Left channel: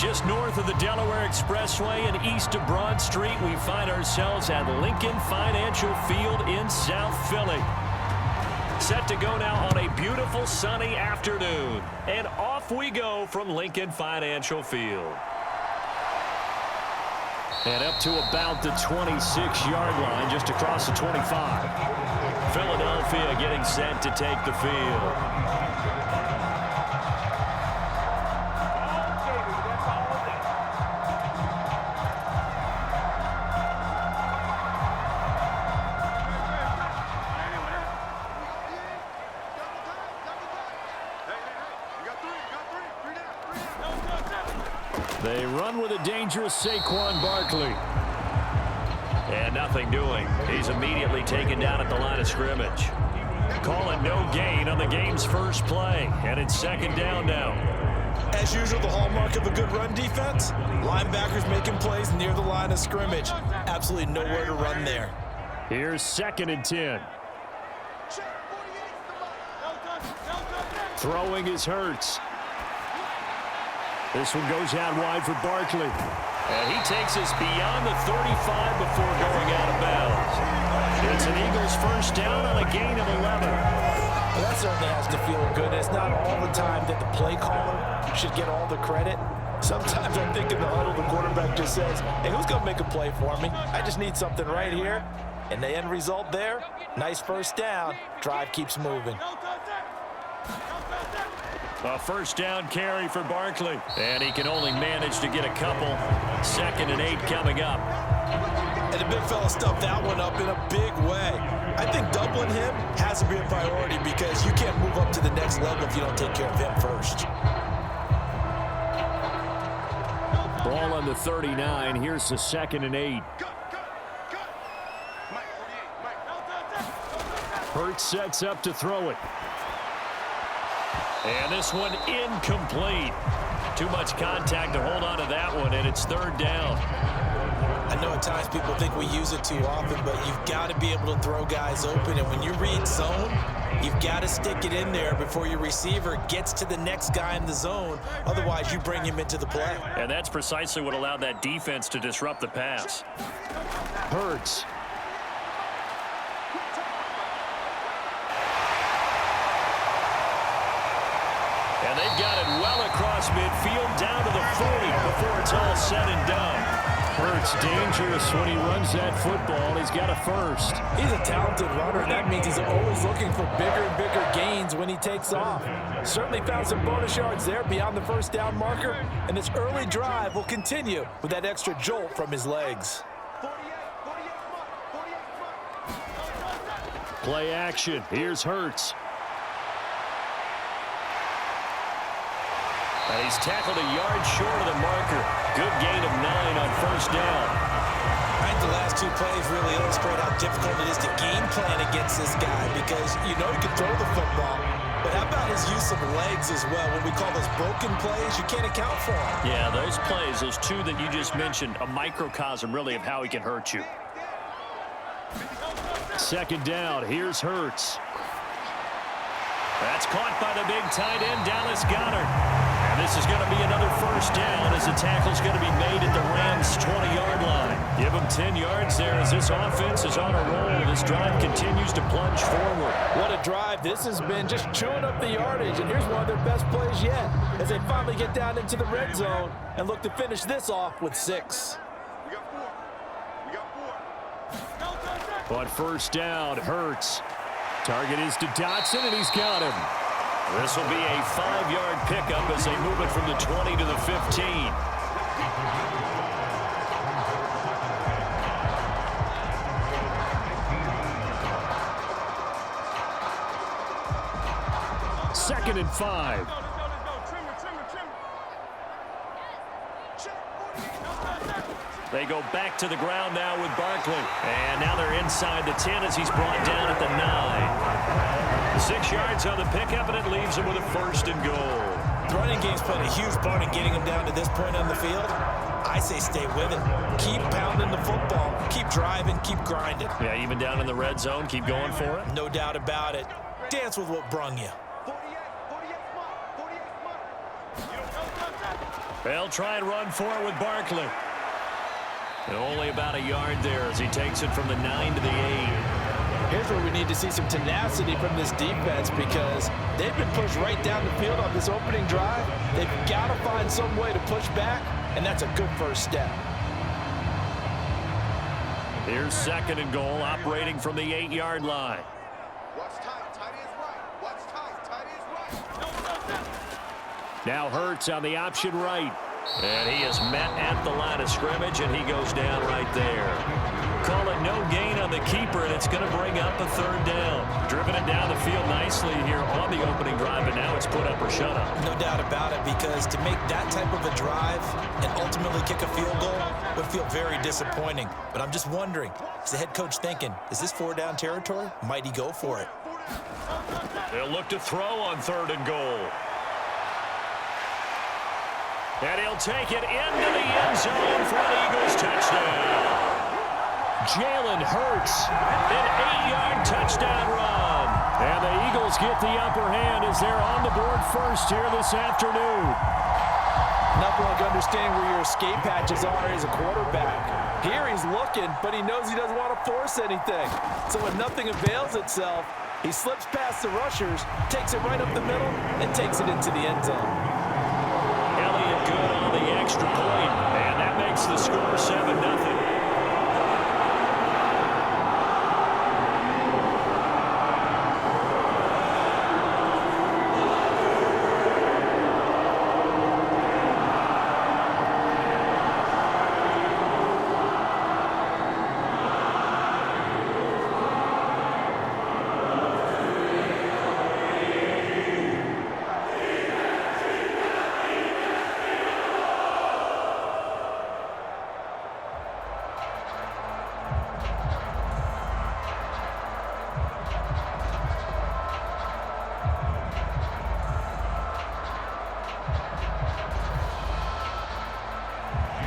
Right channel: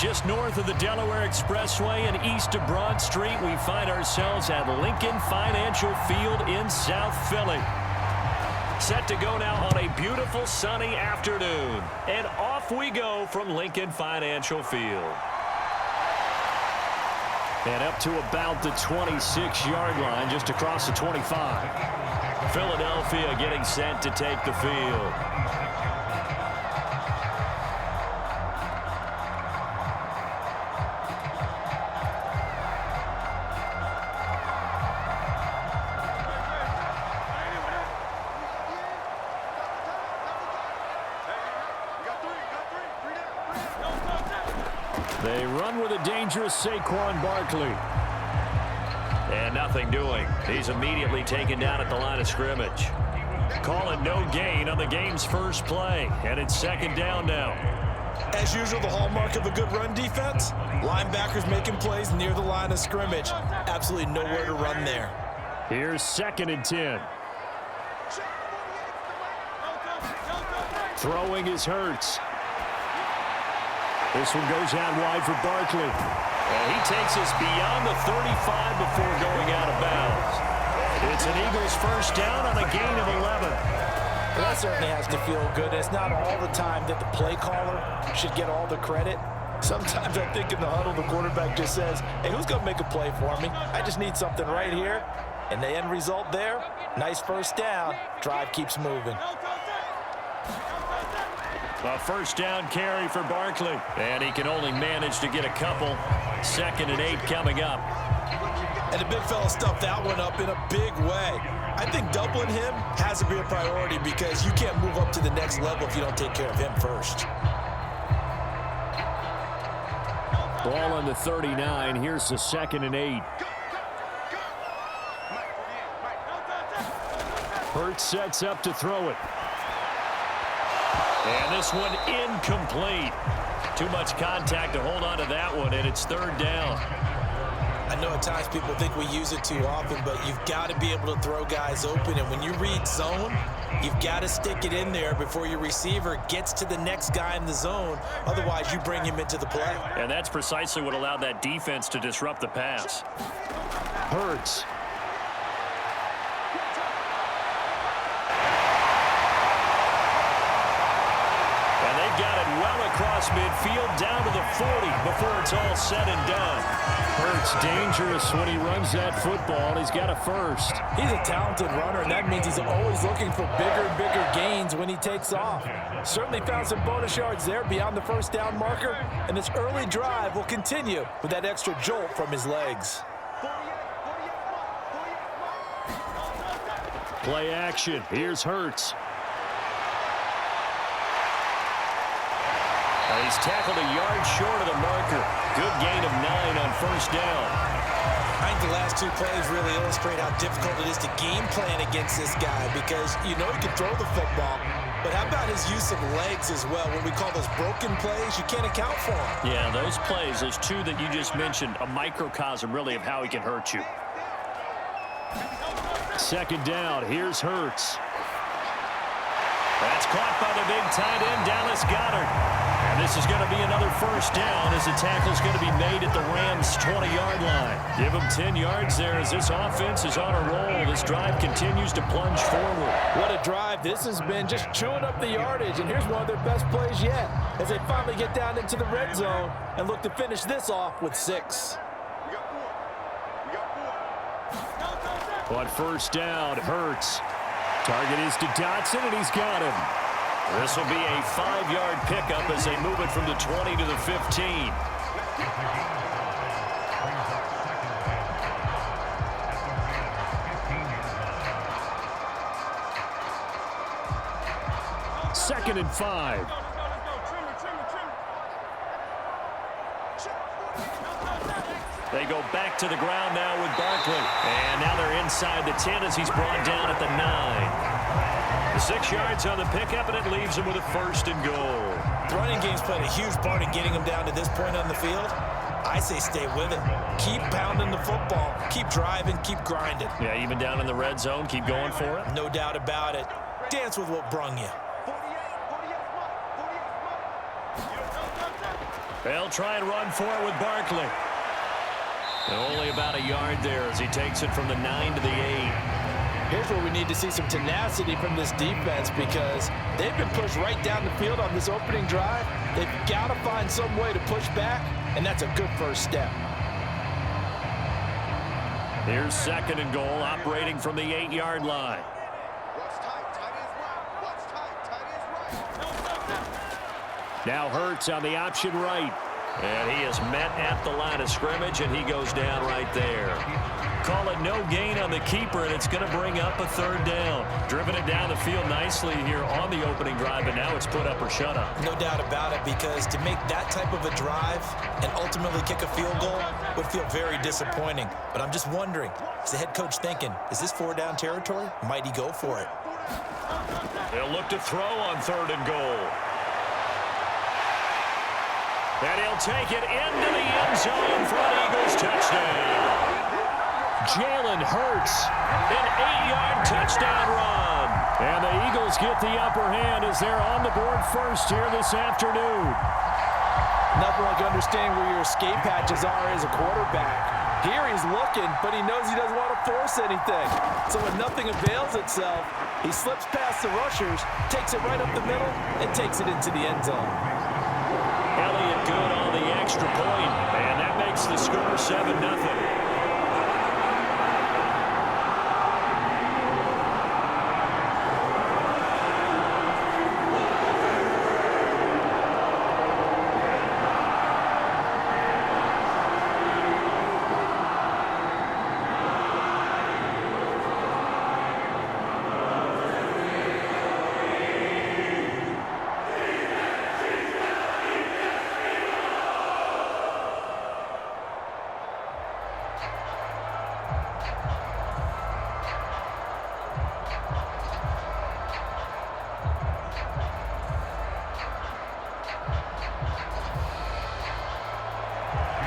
Just north of the Delaware Expressway and east of Broad Street, we find ourselves at Lincoln Financial Field in South Philly. Set to go now on a beautiful sunny afternoon. And off we go from Lincoln Financial Field. And up to about the 26-yard line, just across the 25. Philadelphia getting set to take the field. They run with a dangerous Saquon Barkley. And nothing doing. He's immediately taken down at the line of scrimmage. Calling no gain on the game's first play. And it's second down now. As usual, the hallmark of a good run defense, linebackers making plays near the line of scrimmage. Absolutely nowhere to run there. Here's second and 10. Throwing is Hurts. This one goes out wide for Barkley. And he takes us beyond the 35 before going out of bounds. It's an Eagles first down on a gain of 11. Well, that certainly has to feel good. It's not all the time that the play caller should get all the credit. Sometimes I think in the huddle, the quarterback just says, hey, who's going to make a play for me? I just need something right here. And the end result there, nice first down. Drive keeps moving. A first down carry for Barkley. And he can only manage to get a couple. Second and 8 coming up. And the big fella stuffed that one up in a big way. I think doubling him has to be a priority because you can't move up to the next level if you don't take care of him first. Ball on the 39. Here's the second and 8. Hurts sets up to throw it. And this one incomplete. Too much contact to hold on to that one, and it's third down. I know at times people think we use it too often, but you've got to be able to throw guys open. And when you read zone, you've got to stick it in there before your receiver gets to the next guy in the zone. Otherwise, you bring him into the play. And that's precisely what allowed that defense to disrupt the pass. Hurts. And they've got it well across midfield down to the 40 before it's all said and done. Hurts dangerous when he runs that football. He's got a first. He's a talented runner, and that means he's always looking for bigger and bigger gains when he takes off. Certainly found some bonus yards there beyond the first down marker, and this early drive will continue with that extra jolt from his legs. Play action. Here's Hurts. And he's tackled a yard short of the marker. Good gain of 9 on first down. I think the last two plays really illustrate how difficult it is to game plan against this guy because you know he can throw the football, but how about his use of legs as well? When we call those broken plays, you can't account for them. Yeah, those plays, those two that you just mentioned, a microcosm really of how he can hurt you. Second down, here's Hurts. That's caught by the big tight end, Dallas Goedert. And this is going to be another first down as the tackle's going to be made at the Rams' 20-yard line. Give them 10 yards there as this offense is on a roll. This drive continues to plunge forward. What a drive. This has been just chewing up the yardage. And here's one of their best plays yet as they finally get down into the red zone and look to finish this off with 6. On first down, Hurts. Target is to Dotson, and he's got him. This will be a 5-yard pickup as they move it from the 20 to the 15. Second and 5. They go back to the ground now with Barkley. And now they're inside the 10 as he's brought down at the 9. 6 yards on the pickup, and it leaves him with a first and goal. The running game's played a huge part in getting him down to this point on the field. I say stay with it. Keep pounding the football. Keep driving. Keep grinding. Yeah, even down in the red zone, keep going for it. No doubt about it. Dance with what brung you. They'll try and run for it with Barkley. And only about a yard there as he takes it from the 9 to the 8. Here's where we need to see some tenacity from this defense because they've been pushed right down the field on this opening drive. They've got to find some way to push back, and that's a good first step. Here's 2nd and goal, operating from the 8-yard line. What's tight? Tight is right. What's tight? Tight is right. Now Hurts on the option right. And he is met at the line of scrimmage, and he goes down right there. Call it no gain on the keeper, and it's going to bring up a 3rd down. Driven it down the field nicely here on the opening drive, and now it's put up or shut up. No doubt about it, because to make that type of a drive and ultimately kick a field goal would feel very disappointing. But I'm just wondering, is the head coach thinking, is this 4-down territory? Might he go for it? They'll look to throw on 3rd and goal. And he'll take it into the end zone for an Eagles touchdown. Jalen Hurts, an 8-yard touchdown run. And the Eagles get the upper hand as they're on the board first here this afternoon. Nothing like understanding where your escape hatches are as a quarterback. Here he's looking, but he knows he doesn't want to force anything. So when nothing avails itself, he slips past the rushers, takes it right up the middle, and takes it into the end zone. Elliott good on the extra point, and that makes the score 7-0.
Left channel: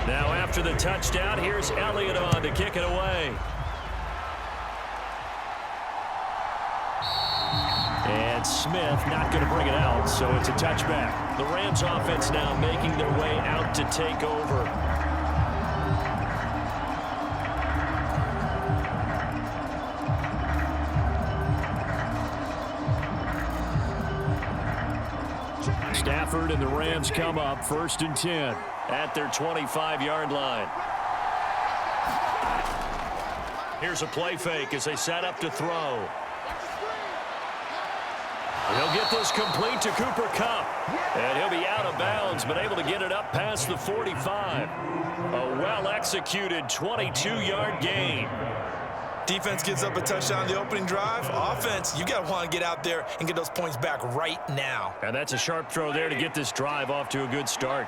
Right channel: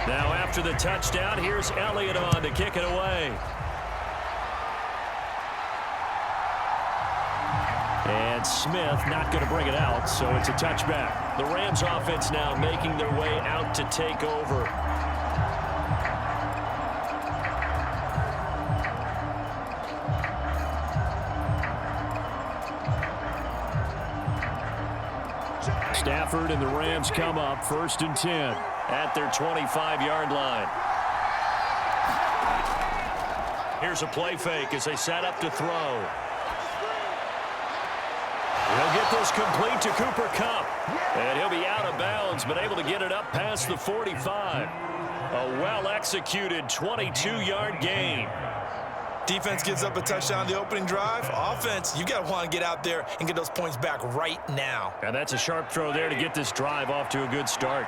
Now after the touchdown, here's Elliott on to kick it away. And Smith not going to bring it out, so it's a touchback. The Rams offense now making their way out to take over. Stafford and the Rams come up 1st and 10 at their 25-yard line. Here's a play fake as they set up to throw. He'll get this complete to Cooper Kupp, and he'll be out of bounds, but able to get it up past the 45. A well-executed 22-yard gain. Defense gives up a touchdown the opening drive. Offense, you got to want to get out there and get those points back right now. And that's a sharp throw there to get this drive off to a good start.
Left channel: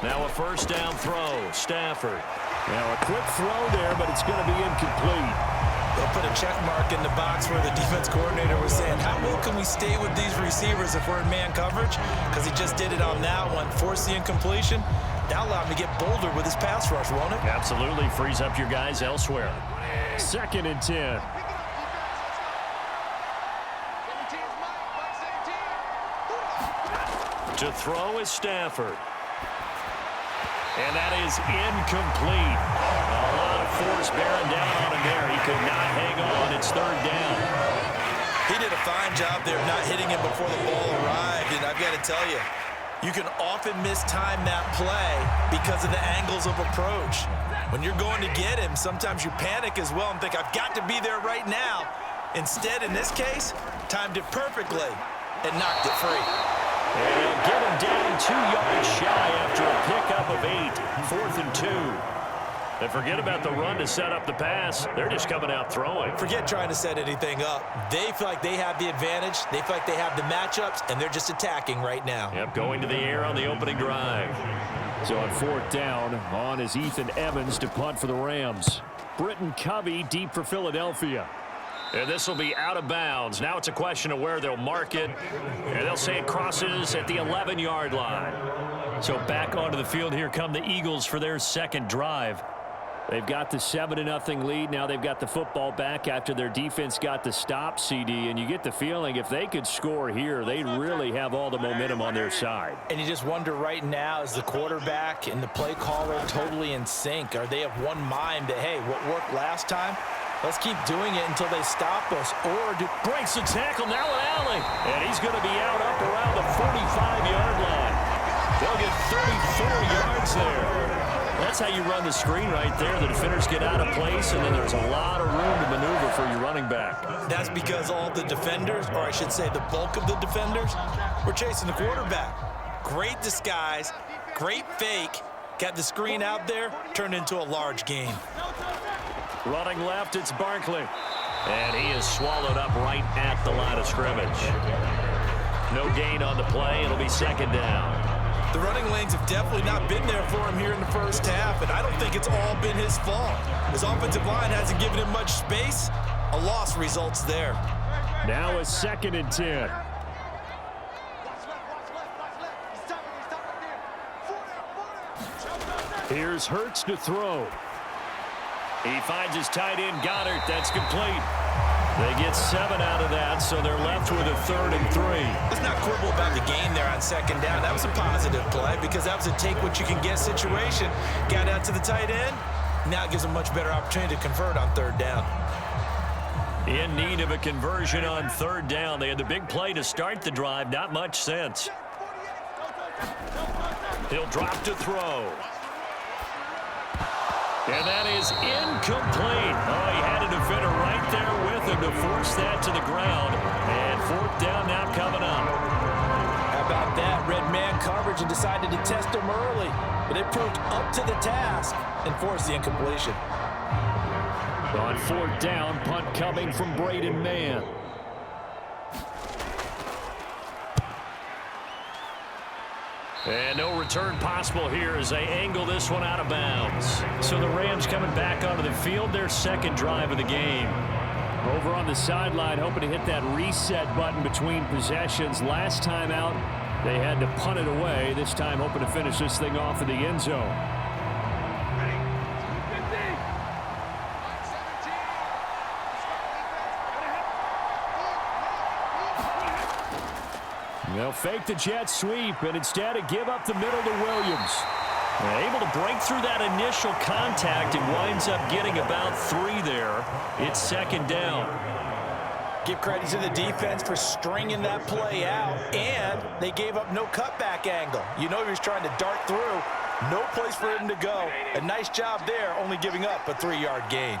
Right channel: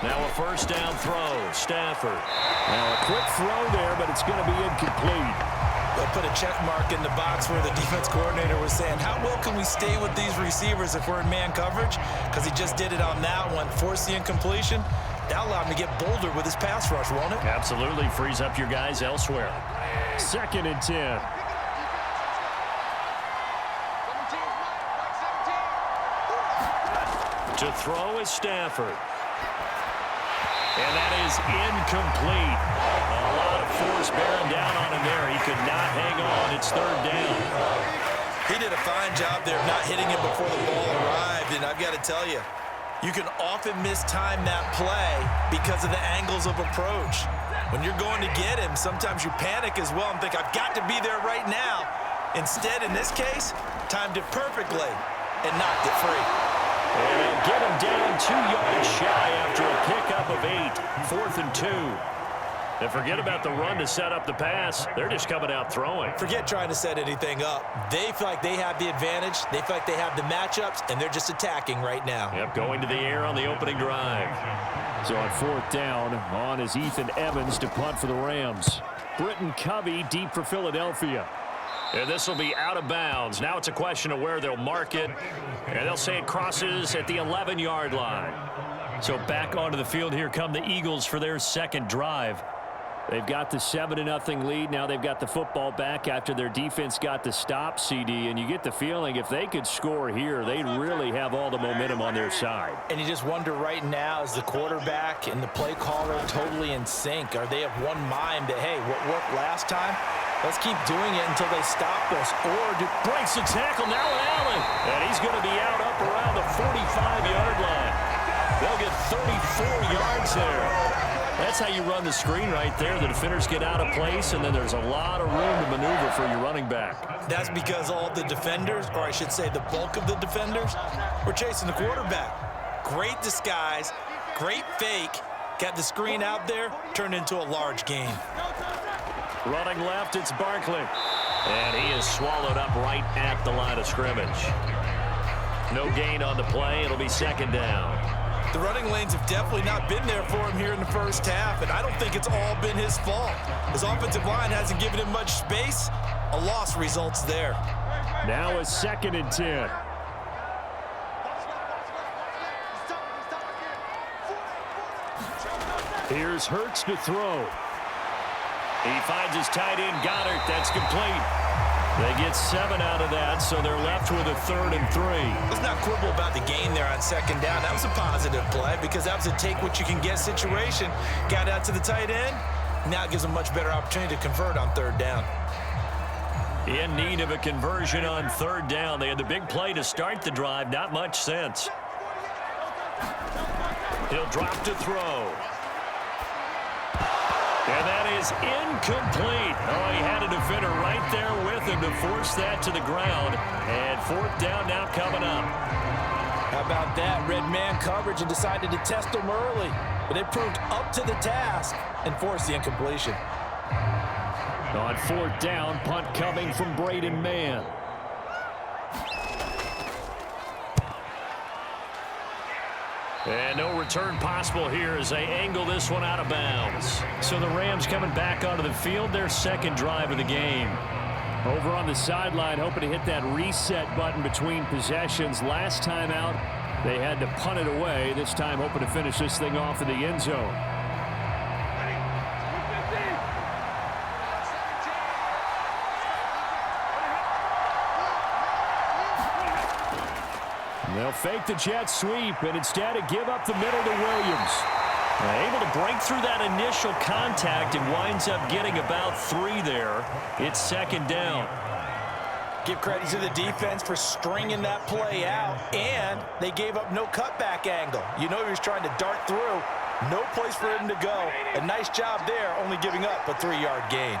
Now a 1st down throw, Stafford. Now a quick throw there, but it's going to be incomplete. They'll put a check mark in the box where the defense coordinator was saying, how well can we stay with these receivers if we're in man coverage? Because he just did it on that one, forced the incompletion. That'll allow him to get bolder with his pass rush, won't it? Absolutely. Frees up your guys elsewhere. 2nd and 10. To throw is Stafford. And that is incomplete. A lot of force bearing down on him there. He could not hang on. It's 3rd down. He did a fine job there of not hitting him before the ball arrived. And I've got to tell you, you can often mistime that play because of the angles of approach. When you're going to get him, sometimes you panic as well and think, I've got to be there right now. Instead, in this case, timed it perfectly and knocked it free. And they'll get him down 2 yards shy after a pickup of 8. 4th and 2. And forget about the run to set up the pass. They're just coming out throwing. Forget trying to set anything up. They feel like they have the advantage. They feel like they have the matchups, and they're just attacking right now. Yep, going to the air on the opening drive. So on 4th down, on is Ethan Evans to punt for the Rams. Britton Covey deep for Philadelphia. And this will be out of bounds. Now it's a question of where they'll mark it. And they'll say it crosses at the 11-yard line. So back onto the field here come the Eagles for their 2nd drive. They've got the 7-0 lead. Now they've got the football back after their defense got the stop, CD. And you get the feeling if they could score here, they really have all the momentum on their side. And you just wonder right now, is the quarterback and the play caller totally in sync? Are they of one mind that, hey, what worked last time? Let's keep doing it until they stop us. Or do breaks the tackle, now an alley. And he's going to be out up around the 45-yard line. They'll get 34 yards there. That's how you run the screen right there. The defenders get out of place, and then there's a lot of room to maneuver for your running back. That's because all the defenders, or I should say the bulk of the defenders, were chasing the quarterback. Great disguise, great fake, got the screen out there, turned into a large gain. Running left, it's Barkley. And he is swallowed up right at the line of scrimmage. No gain on the play. It'll be second down. The running lanes have definitely not been there for him here in the first half, and I don't think it's all been his fault. His offensive line hasn't given him much space. A loss results there. Now a 2nd and 10. Here's Hurts to throw. He finds his tight end, Goddard. That's complete. They get 7 out of that, so they're left with a 3rd and 3. Let's not quibble about the gain there on 2nd down. That was a positive play because that was a take-what-you-can-get situation. Got out to the tight end. Now it gives them a much better opportunity to convert on 3rd down. In need of a conversion on 3rd down. They had the big play to start the drive. Not much sense. He'll drop to throw. And that is incomplete. Oh, he had a defender right there with him to force that to the ground. And 4th down now coming up. How about that? Red man coverage and decided to test him early. But it proved up to the task and forced the incompletion. On 4th down, punt coming from Braden Mann. And no return possible here as they angle this one out of bounds. So the Rams coming back onto the field, their 2nd drive of the game. Over on the sideline, hoping to hit that reset button between possessions. Last time out, they had to punt it away. This time hoping to finish this thing off in the end zone. They'll fake the jet sweep, and instead give up the middle to Williams. Able to break through that initial contact and winds up getting about 3 there. It's 2nd down. Give credit to the defense for stringing that play out, and they gave up no cutback angle. You know he was trying to dart through. No place for him to go. A nice job there, only giving up a 3-yard gain.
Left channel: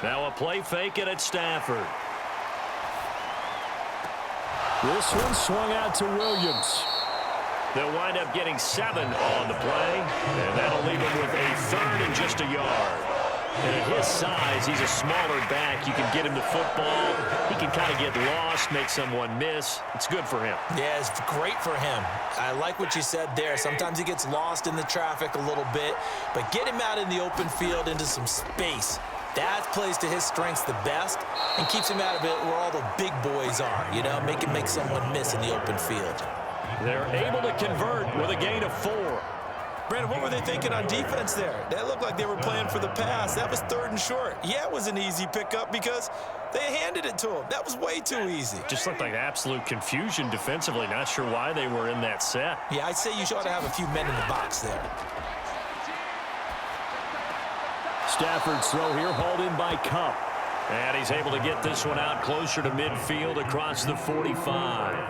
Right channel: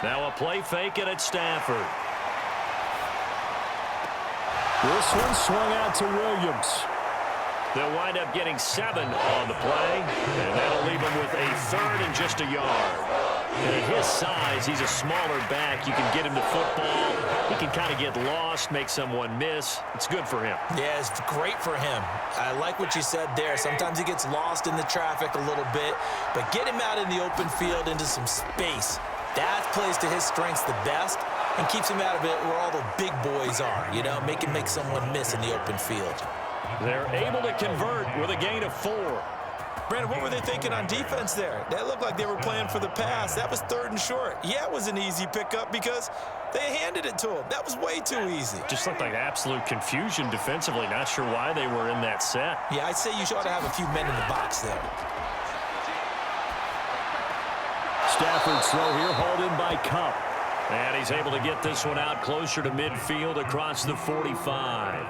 Now a play fake it at Stafford. This one swung out to Williams. They'll wind up getting 7 on the play, and that'll leave him with a 3rd and just a yard. And at his size, he's a smaller back. You can get him to football. He can kind of get lost, make someone miss. It's good for him. Yeah, it's great for him. I like what you said there. Sometimes he gets lost in the traffic a little bit, but get him out in the open field into some space. That plays to his strengths the best and keeps him out of it where all the big boys are, you know, make someone miss in the open field. They're able to convert with a gain of 4. Brandon, what were they thinking on defense there? That looked like they were playing for the pass. That was 3rd and short. Yeah, it was an easy pickup because they handed it to him. That was way too easy. Just looked like absolute confusion defensively. Not sure why they were in that set. Yeah, I'd say you ought to have a few men in the box there. Stafford's throw here hauled in by Kupp. And he's able to get this one out closer to midfield across the 45.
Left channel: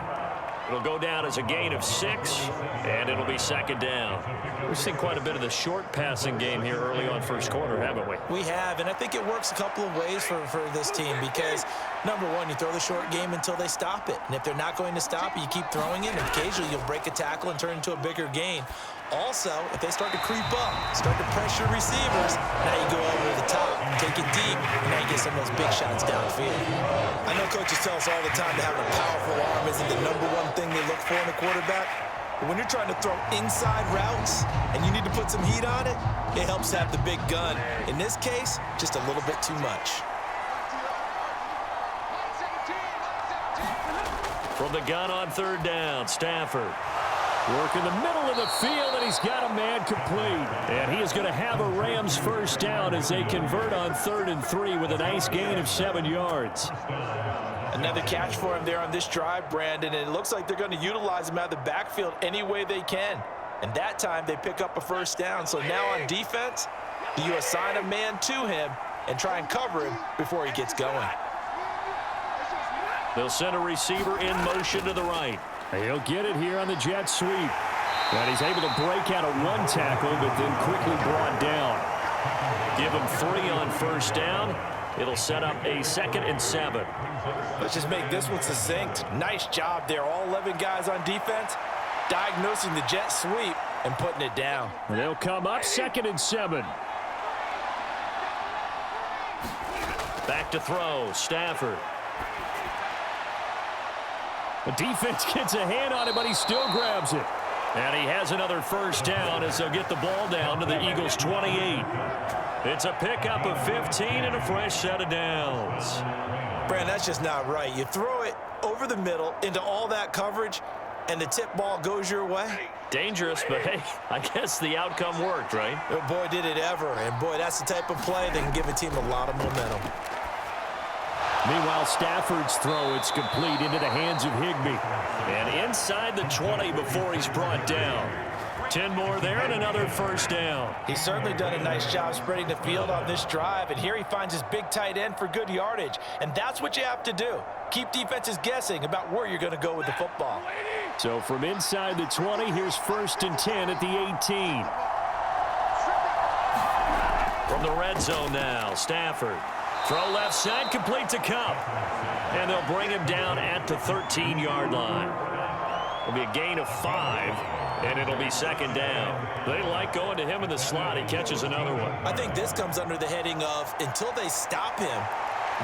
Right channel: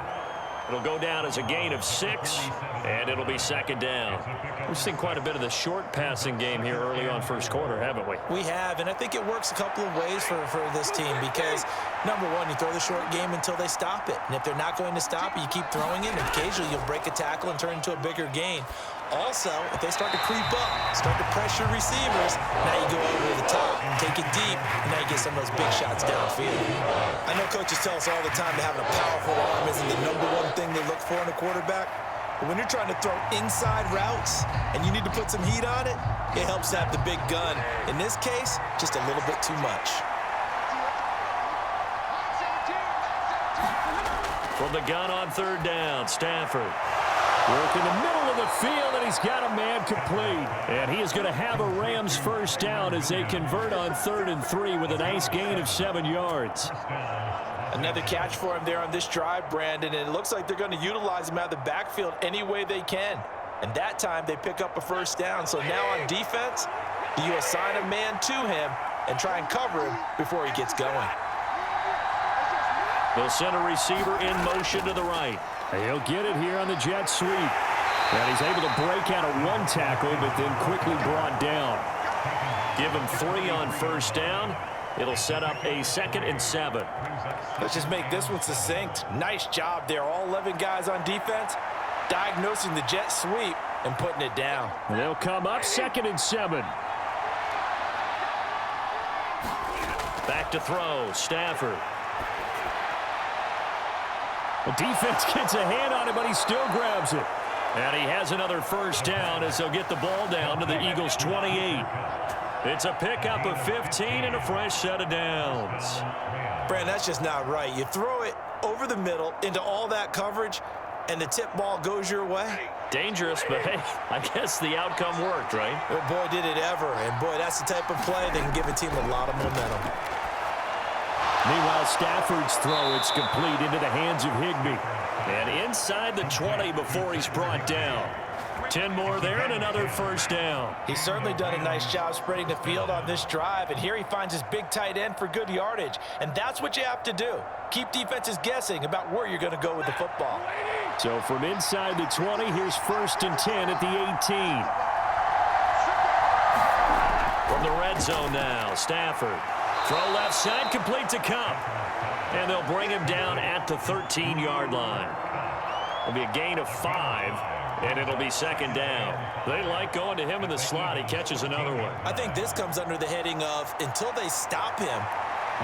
It'll go down as a gain of 6, and it'll be 2nd down. We've seen quite a bit of the short passing game here early on first quarter, haven't we? We have, and I think it works a couple of ways for this team because, number one, you throw the short game until they stop it. And if they're not going to stop it, you keep throwing it, and occasionally you'll break a tackle and turn into a bigger gain. Also, if they start to creep up, start to pressure receivers, now you go over the top, take it deep, and now you get some of those big shots downfield. I know coaches tell us all the time that having a powerful arm isn't the number one thing they look for in a quarterback. But when you're trying to throw inside routes and you need to put some heat on it, it helps to have the big gun. In this case, just a little bit too much. From the gun on 3rd down, Stafford. Work in the middle of the field, and he's got a man complete. And he is going to have a Rams first down as they convert on 3rd and 3 with a nice gain of 7 yards. Another catch for him there on this drive, Brandon, and it looks like they're going to utilize him out of the backfield any way they can. And that time they pick up a first down. So now on defense, you assign a man to him and try and cover him before he gets going. They'll send a receiver in motion to the right. He'll get it here on the jet sweep. And he's able to break out of one tackle, but then quickly brought down. Give him 3 on first down. It'll set up a 2nd and 7. Let's just make this one succinct. Nice job there. All 11 guys on defense diagnosing the jet sweep and putting it down. And they'll come up 2nd and 7. Back to throw. Stafford. The defense gets a hand on it, but he still grabs it. And he has another first down as they'll get the ball down to the Eagles' 28. It's a pickup of 15 and a fresh set of downs. Brand, that's just not right. You throw it over the middle into all that coverage, and the tip ball goes your way. Dangerous, but hey, I guess the outcome worked, right? Oh, boy, did it ever. And, boy, that's the type of play that can give a team a lot of momentum. Meanwhile, Stafford's throw, it's complete into the hands of Higbee. And inside the 20 before he's brought down. 10 more there and another first down. He's certainly done a nice job spreading the field on this drive, and here he finds his big tight end for good yardage. And that's what you have to do. Keep defenses guessing about where you're going to go with the football. So from inside the 20, here's 1st and 10 at the 18. From the red zone now, Stafford. Throw left side, complete to Kupp. And they'll bring him down at the 13-yard line. It'll be a gain of 5, and it'll be 2nd down. They like going to him in the slot. He catches another one. I think this comes under the heading of until they stop him,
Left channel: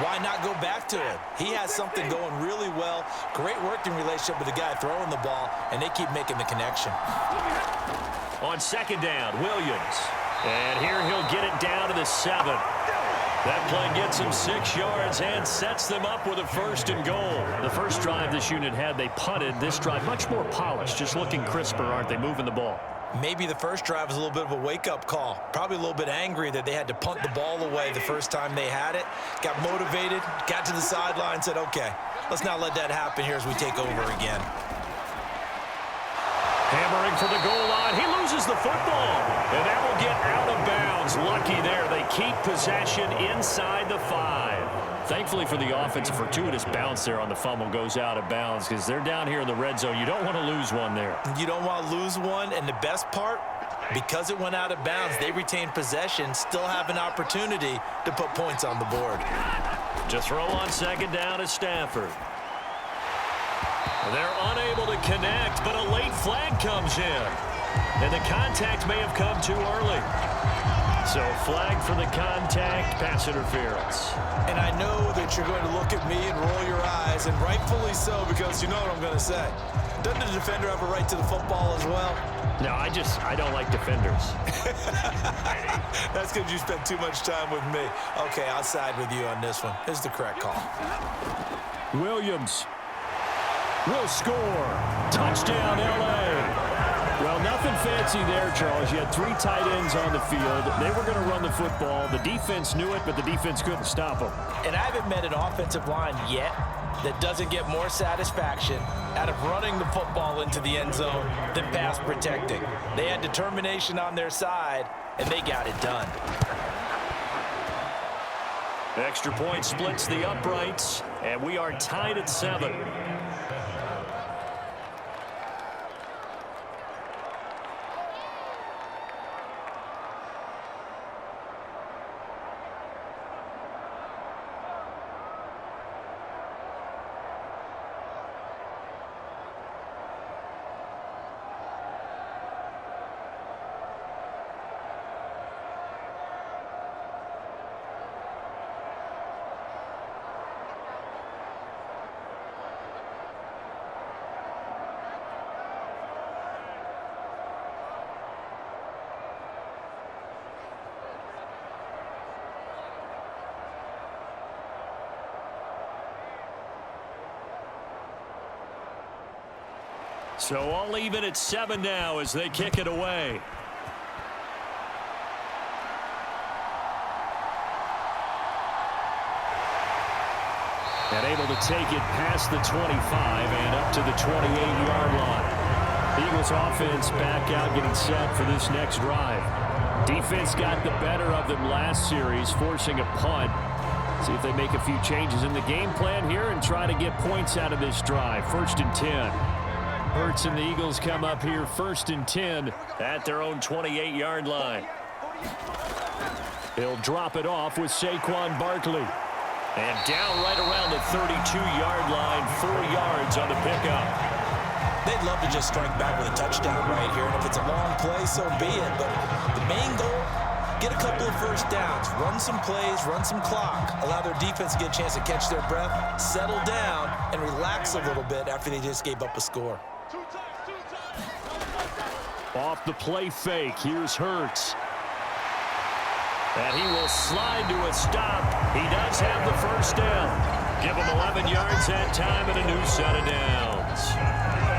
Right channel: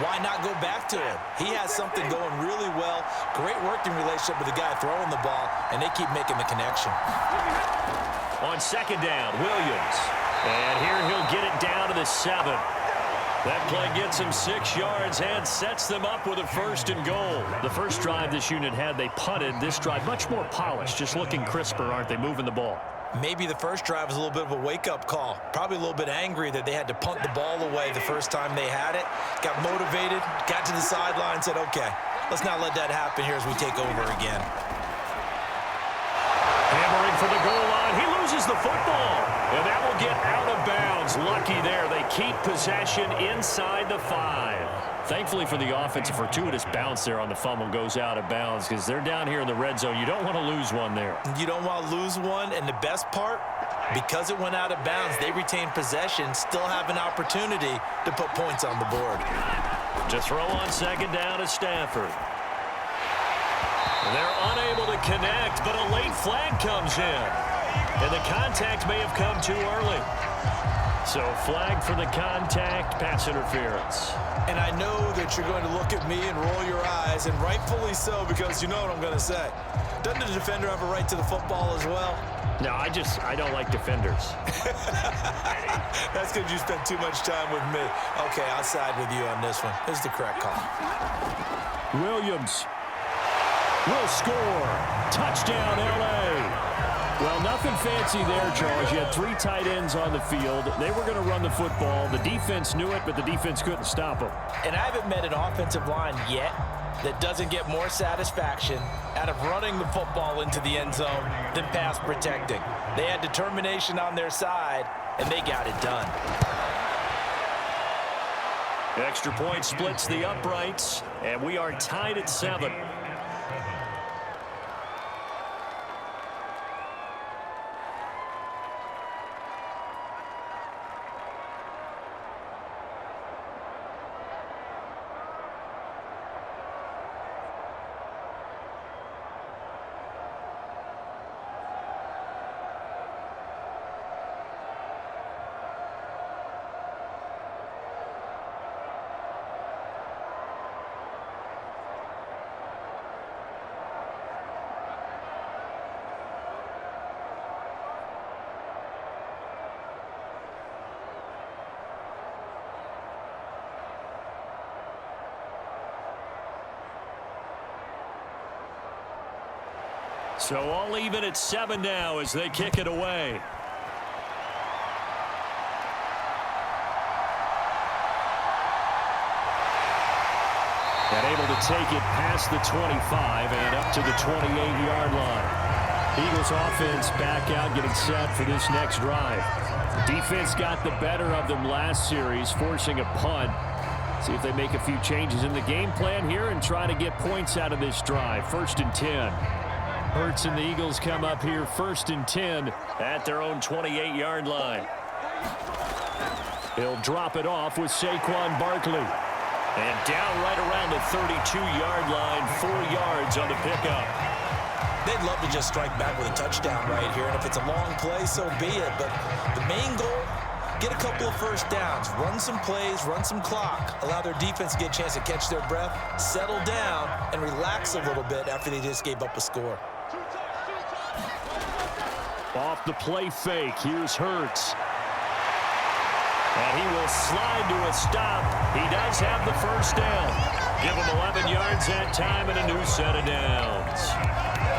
why not go back to him? He has something going really well. Great working relationship with the guy throwing the ball, and they keep making the connection. On 2nd down, Williams. And here he'll get it down to the 7. That play gets him 6 yards and sets them up with a 1st and goal. The first drive this unit had, they punted. This drive, much more polished, just looking crisper, aren't they, moving the ball? Maybe the first drive was a little bit of a wake-up call. Probably a little bit angry that they had to punt the ball away the first time they had it. Got motivated, got to the sideline, said, okay, let's not let that happen here as we take over again. Hammering for the goal line. He loses the football. And that will get out of bounds. Lucky there. They keep possession inside the 5. Thankfully for the offense, a fortuitous bounce there on the fumble goes out of bounds because they're down here in the red zone. You don't want to lose one there. You don't want to lose one. And the best part, because it went out of bounds, they retain possession, still have an opportunity to put points on the board. To throw on 2nd down is Stafford. They're unable to connect, but a late flag comes in. And the contact may have come too early. So flag for the contact, pass interference. And I know that you're going to look at me and roll your eyes, and rightfully so, because you know what I'm going to say. Doesn't the defender have a right to the football as well? No, I don't like defenders. That's because you spent too much time with me. Okay, I'll side with you on this one. This is the correct call. Williams will score. Touchdown, L.A. Well, nothing fancy there, Charles. You had 3 tight ends on the field. They were going to run the football. The defense knew it, but the defense couldn't stop them. And I haven't met an offensive line yet that doesn't get more satisfaction out of running the football into the end zone than pass protecting. They had determination on their side, and they got it done. Extra point splits the uprights, and we are tied at 7. So all even at 7 now as they kick it away. And able to take it past the 25 and up to the 28-yard line. Eagles offense back out getting set for this next drive. Defense got the better of them last series, forcing a punt. See if they make a few changes in the game plan here and try to get points out of this drive. 1st and 10. Hurts and the Eagles come up here 1st and 10 at their own 28-yard line. He'll drop it off with Saquon Barkley. And down right around the 32-yard line, 4 yards on the pickup. They'd love to just strike back with a touchdown right here, and if it's a long play, so be it. But the main goal, get a couple of first downs, run some plays, run some clock, allow their defense to get a chance to catch their breath, settle down, and relax a little bit after they just gave up a score. Off the play fake, here's Hurts. And he will slide to a stop. He does have the first down. Give him 11 yards that time and a new set of downs.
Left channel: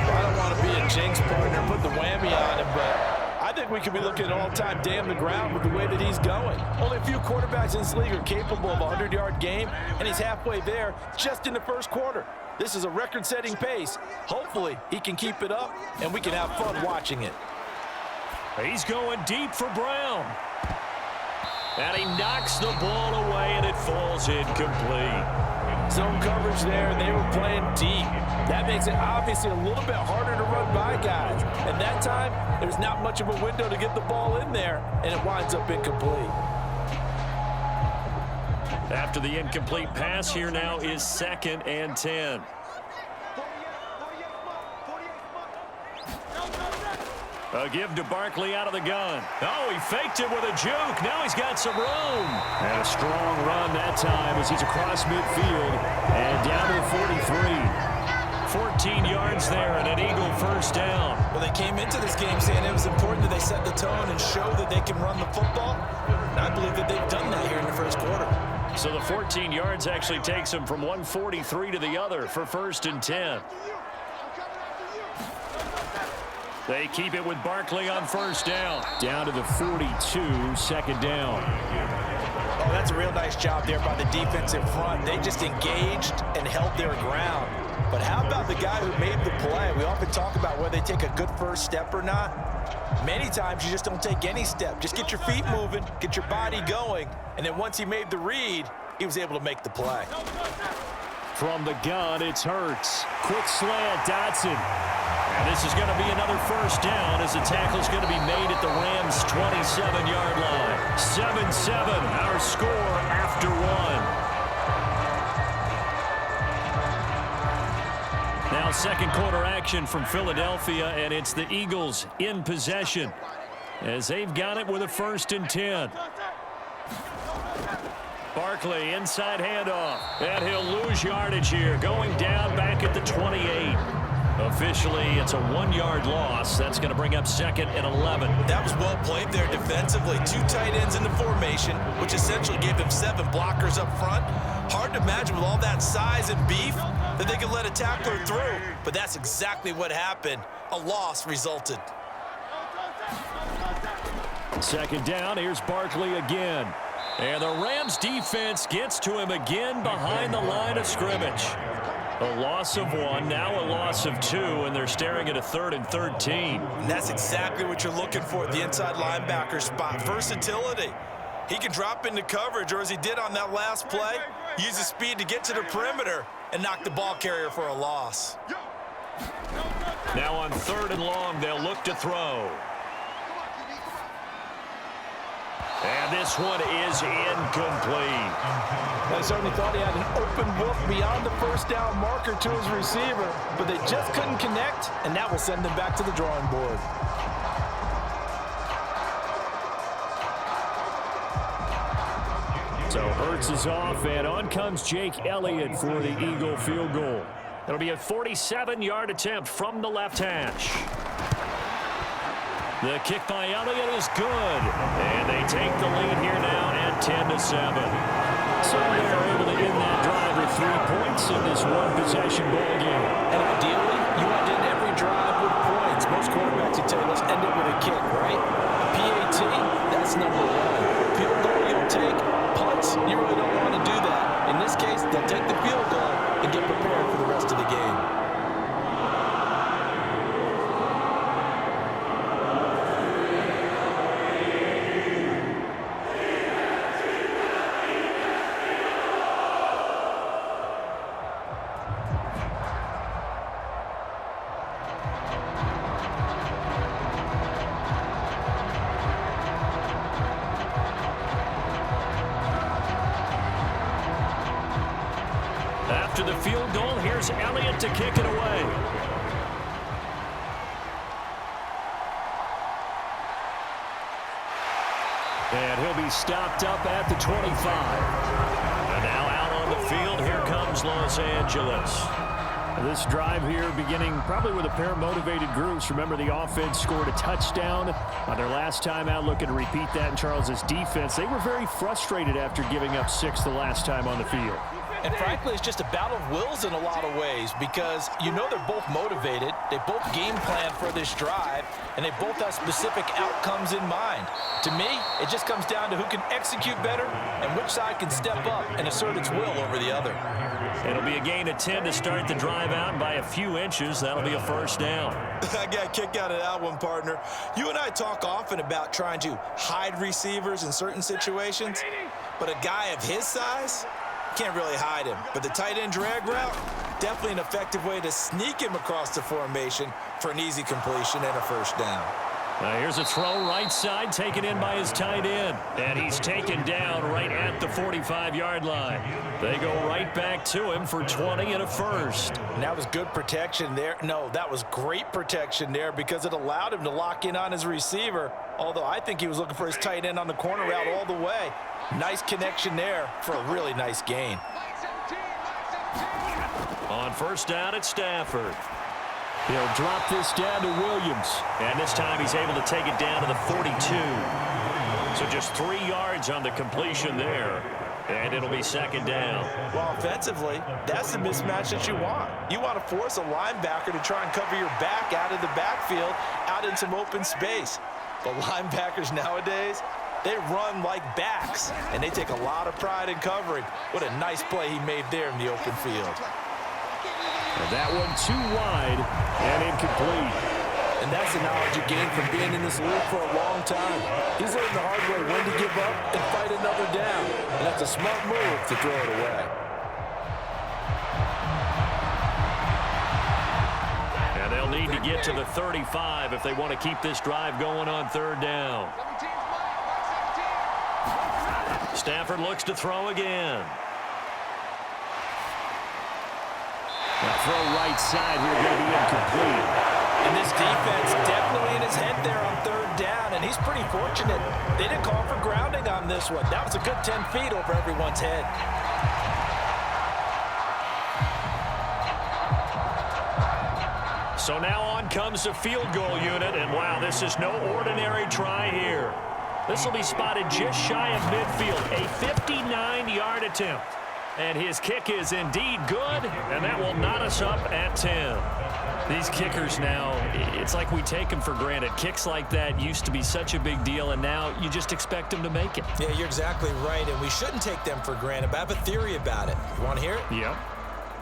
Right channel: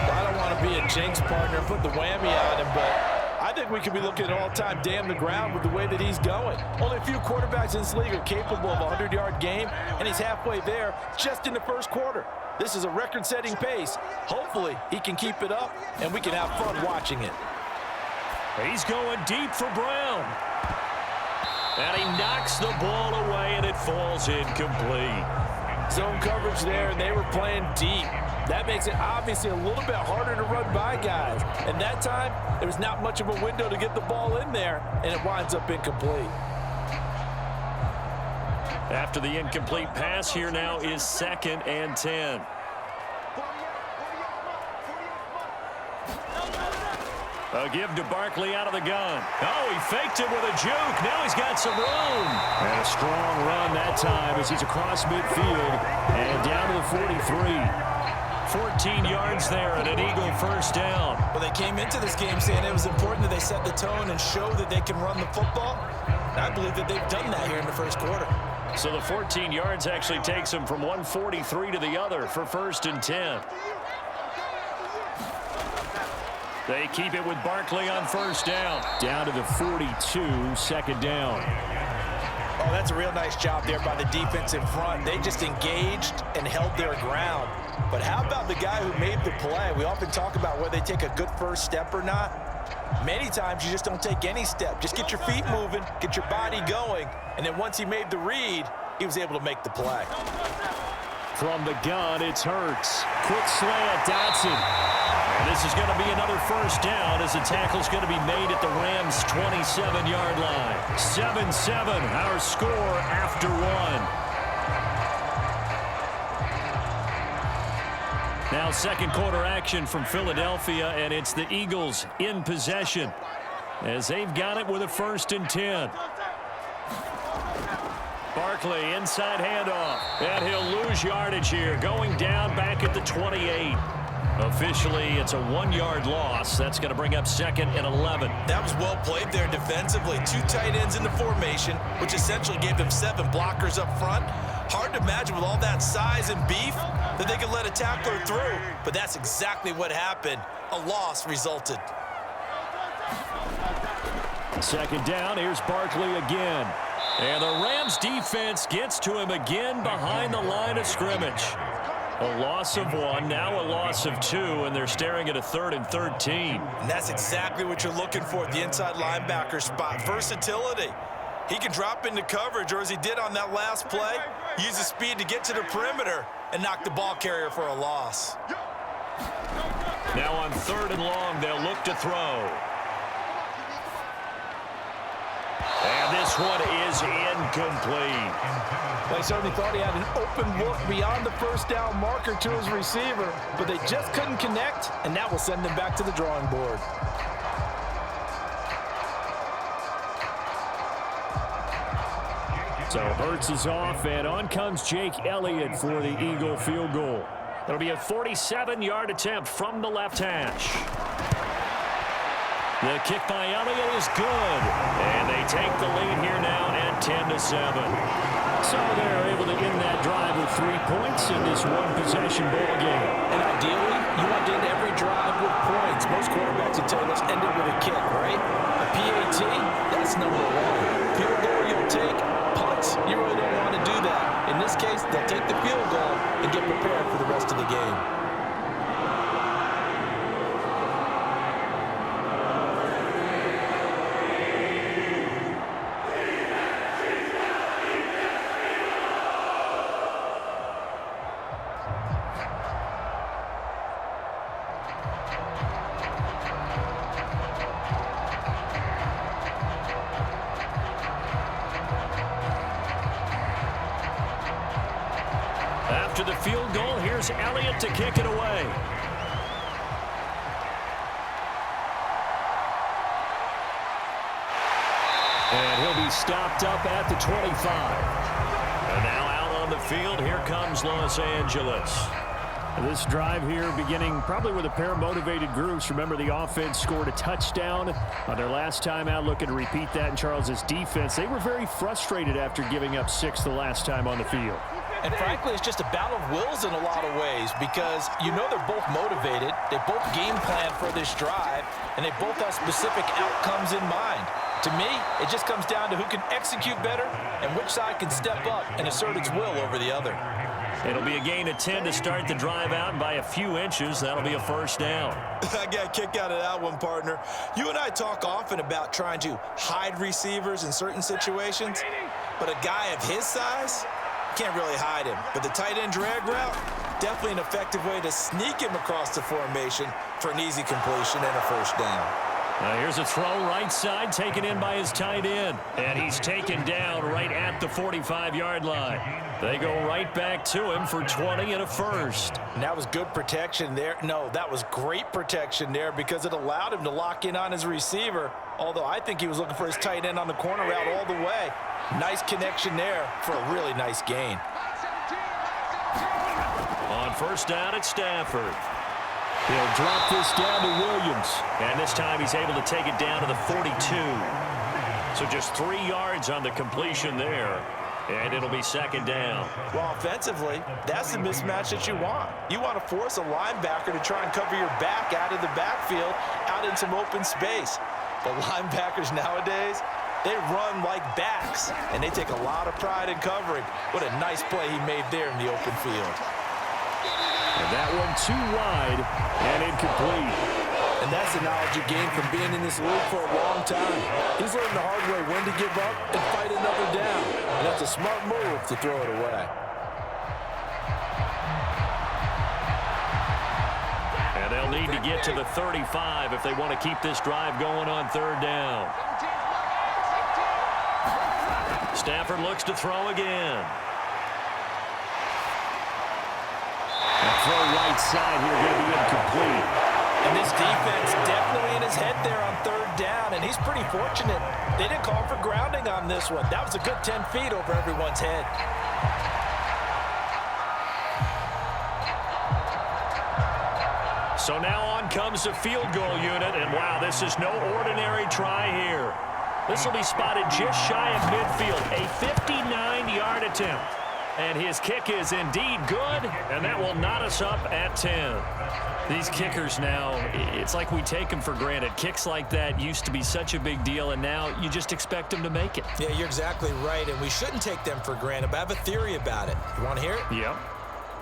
Well, I don't want to be a jinx partner and put the whammy on him, but I think we could be looking at all-time damn the ground with the way that he's going. Only a few quarterbacks in this league are capable of a 100-yard game, and he's halfway there just in the first quarter. This is a record-setting pace. Hopefully, he can keep it up, and we can have fun watching it. He's going deep for Brown. And he knocks the ball away, and it falls incomplete. Zone coverage there, and they were playing deep. That makes it obviously a little bit harder to run by guys. And that time, there was not much of a window to get the ball in there, and it winds up incomplete. After the incomplete pass, here now is 2nd and 10. A give to Barkley out of the gun. Oh, he faked it with a juke. Now he's got some room. And a strong run that time as he's across midfield and down to the 43. 14 yards there and an Eagle first down. Well, they came into this game saying it was important that they set the tone and show that they can run the football. And I believe that they've done that here in the first quarter. So the 14 yards actually takes them from 143 to the other for 1st and 10. They keep it with Barkley on first down. Down to the 42, 2nd down. Oh, that's a real nice job there by the defense in front. They just engaged and held their ground. But how about the guy who made the play? We often talk about whether they take a good first step or not. Many times you just don't take any step. Just get your feet moving, get your body going, and then once he made the read, he was able to make the play. From the gun, it's Hurts. Quick slant, Dotson. And this is going to be another first down as the tackle's going to be made at the Rams' 27-yard line. 7-7, our score after 1. Now 2nd quarter action from Philadelphia, and it's the Eagles in possession as they've got it with a 1st and 10. Barkley, inside handoff, and he'll lose yardage here, going down back at the 28. Officially, it's a 1-yard loss. That's going to bring up 2nd and 11. That was well played there defensively. 2 tight ends in the formation, which essentially gave them 7 blockers up front. Hard to imagine with all that size and beef that they could let a tackler through, but that's exactly what happened. A loss resulted. 2nd down, here's Barkley again. And the Rams defense gets to him again behind the line of scrimmage. A loss of 1, now a loss of 2, and they're staring at a 3rd and 13. And that's exactly what you're looking for at the inside linebacker spot. Versatility. He can drop into coverage, or as he did on that last play, use his speed to get to the perimeter and knock the ball carrier for a loss. Now on 3rd and long, they'll look to throw. And this one is incomplete. Well, he certainly thought he had an open look beyond the first down marker to his receiver, but they just couldn't connect, and that will send them back to the drawing board. So Hurts is off, and on comes Jake Elliott for the Eagle field goal. It'll be a 47-yard attempt from the left hash. The kick by Elliott is good, and they take the lead here now at 10-7. So they're able to end that drive with 3 points in this one-possession ball game. And ideally, You want to end every drive with points. Most quarterbacks would tell you, let's end it with a kick, right? A PAT, that's number one. Field goal you'll take. Punts, you really don't want to do that. In this case, they'll take the field goal and get prepared for the rest of the game. After the field goal, here's Elliott to kick it away. And he'll be stopped up at the 25. And now out on the field, here comes Los Angeles. This drive here beginning probably with a pair of motivated groups. Remember, the offense scored a touchdown on their last time out, looking to repeat that in Charles's defense. They were very frustrated after giving up 6 the last time on the field. And frankly, it's just a battle of wills in a lot of ways because you know they're both motivated. They both game plan for this drive, and they both have specific outcomes in mind. To me, it just comes down to who can execute better and which side can step up and assert its will over the other. It'll be a gain of 10 to start the drive out, and by a few inches, that'll be a first down. I got a kick out of that one, partner. You and I talk often about trying to hide receivers in certain situations, but a guy of his size can't really hide him. But the tight end drag route, definitely an effective way to sneak him across the formation for an easy completion and a first down. Now here's a throw right side, taken in by his tight end. And he's taken down right at the 45-yard line. They go right back to him for 20 and a first. And that was good protection there. No, that was great protection there because it allowed him to lock in on his receiver, although I think he was looking for his tight end on the corner route all the way. Nice connection there for a really nice gain. On first down, it's Stafford. He'll drop this down to Williams. And this time he's able to take it down to the 42. So just 3 yards on the completion there. And it'll be second down. Well, offensively, that's the mismatch that you want. You want to force a linebacker to try and cover your back out of the backfield, out in some open space. But linebackers nowadays, they run like backs, and they take a lot of pride in covering. What a nice play he made there in the open field. And that one too wide and incomplete. And that's the knowledge you gain from being in this league for a long time. He's learned the hard way when to give up and fight another down. And that's a smart move to throw it away. And they'll need to get to the 35 if they want to keep this drive going on third down. Stafford looks to throw again. Now throw right side here, going to be incomplete. And this defense definitely in his head there on third down, and he's pretty fortunate. They didn't call for grounding on this one. That was a good 10 feet over everyone's head. So now on comes the field goal unit, and wow, this is no ordinary try here. This will be spotted just shy of midfield, a 59-yard attempt. And his kick is indeed good, and that will knot us up at 10. These kickers now, it's like we take them for granted. Kicks like that used to be such a big deal, and now you just expect them to make it. Yeah, you're exactly right, and we shouldn't take them for granted, but I have a theory about it. You want to hear it? Yep.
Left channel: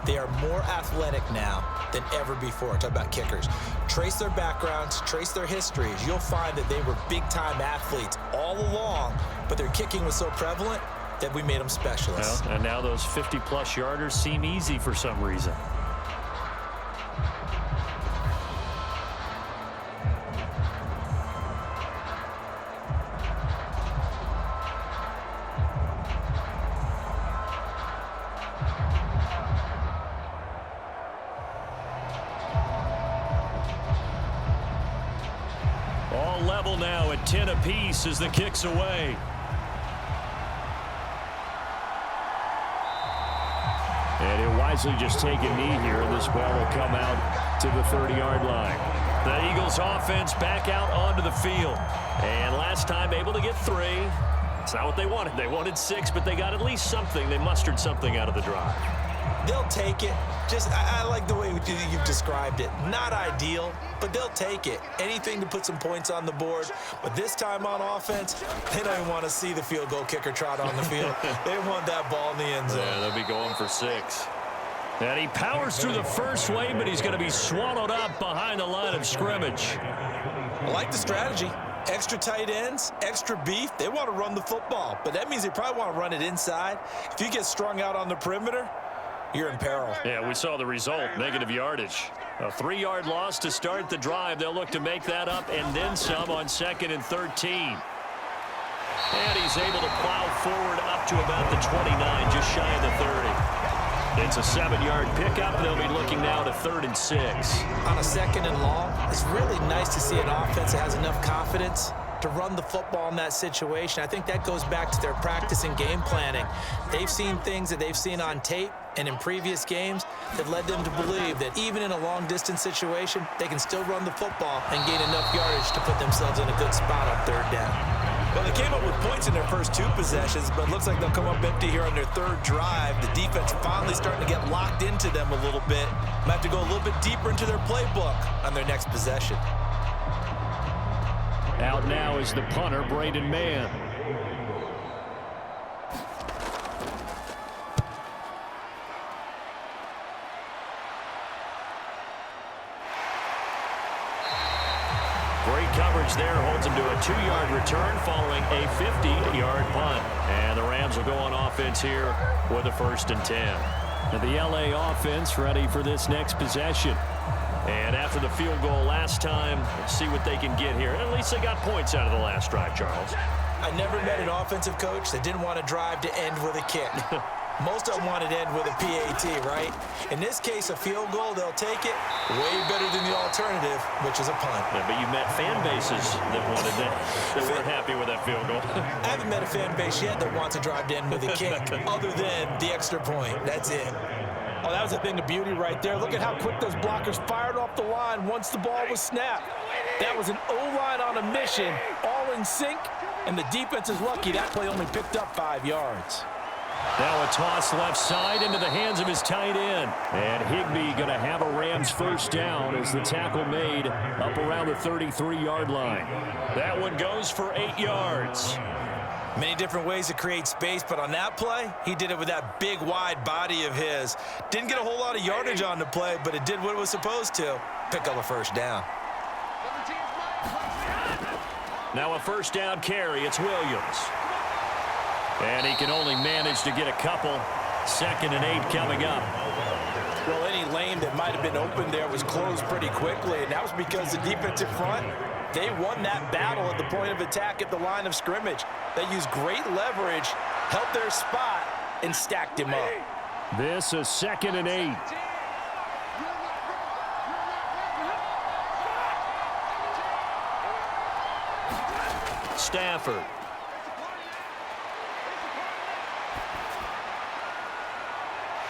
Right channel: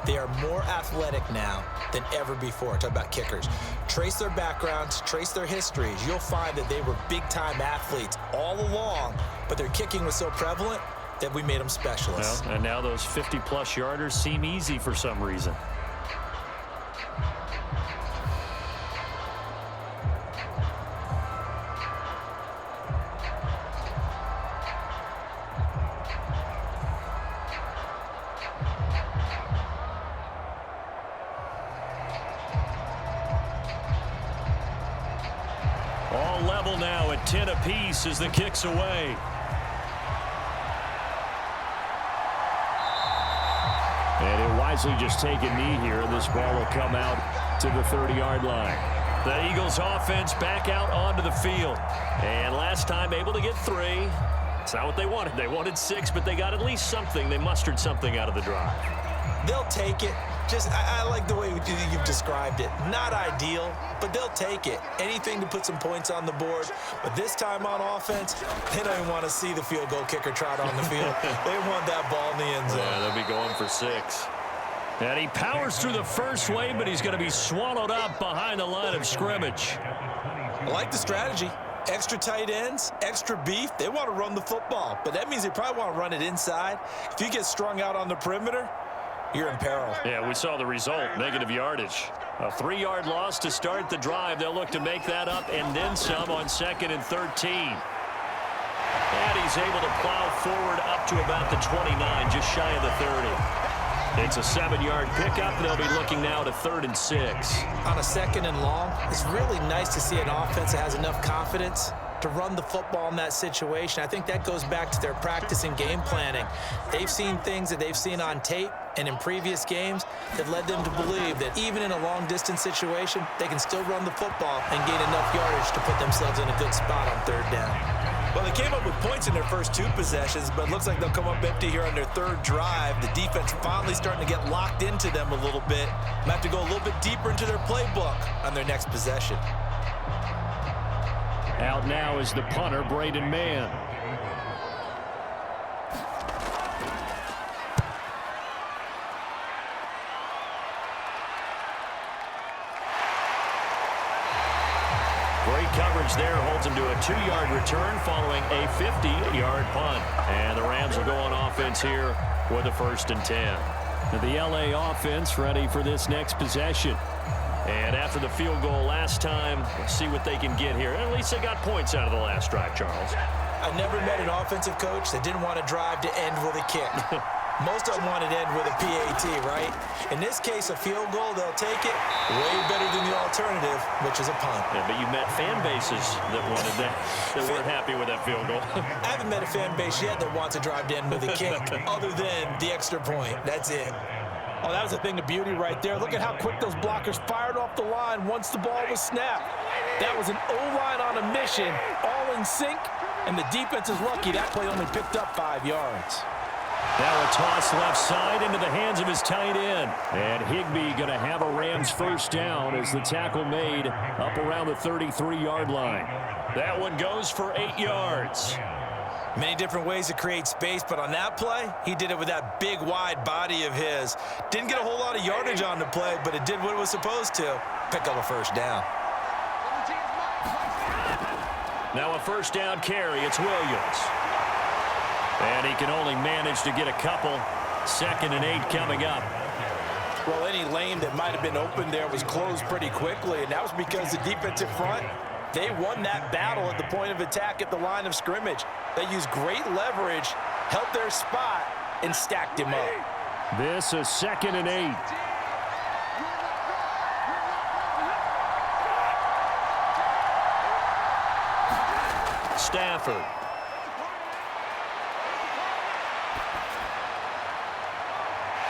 They are more athletic now than ever before. Talk about kickers. Trace their backgrounds, trace their histories. You'll find that they were big-time athletes all along, but their kicking was so prevalent that we made them specialists. Well, and now those 50-plus yarders seem easy for some reason. All level now at 10 apiece as the kick's away. And he'll wisely just take a knee here, and this ball will come out to the 30-yard line. The Eagles offense back out onto the field. And last time able to get 3. It's not what they wanted. They wanted 6, but they got at least something. They mustered something out of the drive. They'll take it. I like the way you've described it. Not ideal, but they'll take it. Anything to put some points on the board. But this time on offense, they don't even want to see the field goal kicker trot on the field. They want that ball in the end zone. Yeah, they'll be going for 6. And he powers through the first wave, but he's going to be swallowed up behind the line of scrimmage. I like the strategy. Extra tight ends, extra beef. They want to run the football, but that means they probably want to run it inside. If you get strung out on the perimeter, you're in peril. Yeah, we saw the result, negative yardage. A 3-yard loss to start the drive. They'll look to make that up and then some on 2nd and 13. And he's able to plow forward up to about the 29, just shy of the 30. It's a 7-yard pickup. They'll be looking now to 3rd and 6. On a 2nd and long, it's really nice to see an offense that has enough confidence to run the football in that situation. I think that goes back to their practice and game planning. They've seen things that they've seen on tape and in previous games that led them to believe that even in a long-distance situation, they can still run the football and gain enough yardage to put themselves in a good spot on 3rd down. Well, they came up with points in their first 2 possessions, but it looks like they'll come up empty here on their 3rd drive. The defense finally starting to get locked into them a little bit. Might have to go a little bit deeper into their playbook on their next possession. Out now is the punter, Braden Mann. Great coverage there, holds him to a 2-yard return following a 50-yard punt. And the Rams will go on offense here with a 1st and 10. And the LA offense ready for this next possession. And after the field goal last time, we'll see what they can get here. At least they got points out of the last drive, Charles. I never met an offensive coach that didn't want to drive to end with a kick. Most of them wanted to end with a PAT, right? In this case, a field goal, they'll take it. Way better than the alternative, which is a punt. Yeah, but you met fan bases that wanted that weren't happy with that field goal. I haven't met a fan base yet that wants to drive to end with a kick, other than the extra point. That's it. Oh, that was a thing of beauty right there. Look at how quick those blockers fired off the line once the ball was snapped. That was an O-line on a mission, all in sync, and the defense is lucky that play only picked up 5 yards. Now a toss left side into the hands of his tight end. And Higbee going to have a Rams 1st down as the tackle made up around the 33-yard line. That one goes for 8 yards. Many different ways to create space, but on that play, he did it with that big, wide body of his. Didn't get a whole lot of yardage on the play, but it did what it was supposed to. Pick up a 1st down. Now a 1st down carry. It's Williams. And he can only manage to get a couple. 2nd and 8 coming up. Well, any lane that might have been open there was closed pretty quickly, and that was because the defensive front, they won that battle at the point of attack at the line of scrimmage. They used great leverage, held their spot, and stacked him up. This is 2nd and 8. Stafford.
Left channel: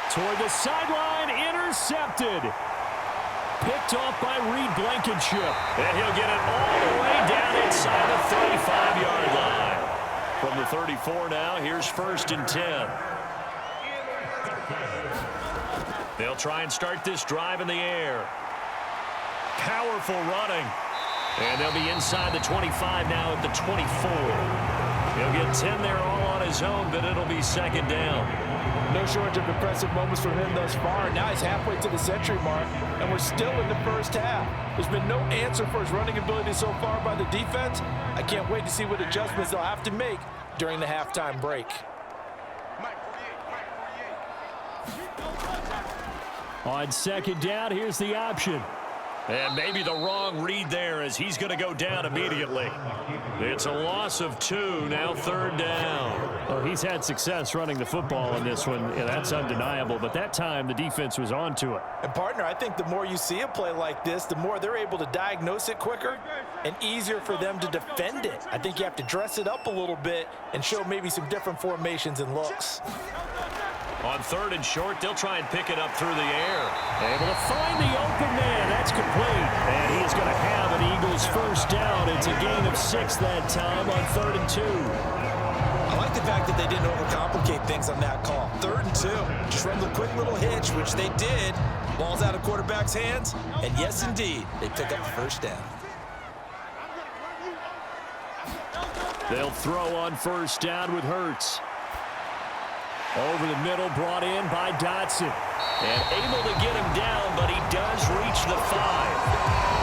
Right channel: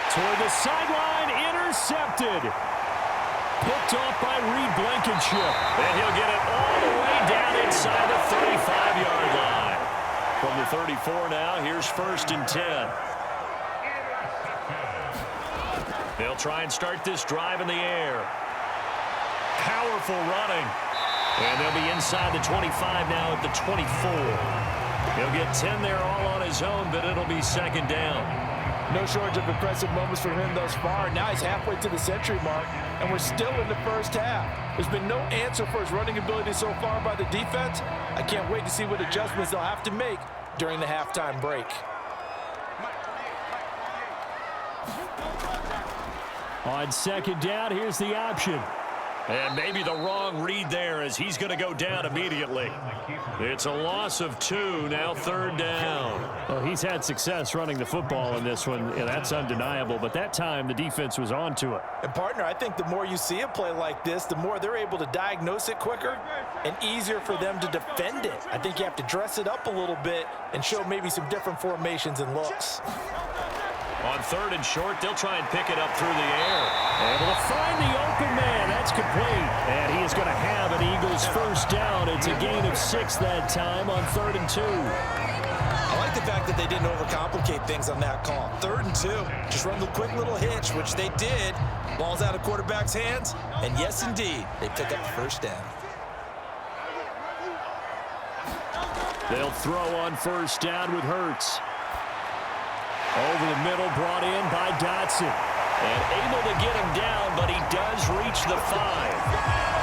Toward the sideline, intercepted. Picked off by Reed Blankenship. And he'll get it all the way down inside the 35-yard line. From the 34 now, here's 1st and 10. They'll try and start this drive in the air. Powerful running. And they'll be inside the 25 now at the 24. He'll get 10 there all on his own, but it'll be 2nd down. No shortage of impressive moments from him thus far. Now he's halfway to the century mark, and we're still in the 1st half. There's been no answer for his running ability so far by the defense. I can't wait to see what adjustments they'll have to make during the halftime break. On 2nd down, here's the option. And maybe the wrong read there as he's going to go down immediately. It's a loss of 2, now 3rd down. Well, he's had success running the football in this one, and that's undeniable. But that time, the defense was onto it. And, partner, I think the more you see a play like this, the more they're able to diagnose it quicker and easier for them to defend it. I think you have to dress it up a little bit and show maybe some different formations and looks. On 3rd and short, they'll try and pick it up through the air. Able to find the open man. That's complete. And he is going to have an Eagles 1st down. It's a gain of 6 that time on 3rd and 2. I like the fact that they didn't overcomplicate things on that call. 3rd and 2. Just run the quick little hitch, which they did, Ball's out of quarterback's hands, and yes, indeed, they pick up the first down. They'll throw on first down with Hurts. Over the middle, brought in by Dotson. And able to get him down, but he does reach the 5.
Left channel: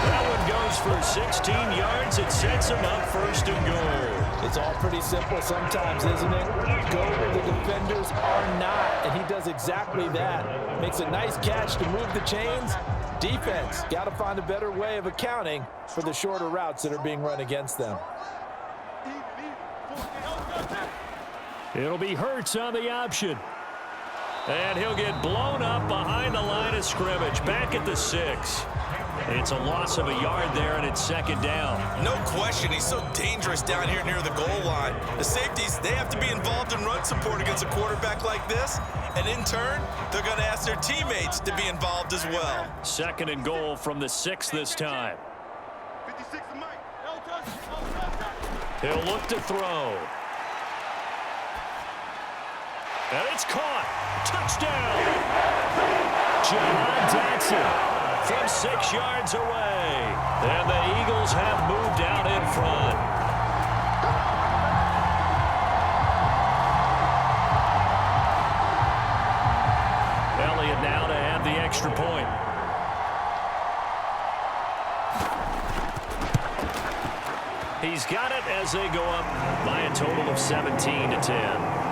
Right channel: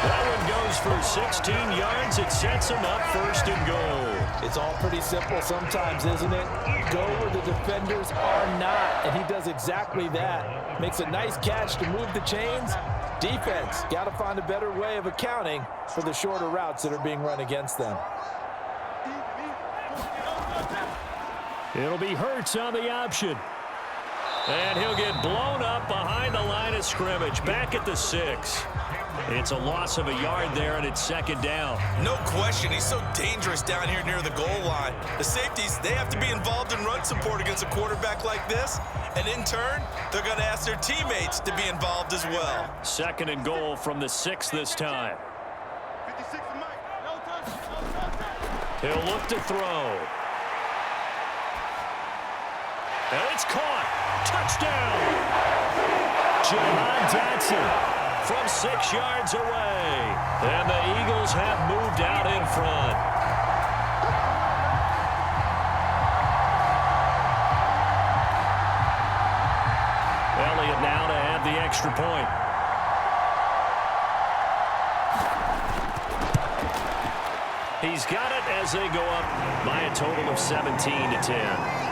That one goes for 16 yards. It sets him up first and goal. It's all pretty simple sometimes, isn't it? Go where the defenders are not, and he does exactly that. Makes a nice catch to move the chains. Defense, got to find a better way of accounting for the shorter routes that are being run against them. It'll be Hurts on the option. And he'll get blown up behind the line of scrimmage, back at the 6. It's a loss of a yard there, and it's second down. No question, he's so dangerous down here near the goal line. The safeties, they have to be involved in run support against a quarterback like this, and in turn, they're going to ask their teammates to be involved as well. Second and goal from the 6 this time. 56 to Mike. No touch. He'll look to throw. And it's caught. Touchdown. Jahan Dotson from 6 yards away. And the Eagles have moved out in front. Elliott now to add the extra point. He's got it as they go up by a total of 17-10.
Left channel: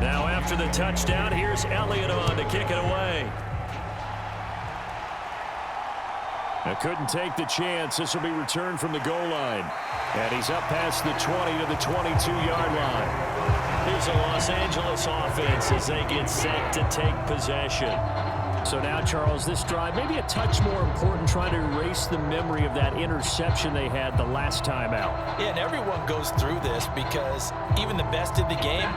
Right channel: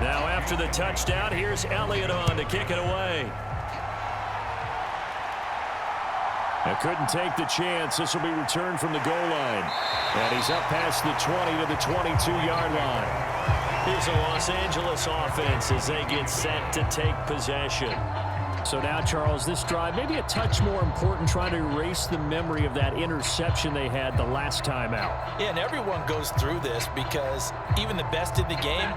Now after the touchdown, here's Elliott on to kick it away. I couldn't take the chance. This will be returned from the goal line. And he's up past the 20 to the 22-yard line. Here's the Los Angeles offense as they get set to take possession. So now, Charles, this drive maybe a touch more important, trying to erase the memory of that interception they had the last time out. Yeah, and everyone goes through this because even the best in the game,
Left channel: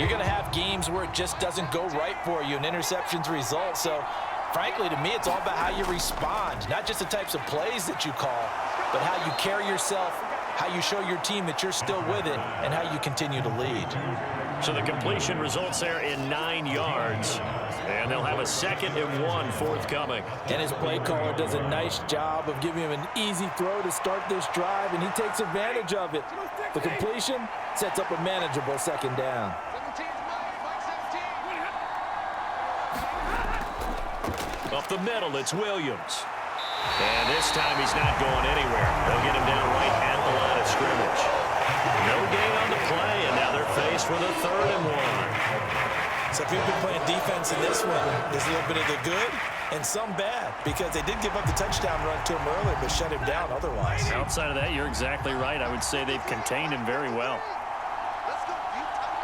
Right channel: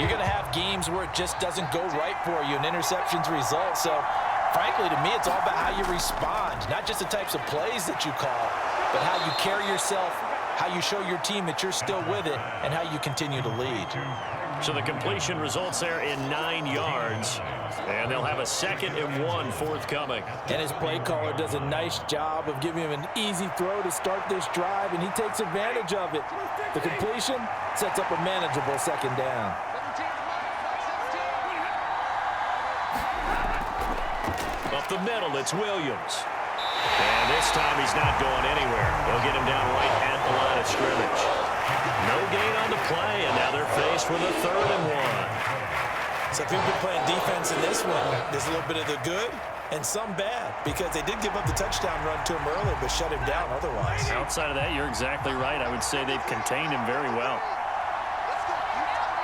you're going to have games where it just doesn't go right for you and interceptions result. So, frankly, to me, it's all about how you respond, not just the types of plays that you call, but how you carry yourself, how you show your team that you're still with it, and how you continue to lead. So the completion results there in 9 yards, and they'll have a 2nd and 1 forthcoming. And his play caller does a nice job of giving him an easy throw to start this drive, and he takes advantage of it. The completion sets up a manageable 2nd down. 17 to Mike. Mike 17. Up the middle, it's Williams. And this time he's not going anywhere. They'll get him down right at the line of scrimmage. No gain on the play, and now they're faced with a 3rd and 1. So if you've been playing defense in this one, there's a little bit of the good and some bad, because they did give up the touchdown run to him earlier, but shut him down otherwise. Outside of that, you're exactly right. I would say they've contained him very well. Let's go, Utah.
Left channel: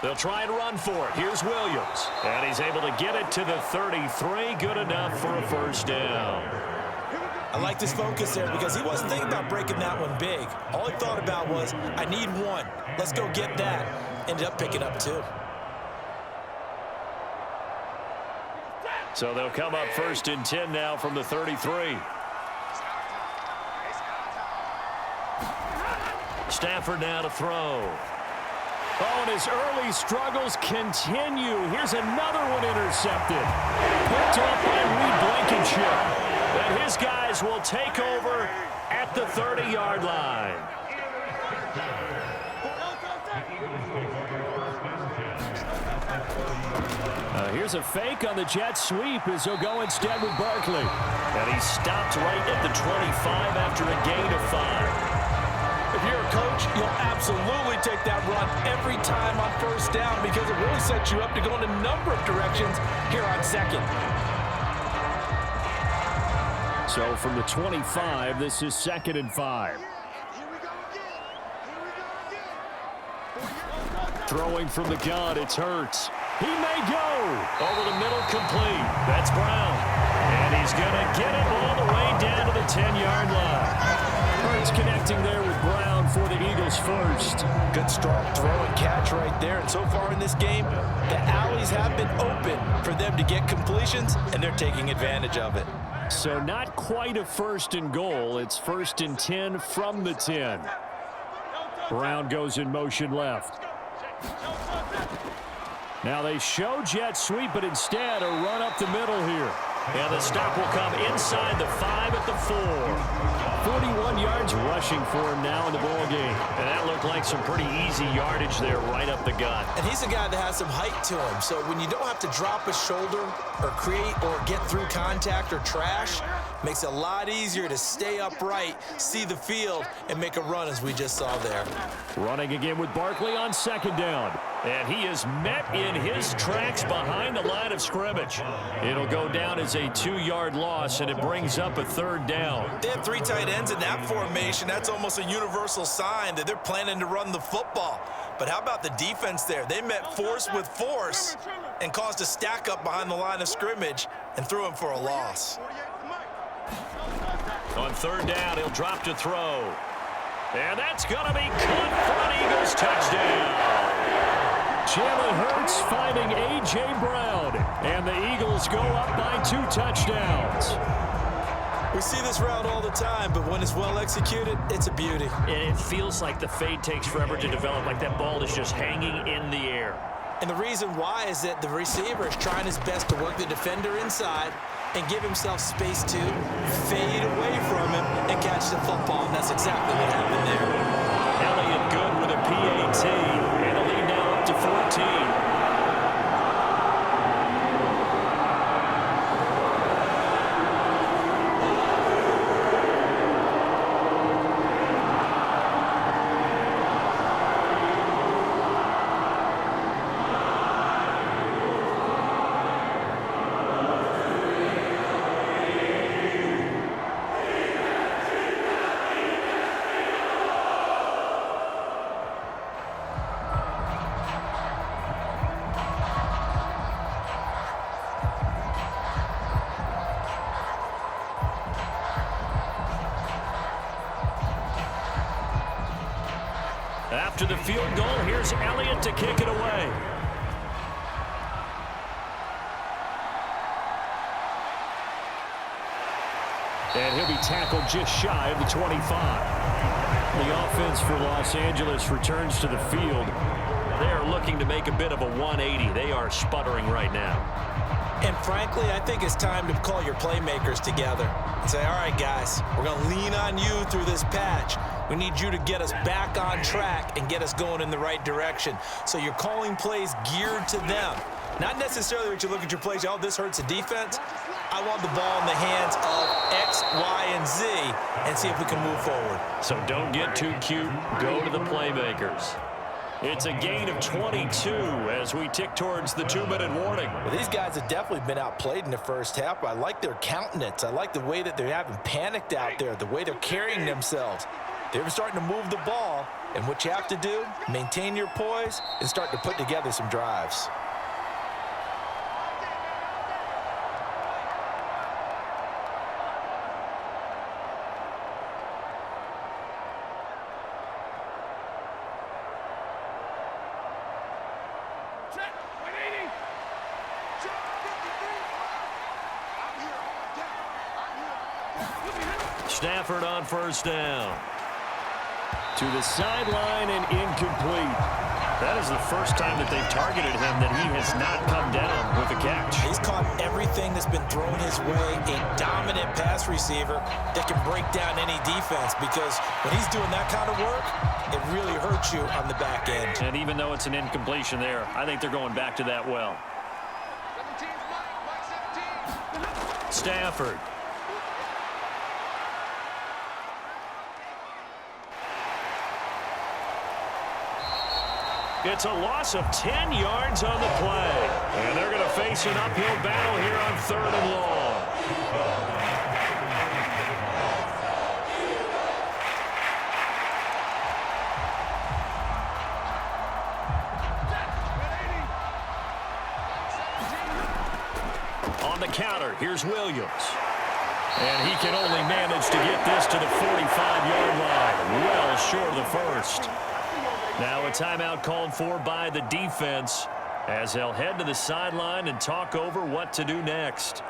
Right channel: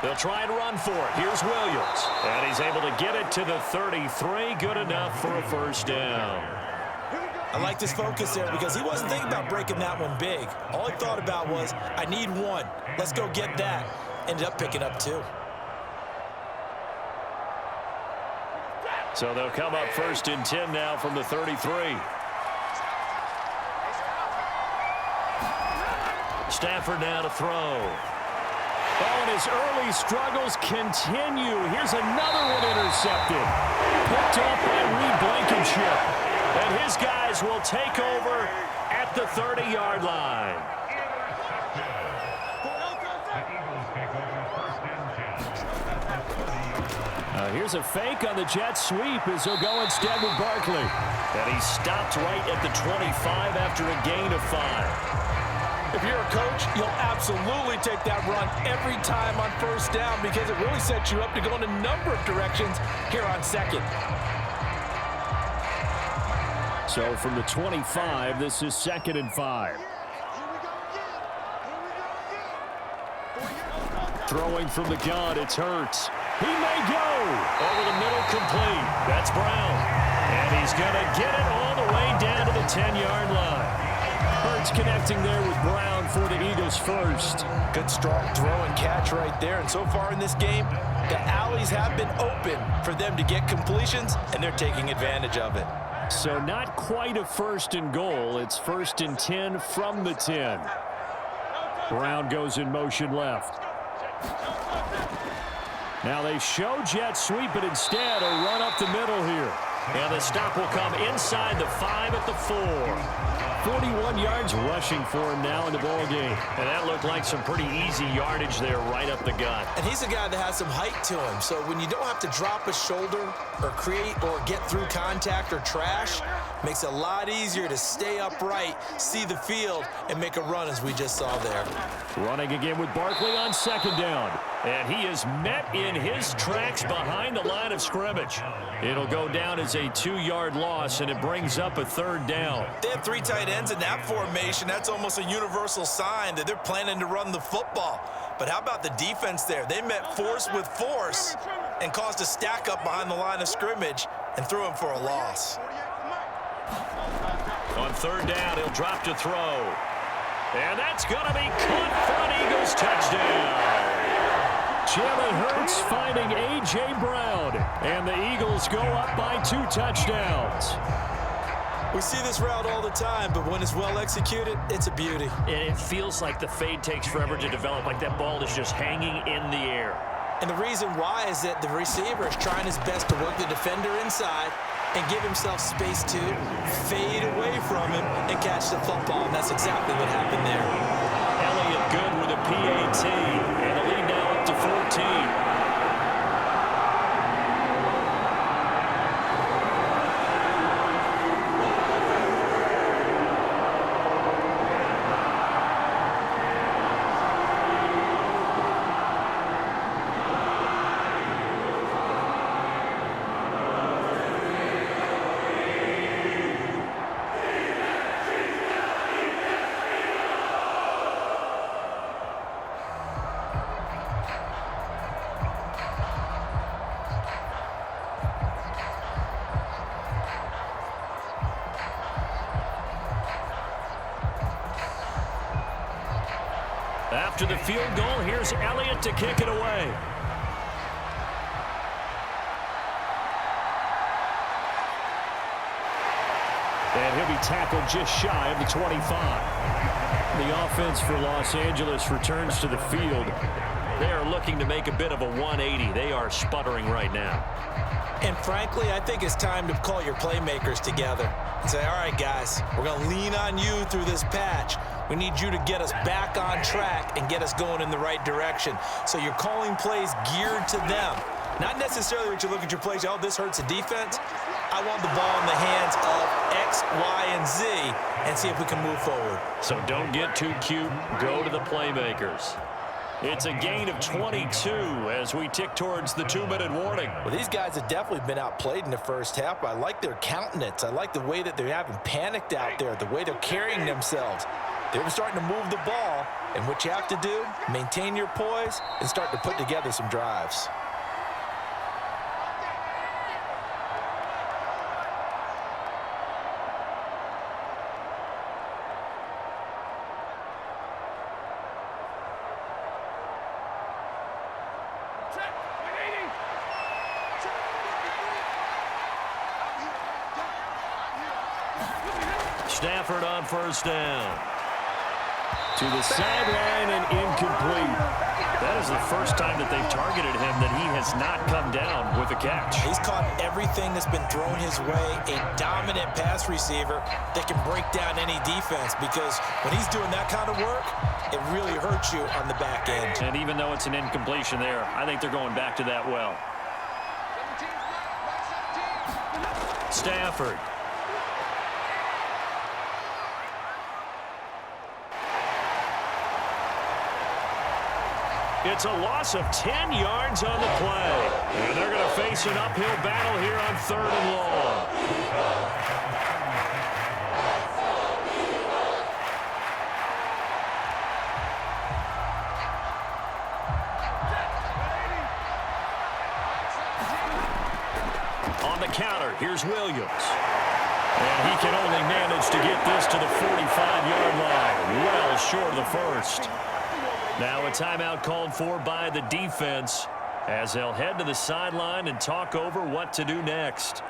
They'll try and run for it. Here's Williams. And he's able to get it to the 33. Good enough for a first down. I like this focus there because he wasn't thinking about breaking that one big. All he thought about was, I need one. Let's go get that. Ended up picking up 2. So they'll come up 1st and 10 now from the 33. Stafford now to throw. Oh, and his early struggles continue. Here's another one intercepted. Picked off by Reed Blankenship. And his guys will take over at the 30-yard line. Here's a fake on the jet sweep as he'll go instead with Barkley. And he stopped right at the 25 after a gain of 5. If you're a coach, you'll absolutely take that run every time on first down because it really sets you up to go in a number of directions here on second. So from the 25, this is 2nd and 5. Throwing from the gun, it's Hurts. He may go. Over the middle, complete. That's Brown. And he's going to get it all the way down to the 10-yard line. Hurts connecting there with Brown for the Eagles first. Good, strong throw and catch right there. And so far in this game, the alleys have been open for them to get completions, and they're taking advantage of it. So not quite a 1st and goal. It's 1st and 10 from the 10. Brown goes in motion left. Now they show jet sweep, but instead a run up the middle here. And the stop will come inside the 5 at the 4. 41 yards rushing for him now in the ball game. And that looked like some pretty easy yardage there right up the gut. And he's a guy that has some height to him. So when you don't have to drop a shoulder or create or get through contact or trash, makes it a lot easier to stay upright, see the field, and make a run as we just saw there. Running again with Barkley on 2nd down. And he is met in his tracks behind the line of scrimmage. It'll go down as a 2-yard loss, and it brings up a 3rd down. They have 3 tight ends in that formation. That's almost a universal sign that they're planning to run the football. But how about the defense there? They met force with force and caused a stack up behind the line of scrimmage and threw him for a loss. On 3rd down, he'll drop to throw. And that's going to be caught for an Eagles touchdown. Jalen Hurts finding A.J. Brown. And the Eagles go up by 2 touchdowns. We see this route all the time, but when it's well executed, it's a beauty. And it feels like the fade takes forever to develop, like that ball is just hanging in the air. And the reason why is that the receiver is trying his best to work the defender inside and give himself space to fade away from him and catch the football. And that's exactly what happened there. Elliott good with a PAT, and the lead now up to 14. After the field goal, here's Elliott to kick it away. And he'll be tackled just shy of the 25. The offense for Los Angeles returns to the field. They are looking to make a bit of a 180. They are sputtering right now. And frankly, I think it's time to call your playmakers together and say, all right, guys, we're going to lean on you through this patch. We need you to get us back on track and get us going in the right direction. So you're calling plays geared to them. Not necessarily what you look at your plays, oh, this hurts the defense. I want the ball in the hands of X, Y, and Z and see if we can move forward. So don't get too cute. Go to the playmakers. It's a gain of 22 as we tick towards the 2-minute warning. Well, these guys have definitely been outplayed in the first half. I like their countenance. I like the way that they haven't panicked out there, the way they're carrying themselves. They're starting to move the ball, and what you have to do, maintain your poise and start to put together some drives. Stafford on 1st down. To the sideline and incomplete. That is the first time that they've targeted him that he has not come down with a catch. He's caught everything that's been thrown his way, a dominant pass receiver that can break down any defense, because when he's doing that kind of work, it really hurts you on the back end. And even though it's an incompletion there, I think they're going back to that well. It's a loss of 10 yards on the play. And they're going to face an uphill battle here on 3rd and long. On the counter, here's Williams. And he can only manage to get this to the 45-yard line. Well short of the first. Now a timeout called for by the defense as they'll head to the sideline and talk over what to do next.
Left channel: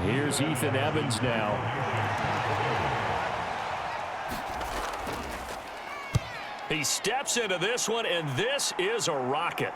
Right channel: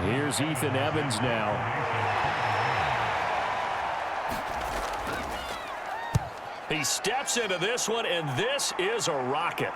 Here's Ethan Evans now. He steps into this one, and this is a rocket.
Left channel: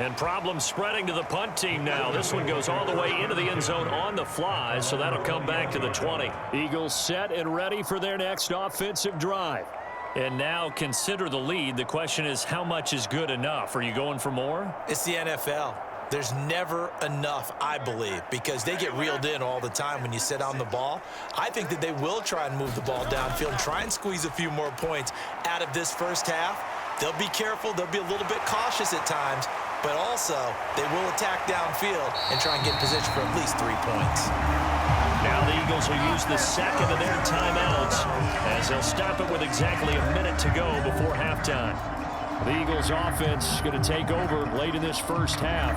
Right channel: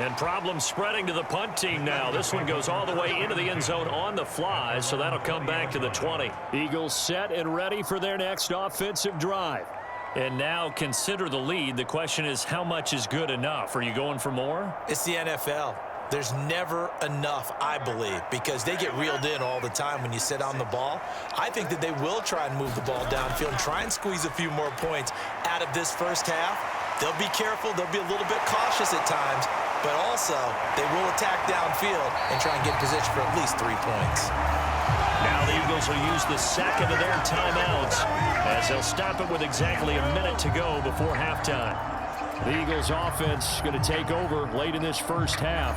And problems spreading to the punt team now. This one goes all the way into the end zone on the fly, so that'll come back to the 20. Eagles set and ready for their next offensive drive. And now consider the lead. The question is, how much is good enough? Are you going for more? It's the NFL. There's never enough, I believe, because they get reeled in all the time when you sit on the ball. I think that they will try and move the ball downfield and try and squeeze a few more points out of this first half. They'll be careful. They'll be a little bit cautious at times, but also they will attack downfield and try and get in position for at least 3 points. Now the Eagles will use the second of their timeouts as they'll stop it with exactly a minute to go before halftime. The Eagles offense going to take over late in this first half.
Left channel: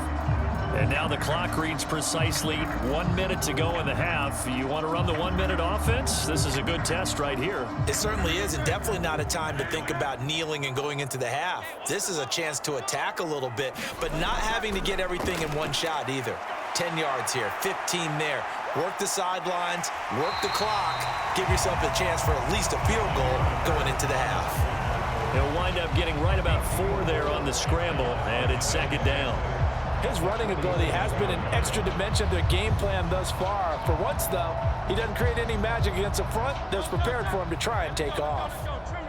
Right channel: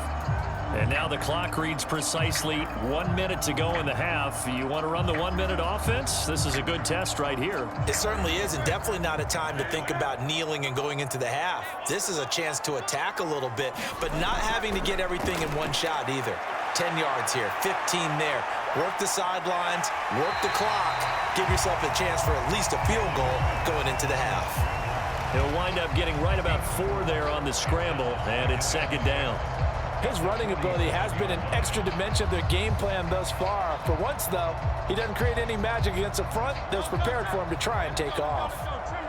And now the clock reads precisely 1 minute to go in the half. You want to run the 1 minute offense? This is a good test right here. It certainly is, and definitely not a time to think about kneeling and going into the half. This is a chance to attack a little bit, but not having to get everything in one shot either. 10 yards here, 15 there. Work the sidelines, work the clock. Give yourself a chance for at least a field goal going into the half. He'll wind up getting right about 4 there on the scramble, and it's 2nd down. His running ability has been an extra dimension of their game plan thus far. For once, though, he doesn't create any magic against the front that's prepared for him to try and take off.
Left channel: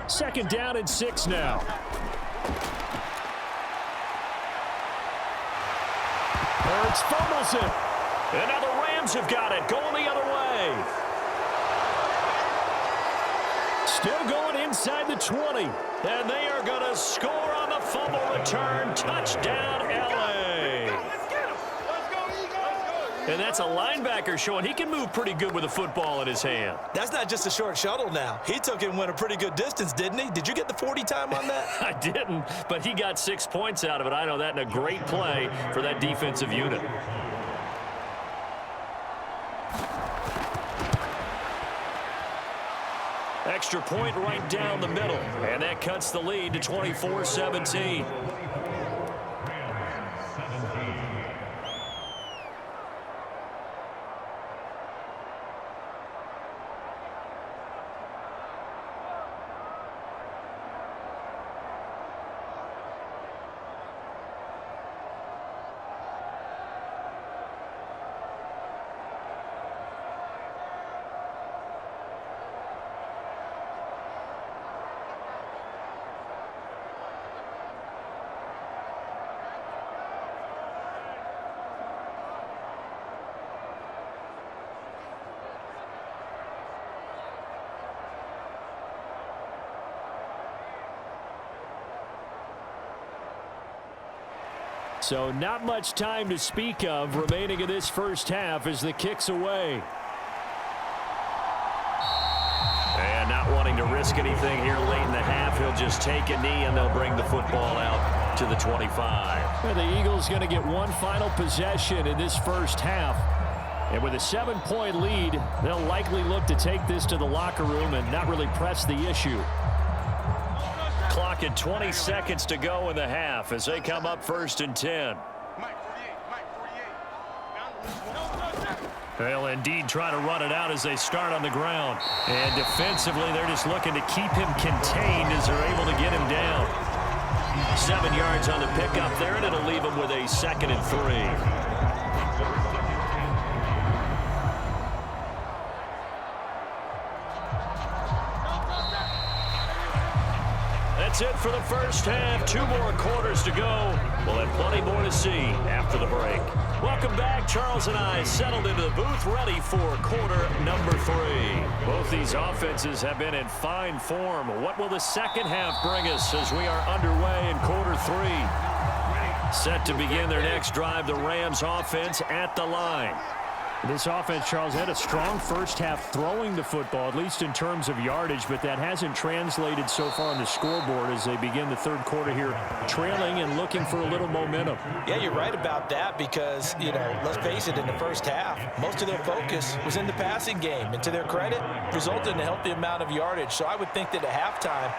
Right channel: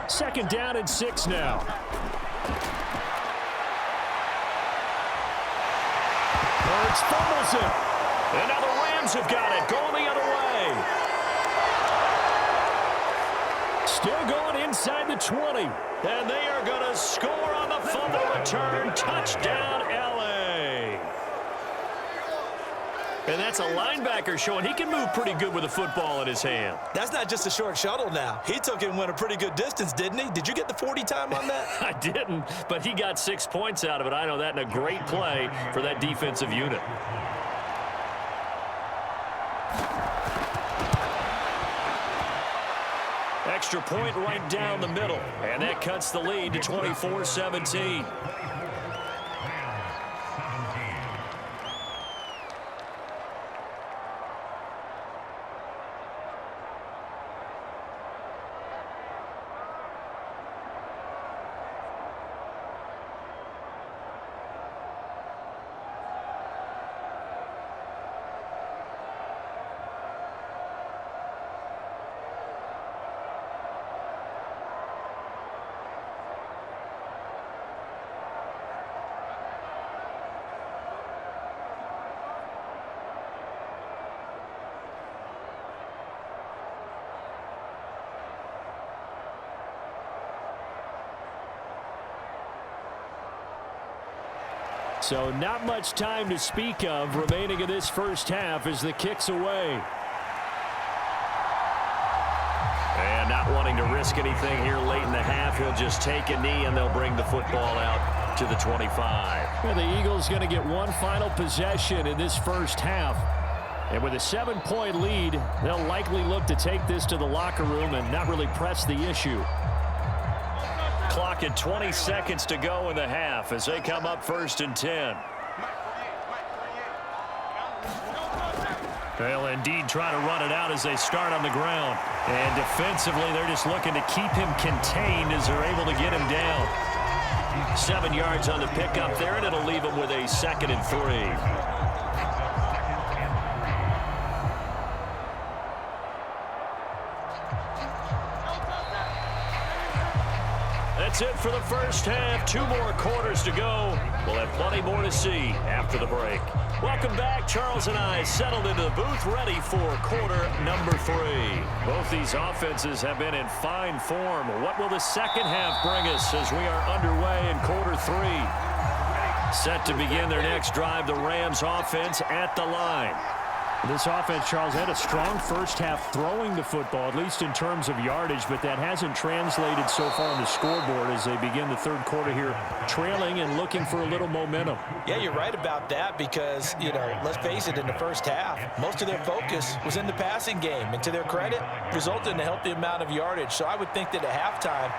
2nd down and 6 now. Hurts fumbles it. And now the Rams have got it, going the other way. Still going inside the 20. And they are going to score on the fumble return. Touchdown, L.A. And that's a linebacker showing he can move pretty good with a football in his hand. That's not just a short shuttle now. He took it and went a pretty good distance, didn't he? Did you get the 40 time on that? I didn't, but he got 6 points out of it. I know that, and a great play for that defensive unit. Extra point right down the middle, and that cuts the lead to 24-17. So not much time to speak of remaining in this first half as the kick's away. And not wanting to risk anything here late in the half, he'll just take a knee and they'll bring the football out to the 25. Well, the Eagles going to get one final possession in this first half. And with a 7-point lead, they'll likely look to take this to the locker room and not really press the issue. Clock at 20 seconds to go in the half as they come up 1st and 10. They'll indeed try to run it out as they start on the ground. And defensively, they're just looking to keep him contained as they're able to get him down. 7 yards on the pickup there, and it'll leave him with a 2nd and 3. That's it for the first half. 2 more quarters to go. We'll have plenty more to see after the break. Welcome back. Charles and I settled into the booth, ready for quarter number 3. Both these offenses have been in fine form. What will the second half bring us as we are underway in quarter 3? Set to begin their next drive, the Rams offense at the line. This offense, Charles, had a strong first half throwing the football, at least in terms of yardage, but that hasn't translated so far on the scoreboard as they begin the third quarter here, trailing and looking for a little momentum. Yeah, you're right about that because, let's face it, in the first half, most of their focus was in the passing game. And to their credit, resulted in a healthy amount of yardage. So I would think that at halftime,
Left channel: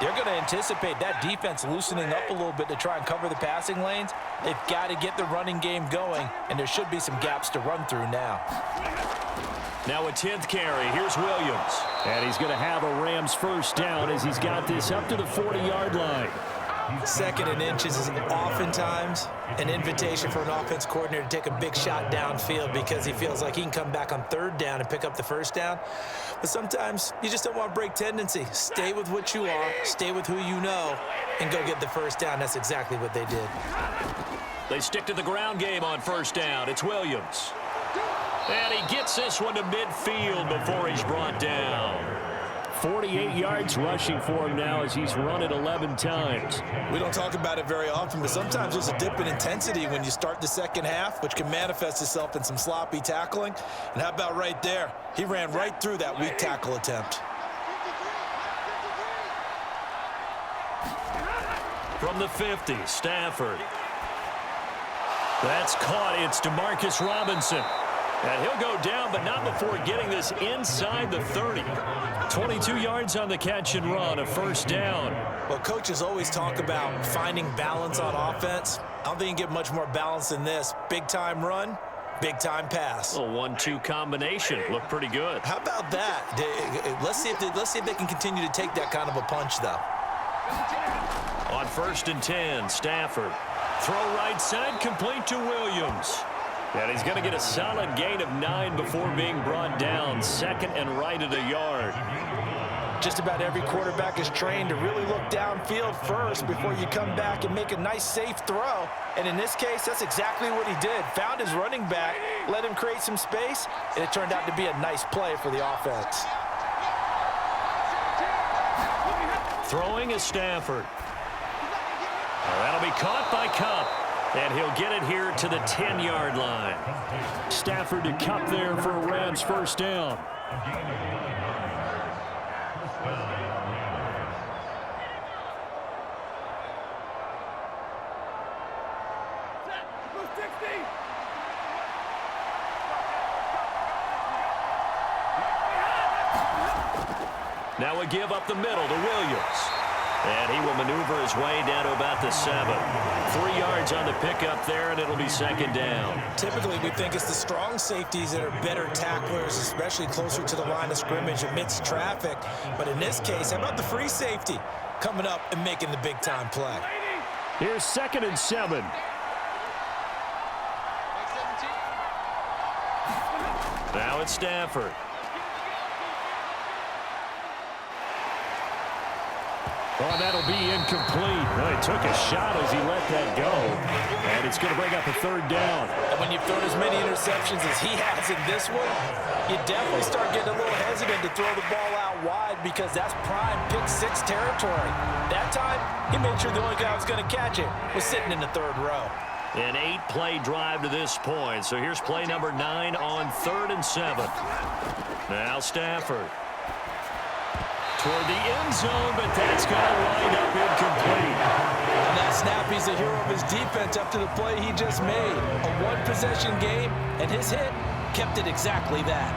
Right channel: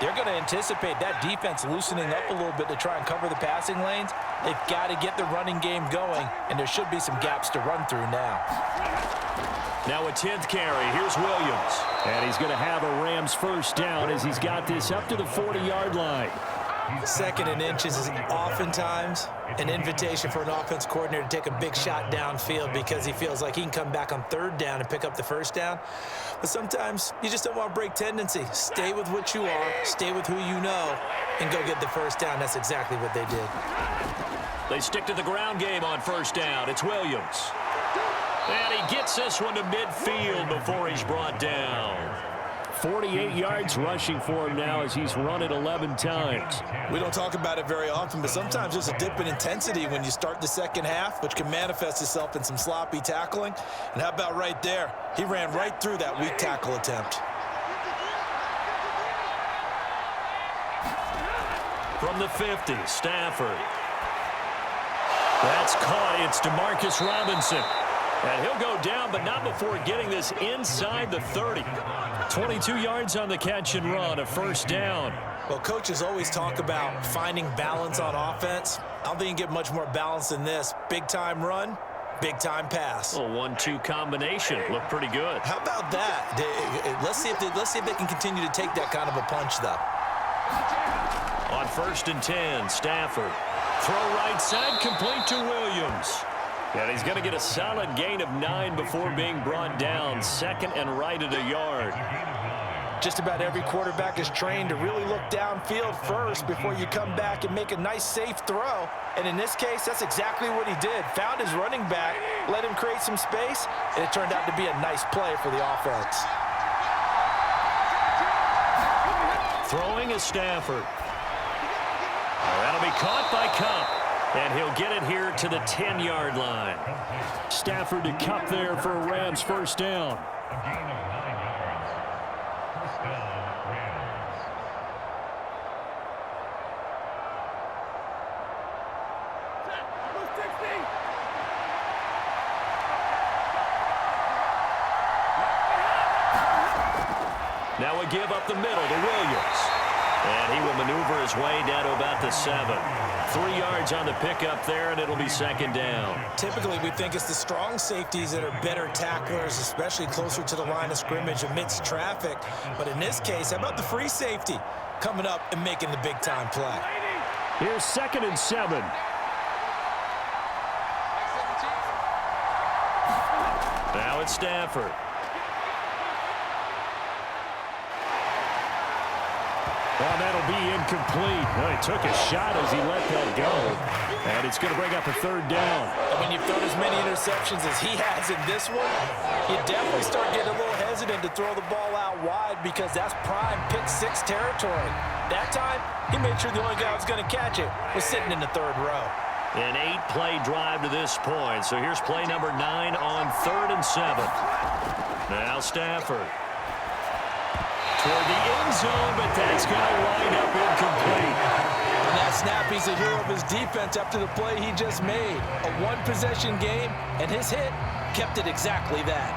they're going to anticipate that defense loosening up a little bit to try and cover the passing lanes. They've got to get the running game going, and there should be some gaps to run through now. Now a 10th carry. Here's Williams. And he's going to have a Rams first down as he's got this up to the 40-yard line. Second and inches is oftentimes an invitation for an offense coordinator to take a big shot downfield because he feels like he can come back on third down and pick up the first down. But sometimes you just don't want to break tendency. Stay with what you are, stay with who you know, and go get the first down. That's exactly what they did. They stick to the ground game on first down. It's Williams. And he gets this one to midfield before he's brought down. 48 yards rushing for him now as he's run it 11 times. We don't talk about it very often, but sometimes there's a dip in intensity when you start the second half, which can manifest itself in some sloppy tackling. And how about right there? He ran right through that weak tackle attempt. From the 50, Stafford. That's caught. It's Demarcus Robinson. And he'll go down, but not before getting this inside the 30. 22 yards on the catch and run, a first down. Well, coaches always talk about finding balance on offense. I don't think you can get much more balance than this. Big-time run, big-time pass. A 1-2 combination. Looked pretty good. How about that? Let's see if they can continue to take that kind of a punch, though. On 1st and 10, Stafford. Throw right side, complete to Williams. And he's going to get a solid gain of 9 before being brought down. Second and right at a yard. Just about every quarterback is trained to really look downfield first before you come back and make a nice, safe throw. And in this case, that's exactly what he did. Found his running back, let him create some space, and it turned out to be a nice play for the offense. Throwing is Stafford. That'll be caught by Kupp. And he'll get it here to the 10-yard line. Stafford to Kupp there for a Rams first down. Now a give up the middle to Williams. And he will maneuver his way down to about the 7. 3 yards on the pickup there, and it'll be second down. Typically, we think it's the strong safeties that are better tacklers, especially closer to the line of scrimmage amidst traffic. But in this case, how about the free safety coming up and making the big-time play? Here's 2nd and 7. Now it's Stafford. Oh, that'll be incomplete. Oh, he took a shot as he let that go. And it's going to bring up a third down. And when you've thrown as many interceptions as he has in this one, you definitely start getting a little hesitant to throw the ball out wide because that's prime pick 6 territory. That time, he made sure the only guy who was going to catch it was sitting in the third row. An 8-play drive to this point. So here's play number 9 on 3rd and 7. Now Stafford. Toward the end zone, but that's going to wind up incomplete. On that snap, he's the hero of his defense after the play he just made. A one-possession game, and his hit kept it exactly that.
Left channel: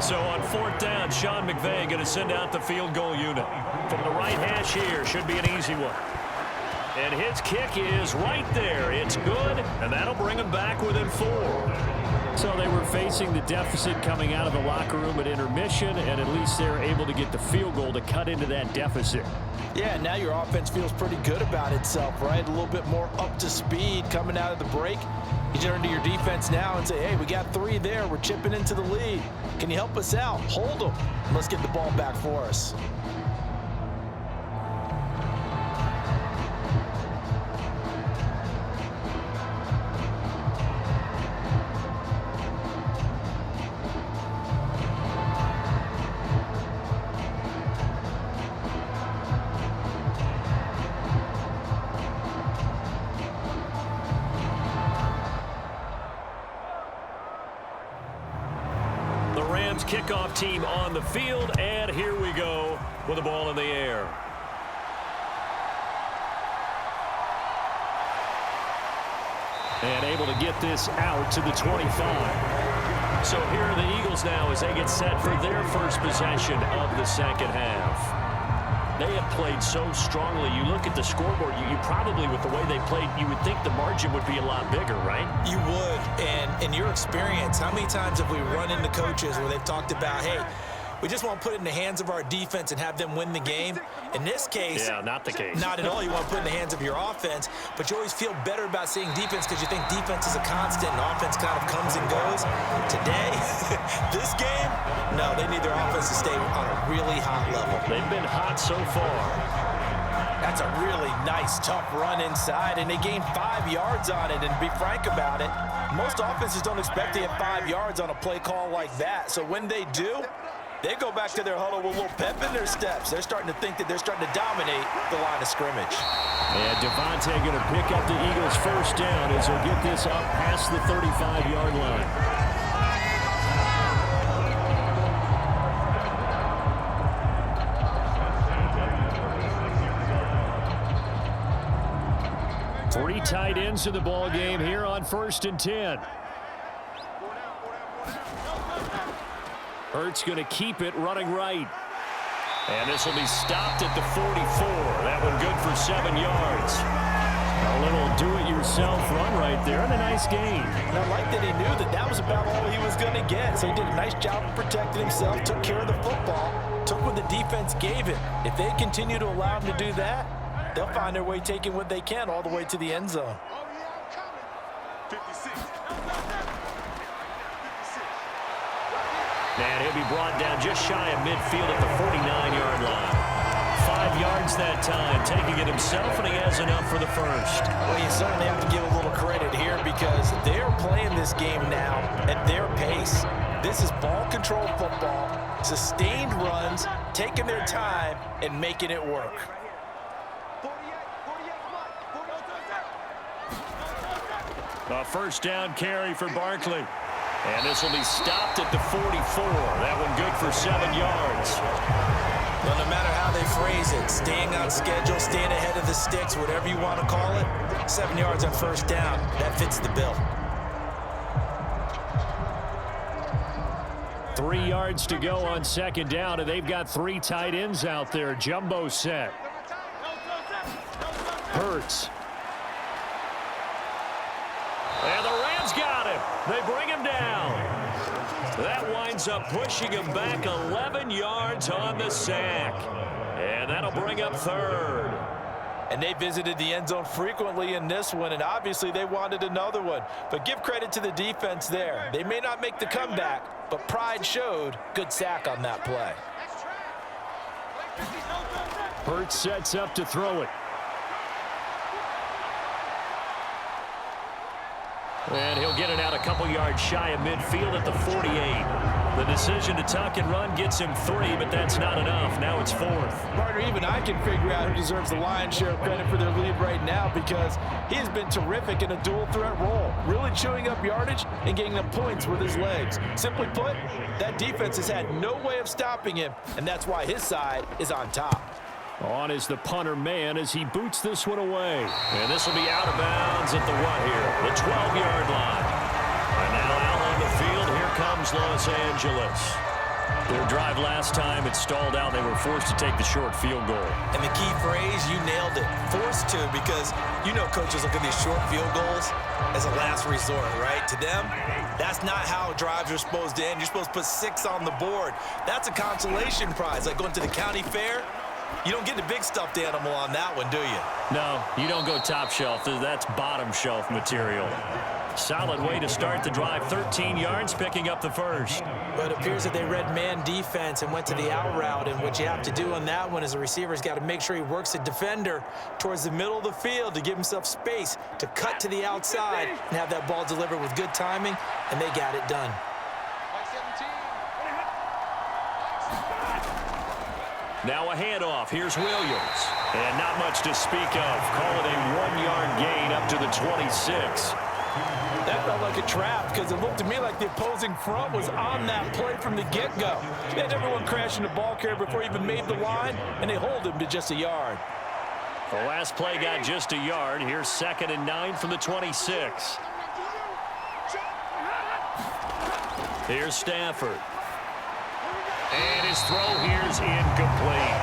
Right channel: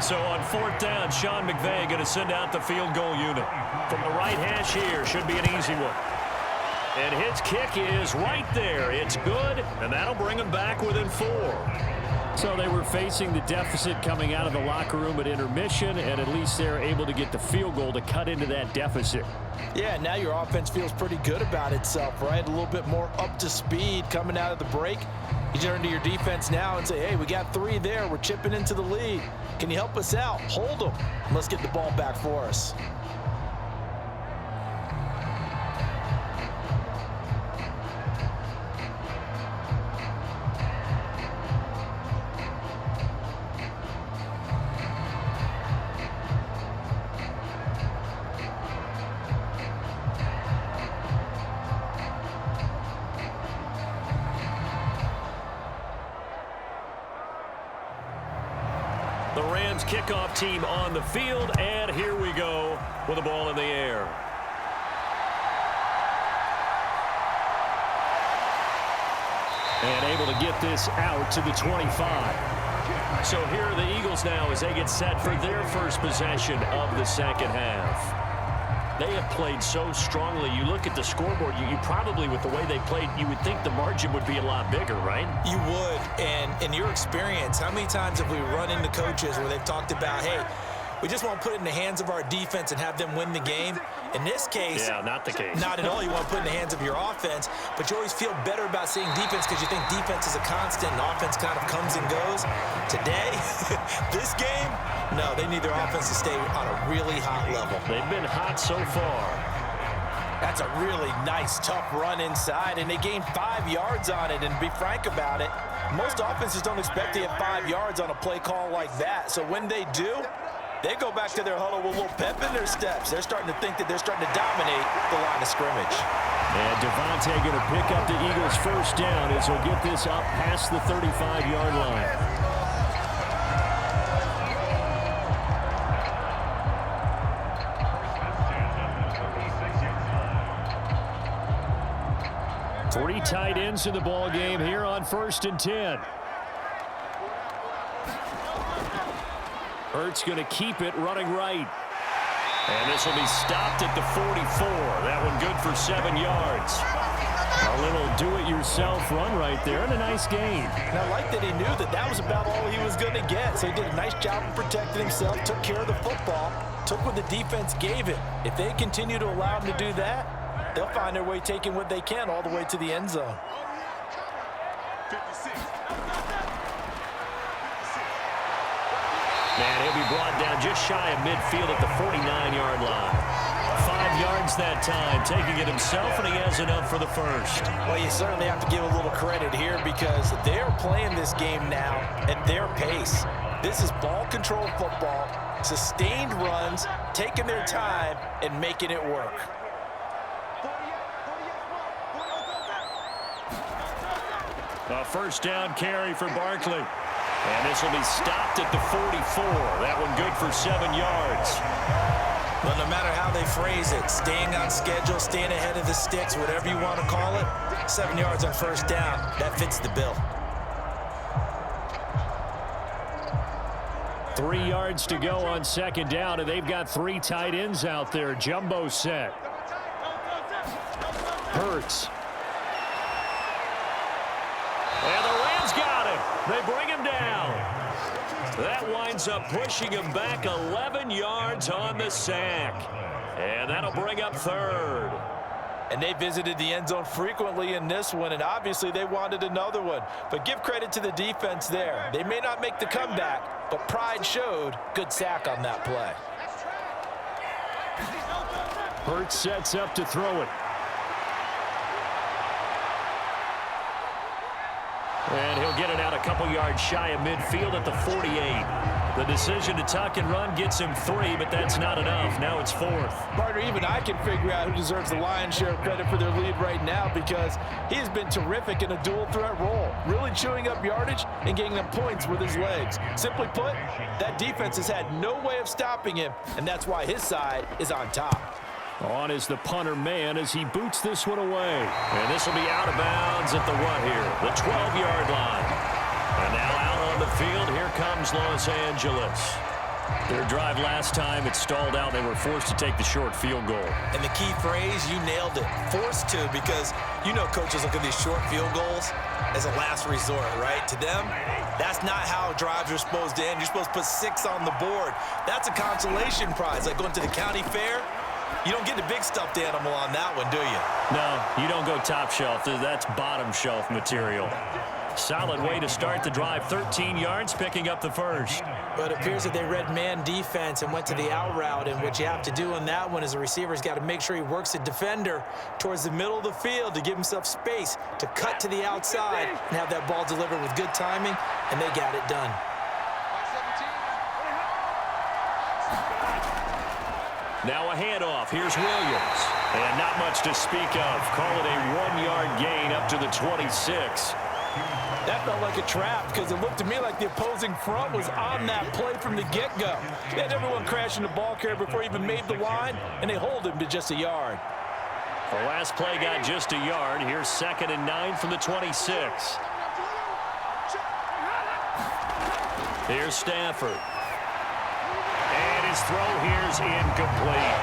So on 4th down, Sean McVay going to send out the field goal unit. From the right hash here, should be an easy one. And his kick is right there. It's good, and that'll bring him back within 4. So they were facing the deficit coming out of the locker room at intermission, and at least they're able to get the field goal to cut into that deficit. Yeah, now your offense feels pretty good about itself, right? A little bit more up to speed coming out of the break. You turn to your defense now and say, hey, we got 3 there. We're chipping into the lead. Can you help us out? Hold them. Let's get the ball back for us. The Rams kickoff team on the field, and here we go with the ball in the air. And able to get this out to the 25. So here are the Eagles now as they get set for their first possession of the second half. They have played so strongly. You look at the scoreboard, you probably, with the way they played, you would think the margin would be a lot bigger, right? You would. And in your experience, how many times have we run into coaches where they've talked about, hey, we just want to put it in the hands of our defense and have them win the game? In this case, yeah, not the case. Not at all. You want to put it in the hands of your offense, but you always feel better about seeing defense because you think defense is a constant and offense kind of comes and goes. Today, this game, no, they need their offense to stay on a really hot level. They've been hot so far. That's a really nice, tough run inside, and they gained 5 yards on it. And to be frank about it, most offenses don't expect to get 5 yards on a play call like that. So when they do, they go back to their huddle with a little pep in their steps. They're starting to think that they're starting to dominate the line of scrimmage. And Devontae going to pick up the Eagles' first down as he'll get this up past the 35-yard line. Three tight ends in the ball game here on 1st and 10. Hurts going to keep it running right. And this will be stopped at the 44. That one good for 7 yards. A little do-it-yourself run right there and a nice gain. And I like that he knew that that was about all he was going to get. So he did a nice job of protecting himself, took care of the football, took what the defense gave him. If they continue to allow him to do that, they'll find their way taking what they can all the way to the end zone. And he'll be brought down just shy of midfield at the 49-yard line. 5 yards that time, taking it himself, and he has enough for the first. Well, you certainly have to give a little credit here because they're playing this game now at their pace. This is ball control football, sustained runs, taking their time, and making it work. A first down carry for Barkley. And this will be stopped at the 44. That one good for 7 yards. But no matter how they phrase it, staying on schedule, staying ahead of the sticks, whatever you want to call it, 7 yards on first down, that fits the bill. 3 yards to go on second down, and they've got 3 tight ends out there. Jumbo set. Hurts. And the Rams got him. They bring him down. That winds up pushing him back 11 yards on the sack. And that'll bring up 3rd. And they visited the end zone frequently in this one, and obviously they wanted another one. But give credit to the defense there. They may not make the comeback, but pride showed. Good sack on that play. Hurts sets up to throw it. And he'll get it out a couple yards shy of midfield at the 48. The decision to tuck and run gets him 3, but that's not enough. Now it's 4th. Partner, even I can figure out who deserves the lion's share of credit for their lead right now because he has been terrific in a dual threat role, really chewing up yardage and getting them points with his legs. Simply put, that defense has had no way of stopping him, and that's why his side is on top. On is the punter man as he boots this one away. And this will be out of bounds at the what here? The 12-yard line. And now out on the field, here comes Los Angeles. Their drive last time, it stalled out. They were forced to take the short field goal. And the key phrase, you nailed it, forced to, because you know coaches look at these short field goals as a last resort, right? To them, that's not how drives are supposed to end. You're supposed to put 6 on the board. That's a consolation prize, like going to the county fair. You don't get the big stuffed animal on that one, do you? No, you don't go top shelf. That's bottom shelf material. Solid way to start the drive. 13 yards, picking up the first. But it appears that they read man defense and went to the out route, and what you have to do on that one is the receiver's got to make sure he works the defender towards the middle of the field to give himself space to cut to the outside and have that ball delivered with good timing, and they got it done. Now a handoff. Here's Williams. And not much to speak of. Call it a 1-yard gain up to the 26. That felt like a trap because it looked to me like the opposing front was on that play from the get-go. They had everyone crashing the ball carrier before he even made the line, and they hold him to just a yard. The last play got just a yard. Here's 2nd and 9 from the 26. Here's Stafford. And his throw here's incomplete.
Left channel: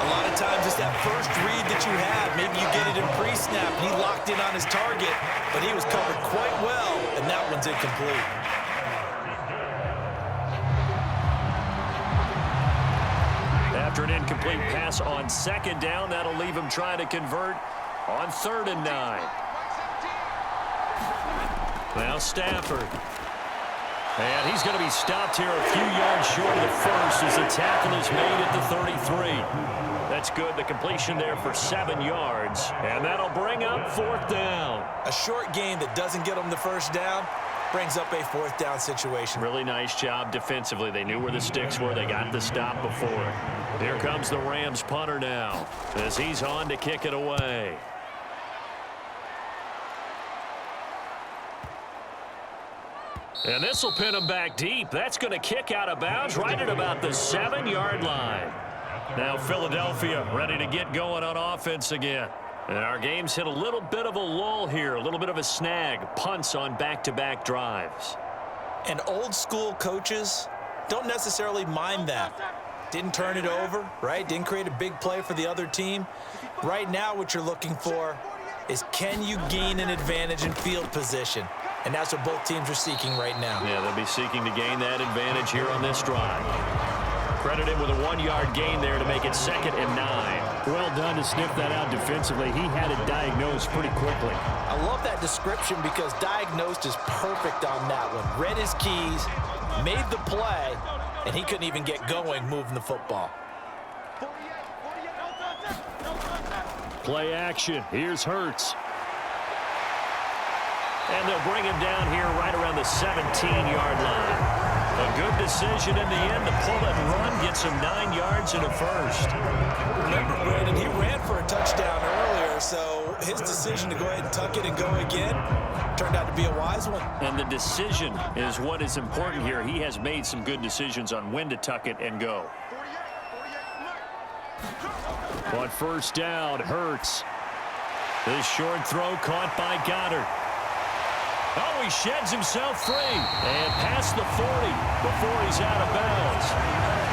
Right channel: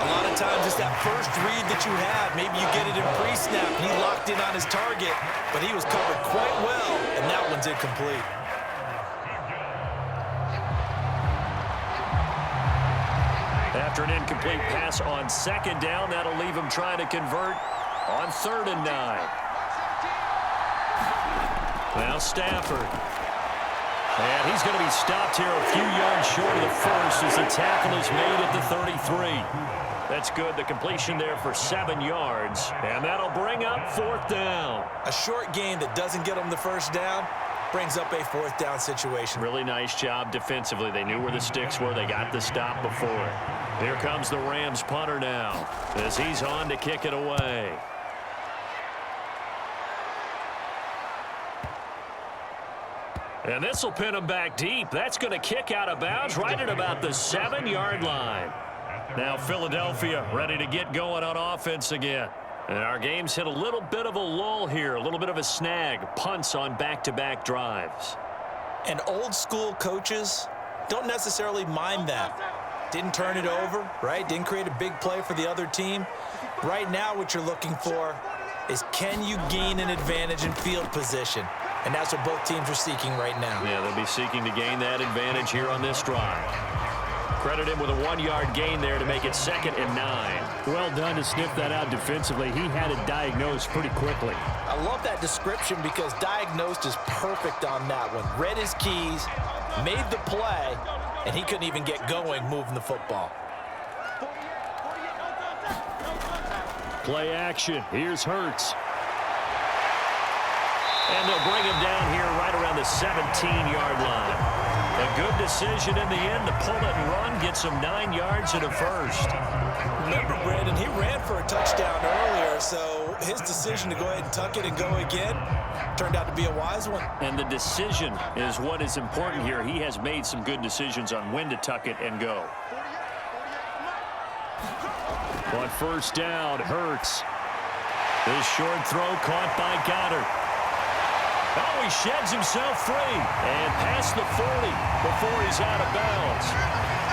A lot of times it's that first read that you have. Maybe you get it in pre-snap, and he locked in on his target, but he was covered quite well, and that one's incomplete. After an incomplete pass on 2nd down, that'll leave him trying to convert on 3rd and 9. Now Stafford. And he's going to be stopped here a few yards short of the first as the tackle is made at the 33. That's good. The completion there for 7 yards. And that'll bring up 4th down. A short gain that doesn't get them the first down brings up a 4th down situation. Really nice job defensively. They knew where the sticks were. They got the stop before it. Here comes the Rams punter now as he's on to kick it away. And this will pin him back deep. That's going to kick out of bounds right at about the 7-yard line. Now Philadelphia ready to get going on offense again. And our game's hit a little bit of a lull here, a little bit of a snag. Punts on back-to-back drives. And old school coaches don't necessarily mind that. Didn't turn it over, right? Didn't create a big play for the other team. Right now what you're looking for is, can you gain an advantage in field position? And that's what both teams are seeking right now. Yeah, they'll be seeking to gain that advantage here on this drive. Credit him with a 1-yard gain there to make it 2nd and 9. Well done to sniff that out defensively. He had it diagnosed pretty quickly. I love that description because diagnosed is perfect on that one. Read his keys, made the play, and he couldn't even get going moving the football. Play action. Here's Hurts. And they'll bring him down here right around the 17-yard line. A good decision in the end to pull it and run, gets him 9 yards and a first. Remember, Brandon, he ran for a touchdown earlier, so his decision to go ahead and tuck it and go again turned out to be a wise one. And the decision is what is important here. He has made some good decisions on when to tuck it and go. On 1st down, Hurts. This short throw caught by Goddard. Oh, he sheds himself free and past the 40 before he's out of bounds.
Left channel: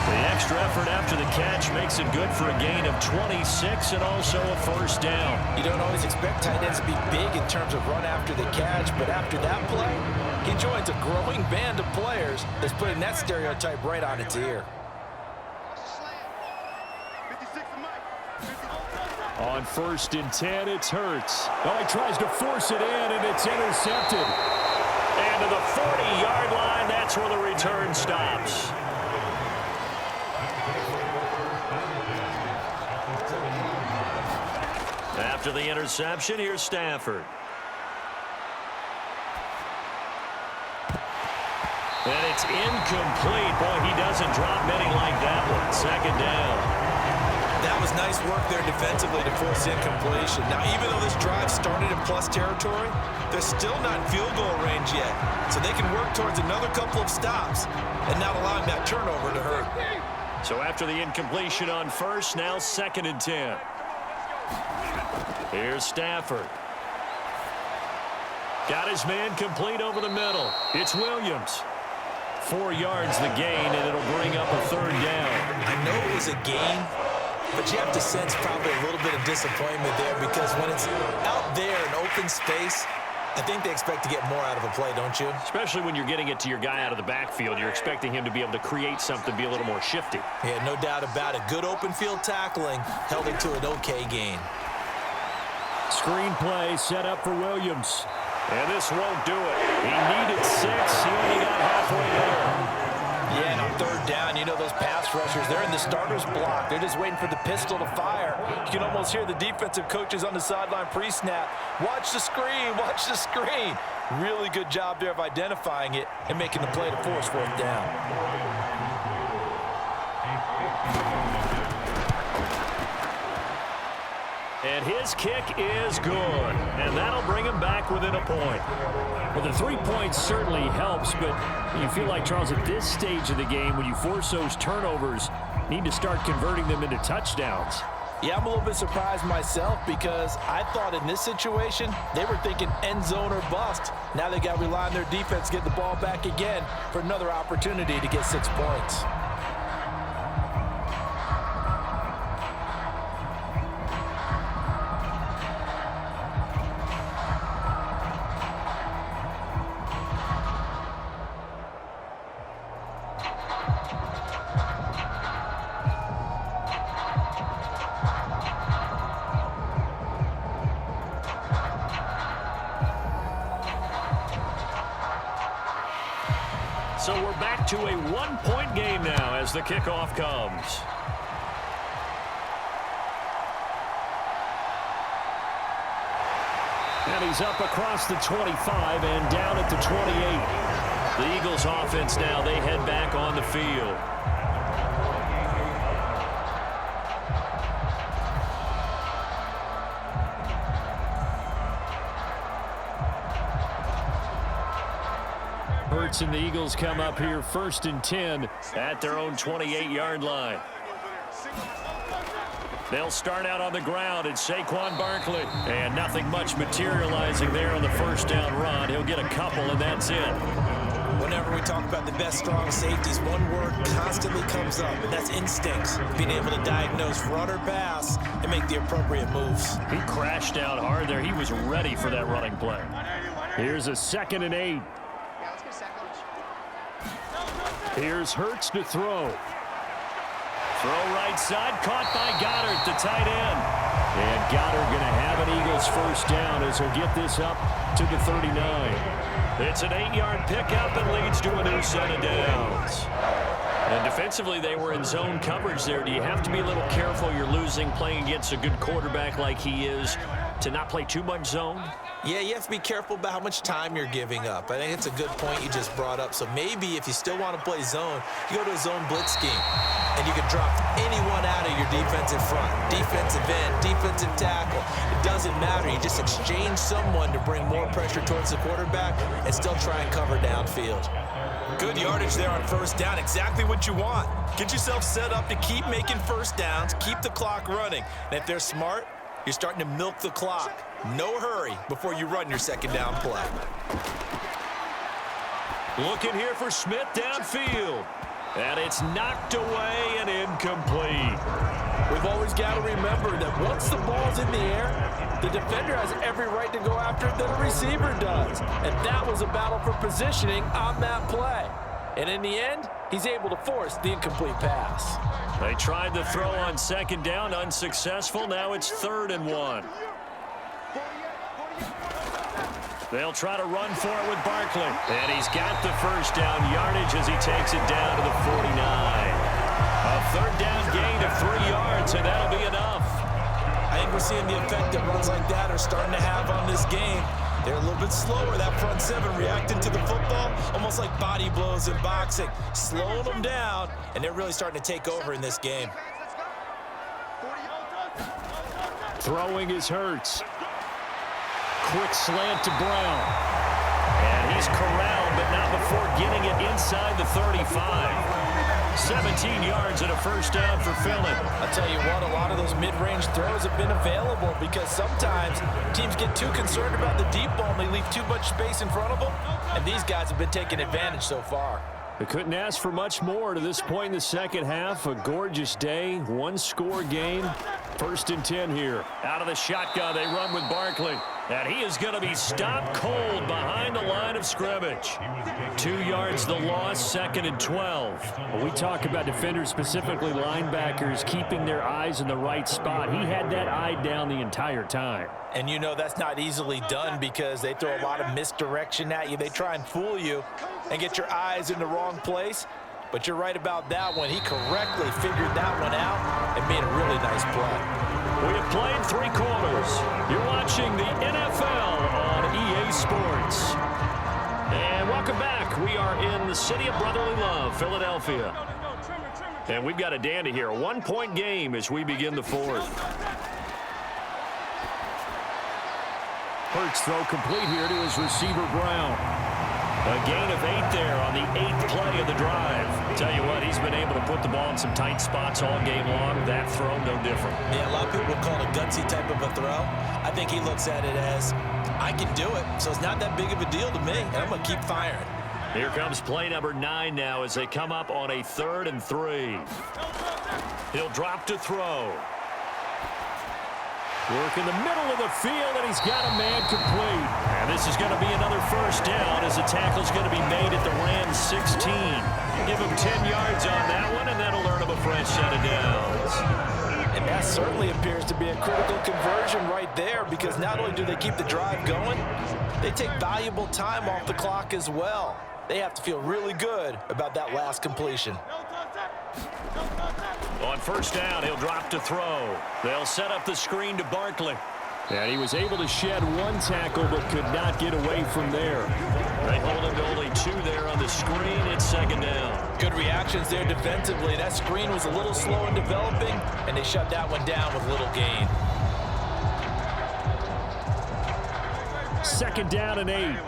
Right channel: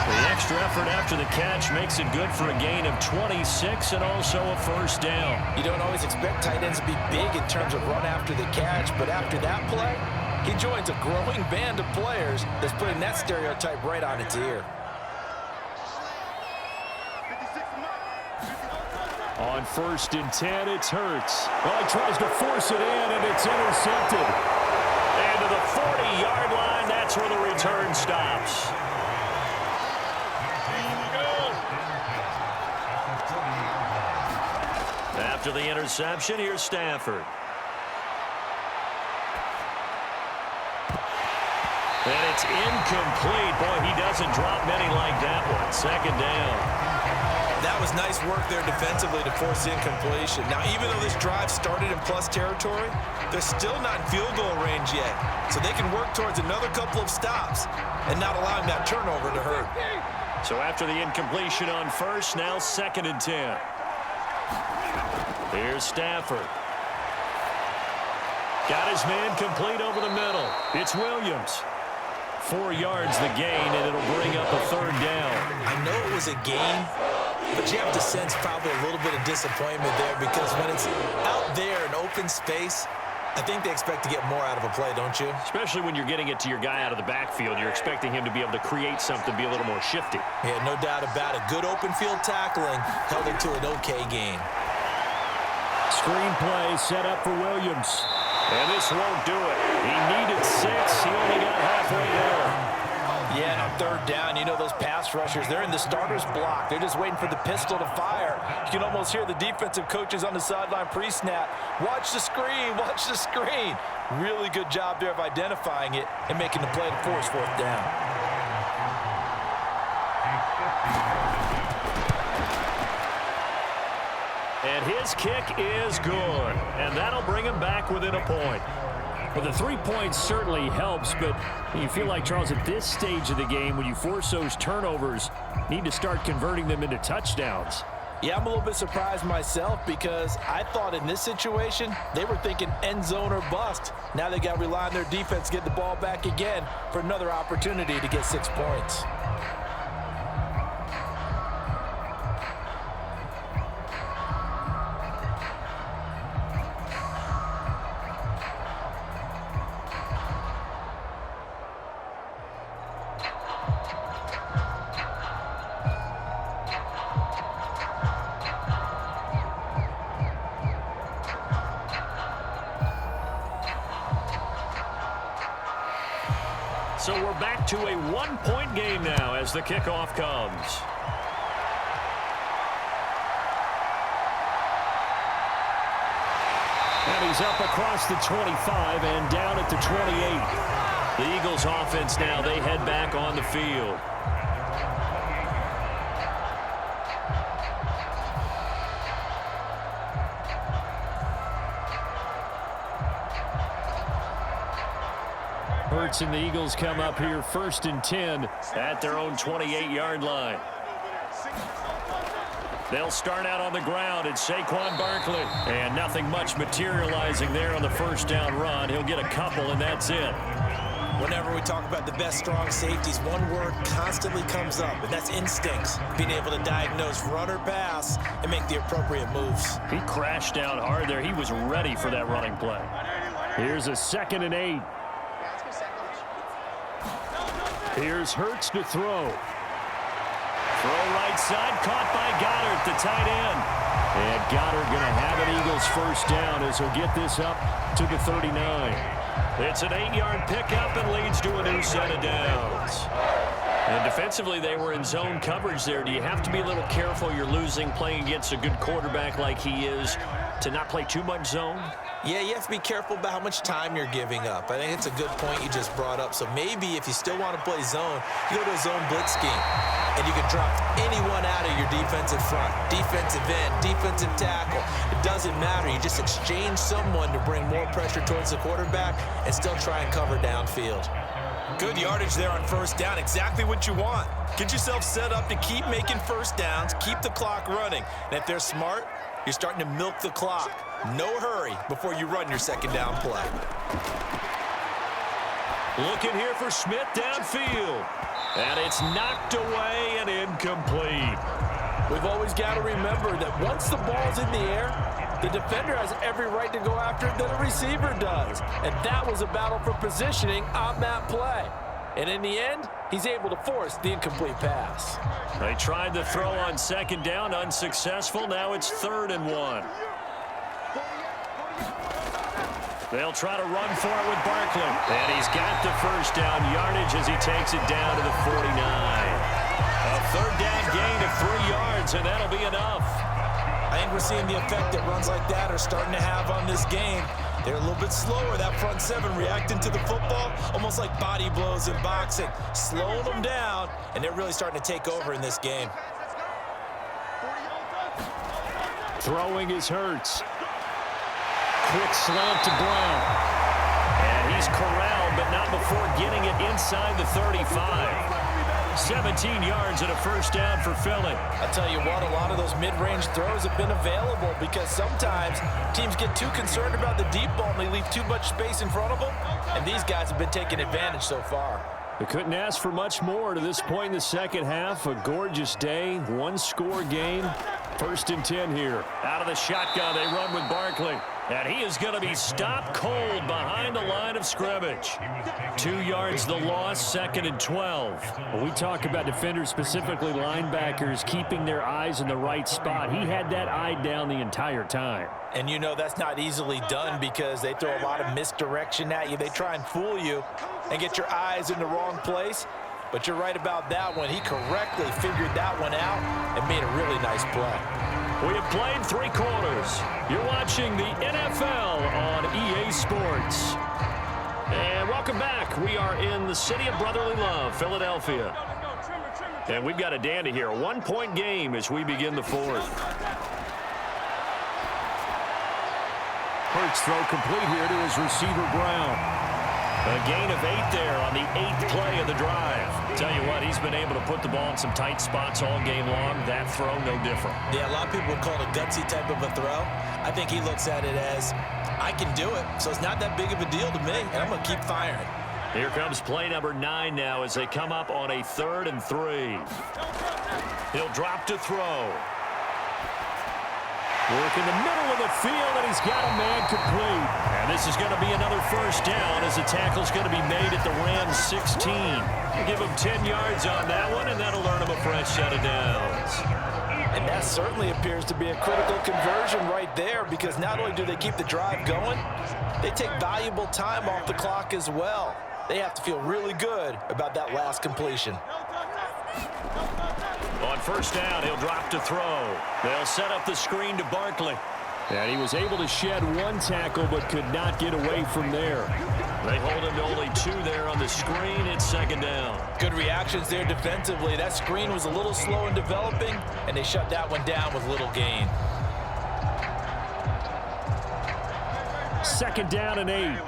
The extra effort after the catch makes it good for a gain of 26 and also a 1st down. You don't always expect tight ends to be big in terms of run after the catch, but after that play, he joins a growing band of players that's putting that stereotype right on its ear. On 1st and 10, it's Hurts. Oh, he tries to force it in, and it's intercepted. And to the 40-yard line, that's where the return stops. After the interception, here's Stafford. And it's incomplete. Boy, he doesn't drop many like that one. 2nd down. That was nice work there defensively to force incompletion. Now, even though this drive started in plus territory, they're still not in field goal range yet. So they can work towards another couple of stops and not allowing that turnover to hurt. So after the incompletion on 1st, now 2nd and 10. Here's Stafford. Got his man complete over the middle. It's Williams. 4 yards the gain, and it'll bring up a 3rd down. I know it was a gain, but you have to sense probably a little bit of disappointment there because when it's out there in open space, I think they expect to get more out of a play, don't you? Especially when you're getting it to your guy out of the backfield. You're expecting him to be able to create something, be a little more shifty. Yeah, no doubt about it. Good open field tackling held it to an okay gain. Screen play set up for Williams. And this won't do it. He needed 6. He only got halfway there. Yeah, and on third down, you know those pass rushers, they're in the starter's block. They're just waiting for the pistol to fire. You can almost hear the defensive coaches on the sideline pre-snap. Watch the screen, watch the screen. Really good job there of identifying it and making the play to force fourth down. And his kick is good. And that'll bring him back within a point. Well, the 3 points certainly helps, but you feel like, Charles, at this stage of the game, when you force those turnovers, need to start converting them into touchdowns. Yeah, I'm a little bit surprised myself because I thought in this situation, they were thinking end zone or bust. Now they got to rely on their defense to get the ball back again for another opportunity to get 6 points. So we're back to a 1-point game now as the kickoff comes. And he's up across the 25 and down at the 28. The Eagles offense now, they head back on the field. Hurts and the Eagles come up here 1st and 10 at their own 28-yard line. They'll start out on the ground. It's Saquon Barkley. And nothing much materializing there on the first down run. He'll get a couple, and that's it. Whenever we talk about the best strong safeties, one word constantly comes up, and that's instincts. Being able to diagnose run or pass and make the appropriate moves. He crashed out hard there. He was ready for that running play. Here's a 2nd and 8. Here's Hurts to throw. Throw right side, caught by Goddard, the tight end. And Goddard going to have an Eagles first down as he'll get this up to the 39. It's an 8-yard pickup and leads to a new set of downs. And defensively, they were in zone coverage there. Do you have to be a little careful? You're losing playing against a good quarterback like he is to not play too much zone? Yeah, you have to be careful about how much time you're giving up. I think it's a good point you just brought up. So maybe if you still want to play zone, you go to a zone blitz scheme. And you can drop anyone out of your defensive front. Defensive end, defensive tackle. It doesn't matter. You just exchange someone to bring more pressure towards the quarterback and still try and cover downfield. Good yardage there on first down. Exactly what you want. Get yourself set up to keep making first downs, keep the clock running. And if they're smart, you're starting to milk the clock. No hurry before you run your second down play. Looking here for Smith downfield. And it's knocked away and incomplete. We've always got to remember that once the ball's in the air, the defender has every right to go after it that a receiver does. And that was a battle for positioning on that play. And in the end, he's able to force the incomplete pass. They tried the throw on second down, unsuccessful. Now it's 3rd and 1. They'll try to run for it with Barkley. And he's got the first down yardage as he takes it down to the 49. A 3rd down gain of 3 yards, and that'll be enough. I think we're seeing the effect that runs like that are starting to have on this game. They're a little bit slower, that front seven reacting to the football, almost like body blows in boxing, slowing them down, and they're really starting to take over in this game. Throwing is Hurts. Quick slant to Brown. And he's corralled, but not before getting it inside the 35. 17 yards and a first down for Philly. I'll tell you what, a lot of those mid-range throws have been available because sometimes teams get too concerned about the deep ball and they leave too much space in front of them, and these guys have been taking advantage so far. They couldn't ask for much more to this point in the second half. A gorgeous day, one-score game. 1st and 10 here. Out of the shotgun, they run with Barkley. And he is going to be stopped cold behind the line of scrimmage. 2 yards the loss, 2nd and 12. When we talk about defenders, specifically linebackers, keeping their eyes in the right spot, he had that eye down the entire time. And you know that's not easily done because they throw a lot of misdirection at you. They try and fool you and get your eyes in the wrong place. But you're right about that one. He correctly figured that one out and made a really nice play. We have played 3 quarters. You're watching the NFL on EA Sports. And welcome back. We are in the city of brotherly love, Philadelphia. And we've got a dandy here. A 1-point game as we begin the 4th. Hurts throw complete here to his receiver, Brown. A gain of 8 there on the 8th play of the drive. Tell you what, he's been able to put the ball in some tight spots all game long. That throw, no different. Yeah, a lot of people would call it a gutsy type of a throw. I think he looks at it as, I can do it, so it's not that big of a deal to me, and I'm going to keep firing. Here comes play number 9 now as they come up on a 3rd and 3. He'll drop to throw. Work in the middle of the field, and he's got a man complete. And this is going to be another first down as the tackle's going to be made at the Rams 16. Give him 10 yards on that one, and that'll earn him a fresh set of downs. And that certainly appears to be a critical conversion right there, because not only do they keep the drive going, they take valuable time off the clock as well. They have to feel really good about that last completion. On first down, he'll drop to throw. They'll set up the screen to Barkley. And he was able to shed 1 tackle but could not get away from there. They hold him to only 2 there on the screen. It's 2nd down. Good reactions there defensively. That screen was a little slow in developing, and they shut that one down with little gain. 2nd down and 8.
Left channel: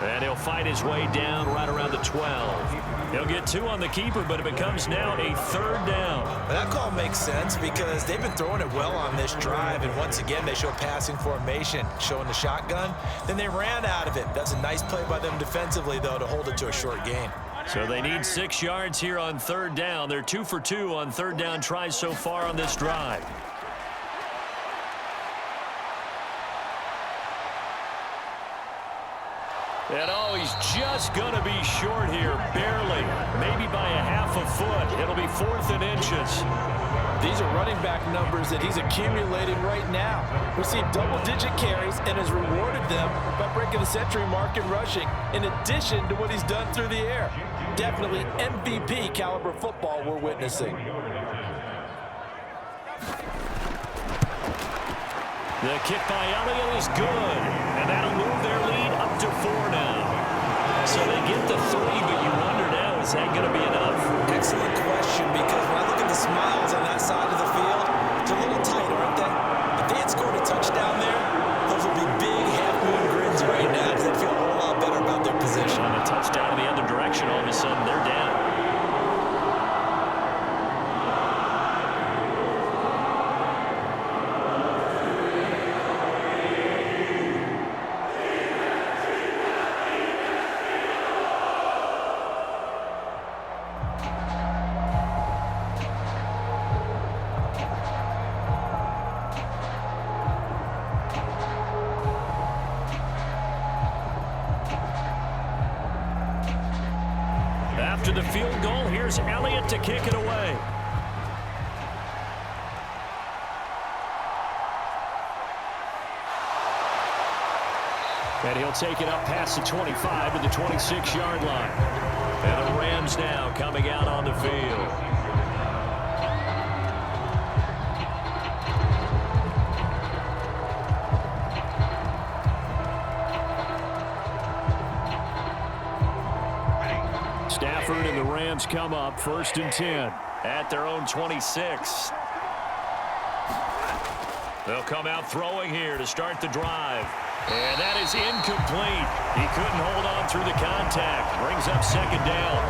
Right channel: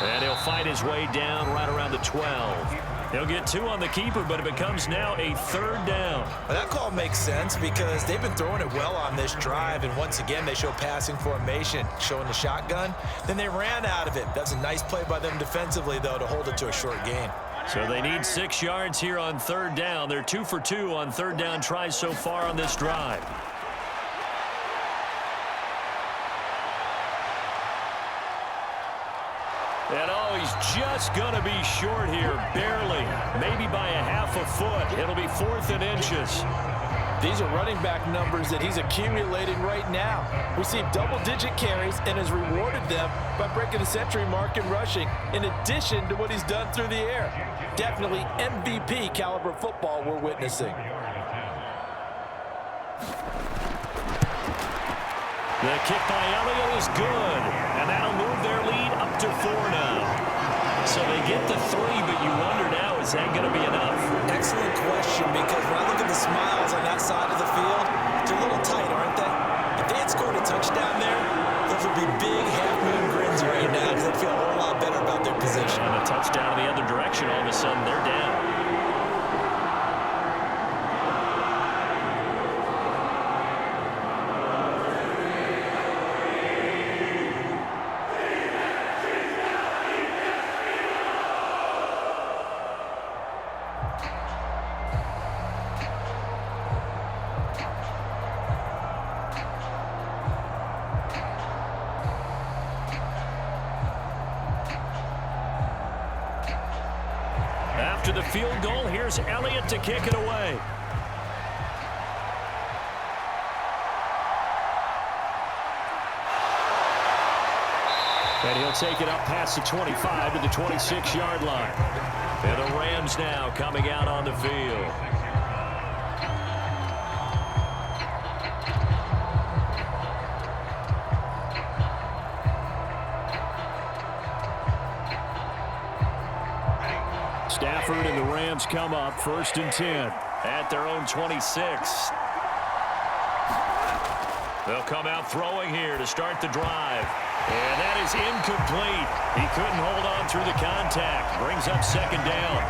And he'll fight his way down right around the 12. He'll get 2 on the keeper, but it becomes now a 3rd down. Well, that call makes sense because they've been throwing it well on this drive, and once again, they show passing formation, showing the shotgun. Then they ran out of it. That's a nice play by them defensively, though, to hold it to a short gain. So they need 6 yards here on 3rd down. They're 2 for 2 on 3rd down tries so far on this drive. And oh, he's just going to be short here, barely, maybe by a half a foot. It'll be 4th and inches. These are running back numbers that he's accumulating right now. Received double-digit carries and has rewarded them by breaking the century mark in rushing, in addition to what he's done through the air. Definitely MVP caliber football we're witnessing. The kick by Elliott is good, and that'll move their lead up to 4 now. So they get the 3, but you wonder now, is that going to be enough? Excellent question, because when I look at the smiles on that side of the field, they're a little tight, aren't they? If they had scored a touchdown there, those would be big half-moon grins right now because they'd feel a whole lot better about their position. On a touchdown in the other direction, all of a sudden they're down. After the field goal, here's Elliott to kick it away. And he'll take it up past the 25 to the 26-yard line. And the Rams now coming out on the field. Stafford and the Rams come up 1st and 10 at their own 26. They'll come out throwing here to start the drive. And that is incomplete. He couldn't hold on through the contact. Brings up 2nd down.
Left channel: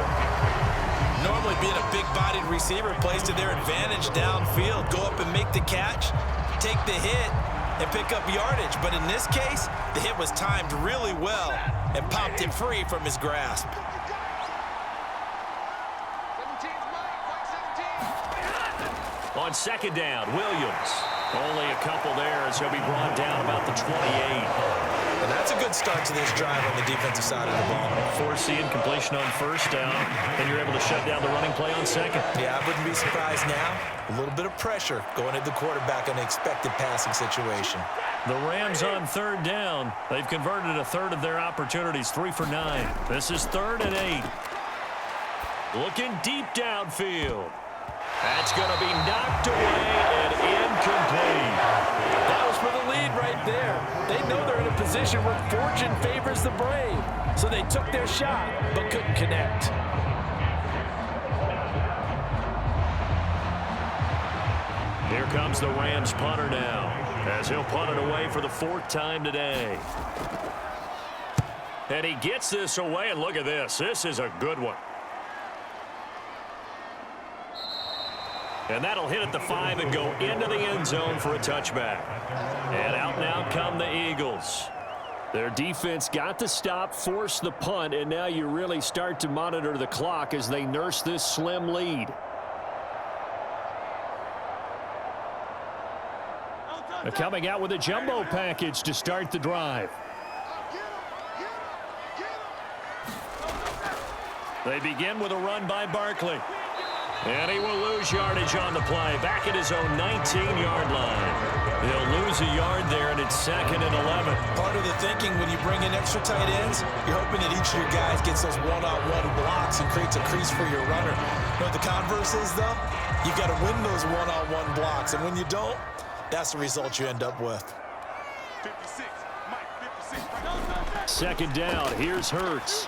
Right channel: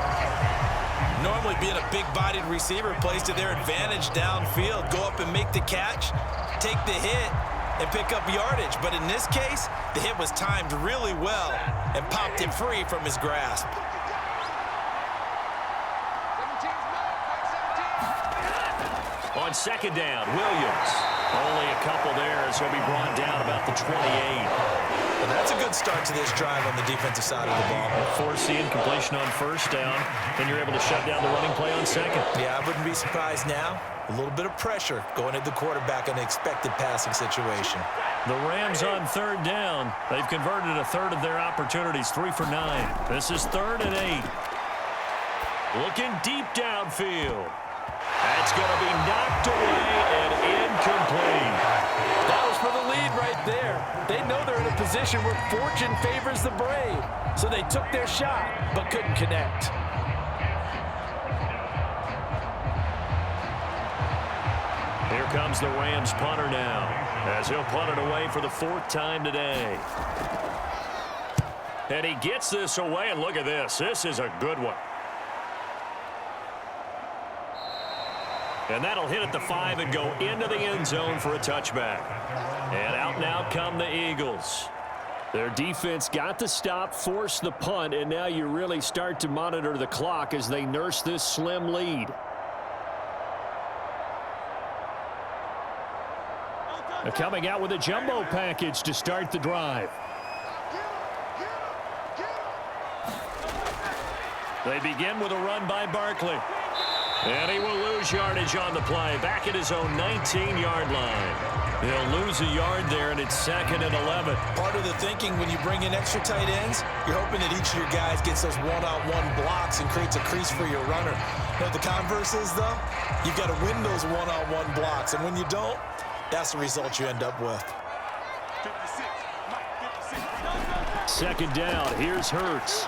Normally being a big-bodied receiver plays to their advantage downfield. Go up and make the catch, take the hit, and pick up yardage. But in this case, the hit was timed really well and popped it free from his grasp. On 2nd down, Williams. Only a couple there as he'll be brought down about the 28. And that's a good start to this drive on the defensive side of the ball. Force the incompletion on first down, and you're able to shut down the running play on second. Yeah, I wouldn't be surprised now. A little bit of pressure going at the quarterback in an expected passing situation. The Rams on third down. They've converted a third of their opportunities, 3 for 9. This is 3rd and 8. Looking deep downfield. That's going to be knocked away and incomplete. That was for the lead right there. They know they're in a position where fortune favors the brave. So they took their shot, but couldn't connect. Here comes the Rams punter now, as he'll punt it away for the 4th time today. And he gets this away, and look at this. This is a good one. And that'll hit at the 5 and go into the end zone for a touchback. And out now come the Eagles. Their defense got the stop, forced the punt, and now you really start to monitor the clock as they nurse this slim lead. They're coming out with a jumbo package to start the drive. They begin with a run by Barkley. And he will lose yardage on the play, back at his own 19-yard line. He'll lose a yard there, and it's 2nd and 11. Part of the thinking when you bring in extra tight ends, you're hoping that each of your guys gets those one-on-one blocks and creates a crease for your runner. You know what the converse is, though? You've got to win those one-on-one blocks, and when you don't, that's the result you end up with. 56, Mike, 56. 2nd down. Here's Hurts.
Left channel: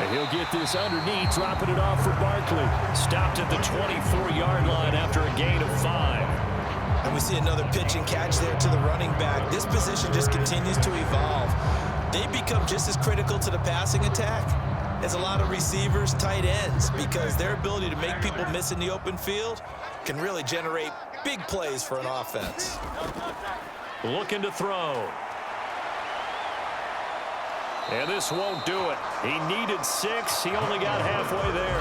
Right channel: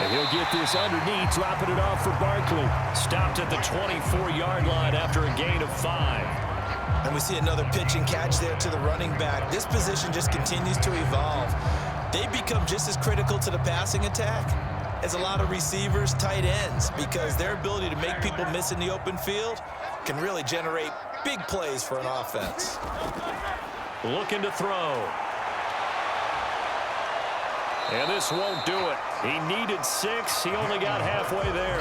And he'll get this underneath, dropping it off for Barkley. Stopped at the 24-yard line after a gain of 5. And we see another pitch and catch there to the running back. This position just continues to evolve. They become just as critical to the passing attack as a lot of receivers, tight ends, because their ability to make people miss in the open field can really generate big plays for an offense. Looking to throw. And this won't do it. He needed 6. He only got halfway there.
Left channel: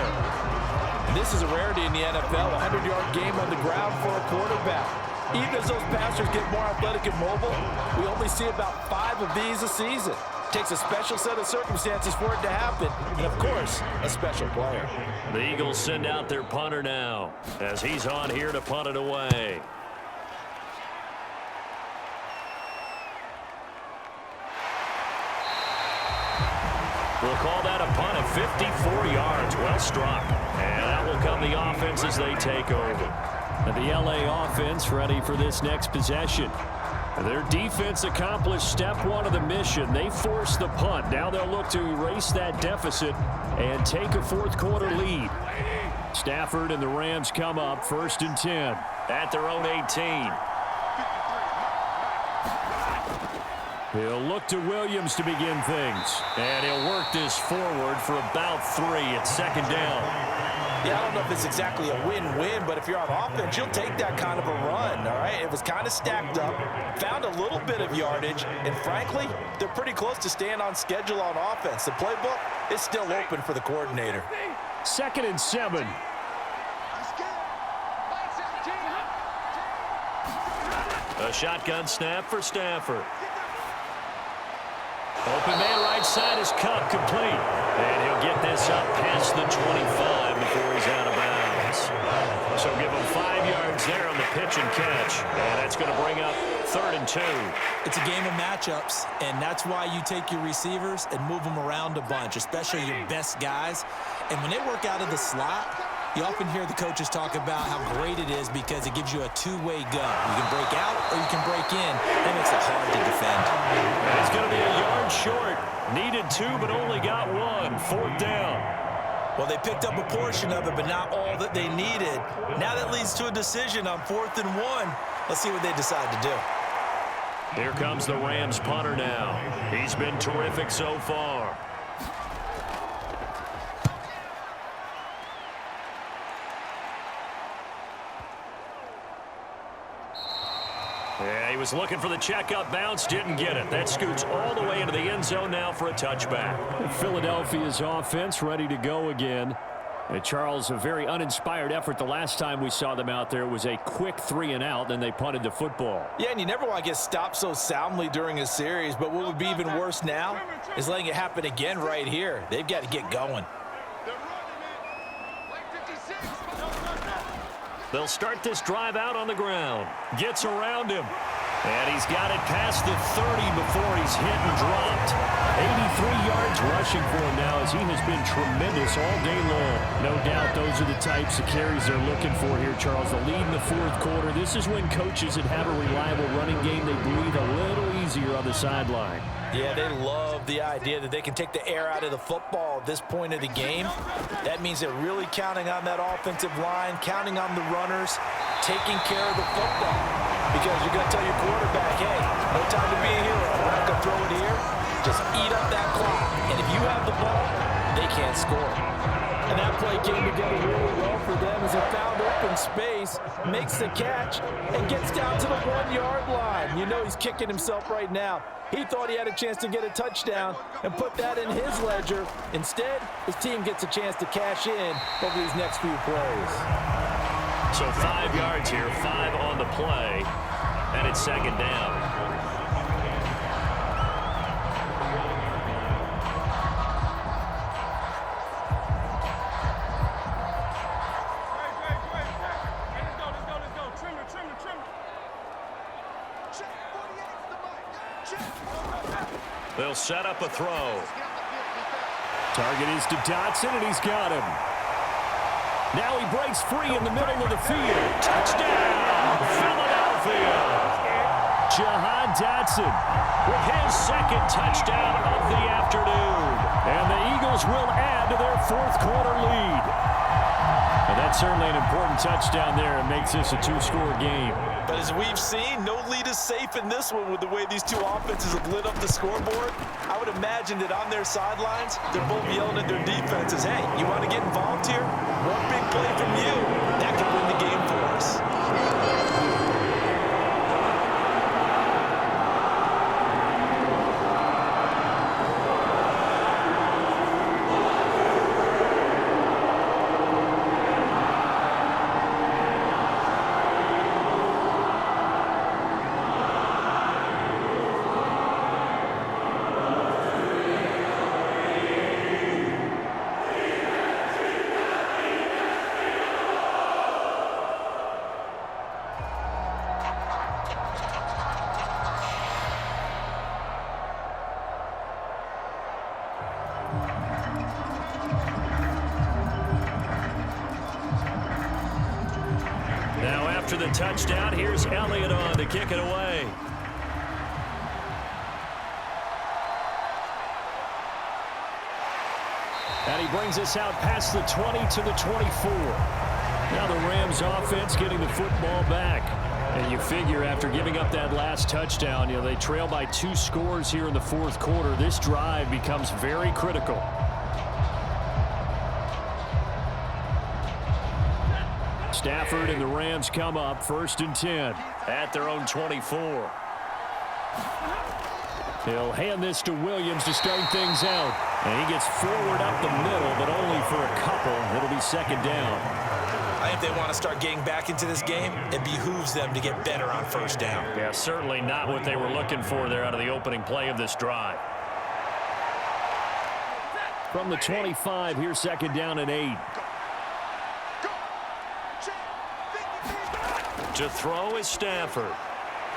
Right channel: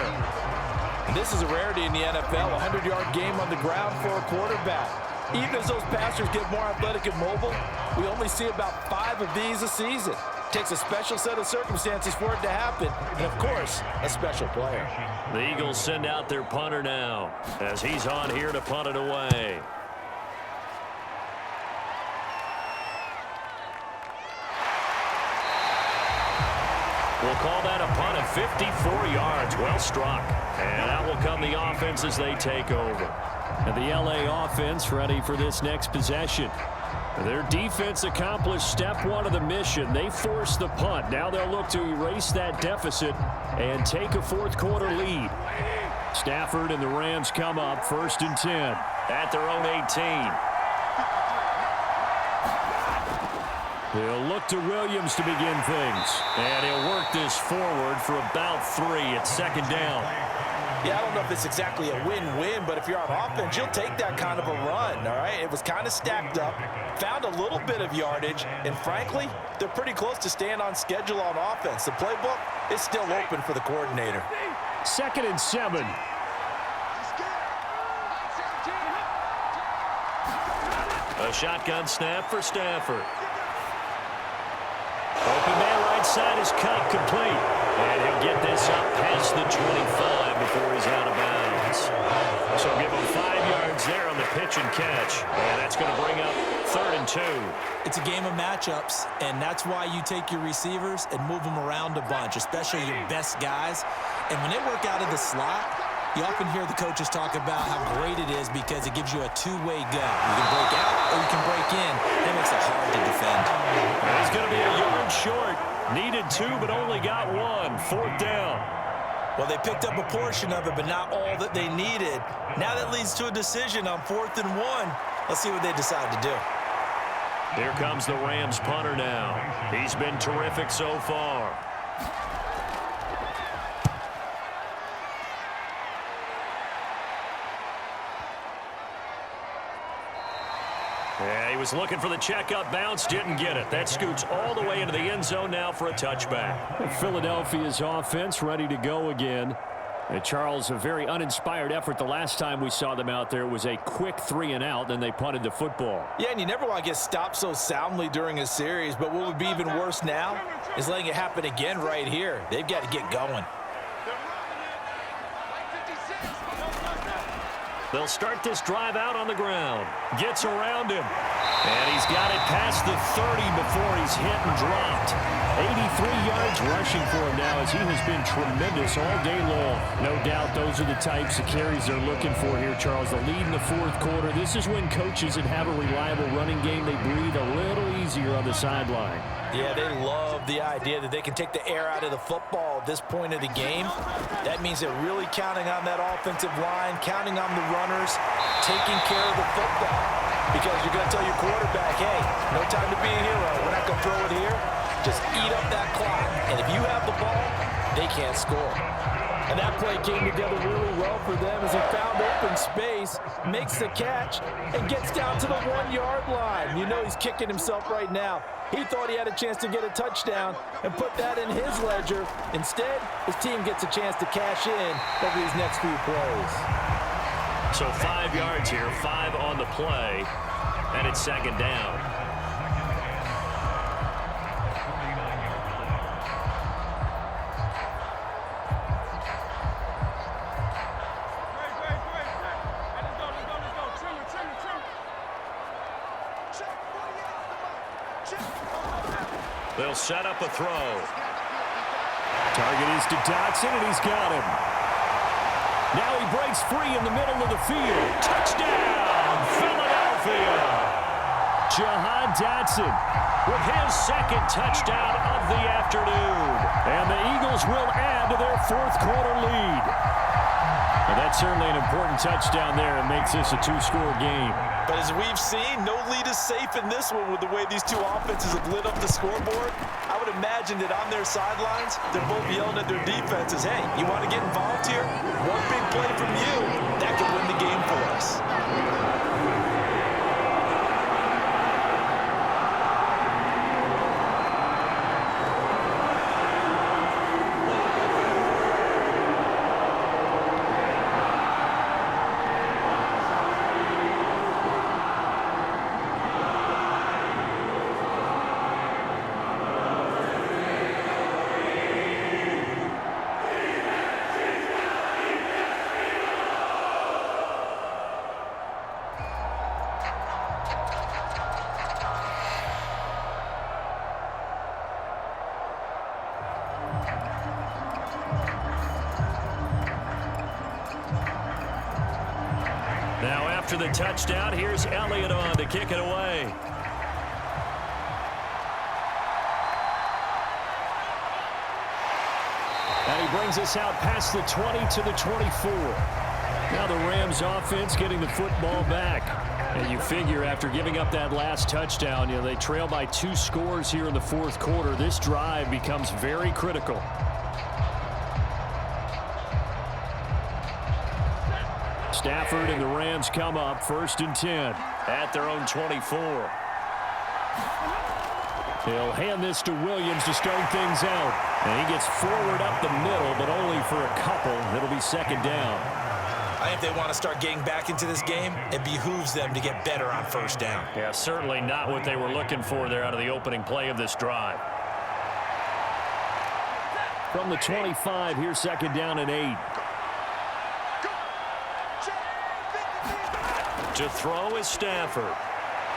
And this is a rarity in the NFL, a 100-yard game on the ground for a quarterback. Even as those passers get more athletic and mobile, we only see about 5 of these a season. It takes a special set of circumstances for it to happen, and of course, a special player. The Eagles send out their punter now, as he's on here to punt it away. We'll call that a punt of 54 yards. Well struck. And out will come the offense as they take over. And the LA offense ready for this next possession. Their defense accomplished step 1 of the mission. They forced the punt. Now they'll look to erase that deficit and take a 4th quarter lead. Stafford and the Rams come up 1st and 10. At their own 18. He'll look to Williams to begin things. And he'll work this forward for about 3 at 2nd down. Yeah, I don't know if it's exactly a win-win, but if you're on offense, you'll take that kind of a run, all right? It was kind of stacked up, found a little bit of yardage, and frankly, they're pretty close to staying on schedule on offense. The playbook is still open for the coordinator. 2nd and 7. A shotgun snap for Stafford. Open man right side is Cup, complete. And he'll get this up past the 25 before he's out of bounds. So give him 5 yards there on the pitch and catch. And that's going to bring up 3rd and 2. It's a game of matchups, and that's why you take your receivers and move them around a bunch, especially your best guys. And when they work out of the slot, you often hear the coaches talk about how great it is because it gives you a two-way go. You can break out or you can break in. That makes it hard to defend. And he's going to be a yard short. Needed 2, but only got 1. 4th down. Well, they picked up a portion of it, but not all that they needed. Now that leads to a decision on 4th and 1. Let's see what they decide to do. Here comes the Rams punter now. He's been terrific so far. Yeah, he was looking for the checkup bounce, didn't get it. That scoots all the way into the end zone now for a touchback. Philadelphia's offense ready to go again. Charles, a very uninspired effort the last time we saw them out there. It was a quick 3-and-out, then they punted the football. Yeah, and you never want to get stopped so soundly during a series, but what would be even worse now is letting it happen again right here. They've got to get going. They'll start this drive out on the ground. Gets around him. And he's got it past the 30 before he's hit and dropped. 83 yards rushing for him now as he has been tremendous all day long. No doubt those are the types of carries they're looking for here, Charles. The lead in the fourth quarter. This is when coaches that have a reliable running game, they breathe a little easier on the sideline. Yeah, they love the idea that they can take the air out of the football at this point of the game. That means they're really counting on that offensive line, counting on the runners, taking care of the football. Because you're going to tell your quarterback, hey, no time to be a hero. We're not going to throw it here. Just eat up that clock. And if you have the ball, they can't score. And that play came together really well for them as he found open space, makes the catch, and gets down to the 1-yard line. You know he's kicking himself right now. He thought he had a chance to get a touchdown and put that in his ledger. Instead, his team gets a chance to cash in over these next few plays. So 5 yards here, 5 on the play, and it's second down. They'll set up a throw. Target is to Dotson, and he's got him. Now he breaks free in the middle of the field. Touchdown, Philadelphia. Jahan Dotson with his second touchdown of the afternoon. And the Eagles will add to their fourth quarter lead. And that's certainly an important touchdown there. It makes this a 2-score game. But as we've seen, no lead is safe in this one with the way these two offenses have lit up the scoreboard. I would imagine that on their sidelines, they're both yelling at their defenses, hey, you want to get involved here? One big play from you, that could win the game for us. Now after the touchdown, here's Elliott on to kick it away. And he brings us out past the 20 to the 24. Now the Rams offense getting the football back. And you figure after giving up that last touchdown, they trail by 2 scores here in the fourth quarter. This drive becomes very critical. Stafford and the Rams come up 1st and 10 at their own 24. He'll hand this to Williams to start things out. And he gets forward up the middle, but only for a couple. It'll be second down. I think if they want to start getting back into this game, it behooves them to get better on first down. Yeah, certainly not what they were looking for there out of the opening play of this drive. From the 25, here's second down and 8. To throw is Stafford.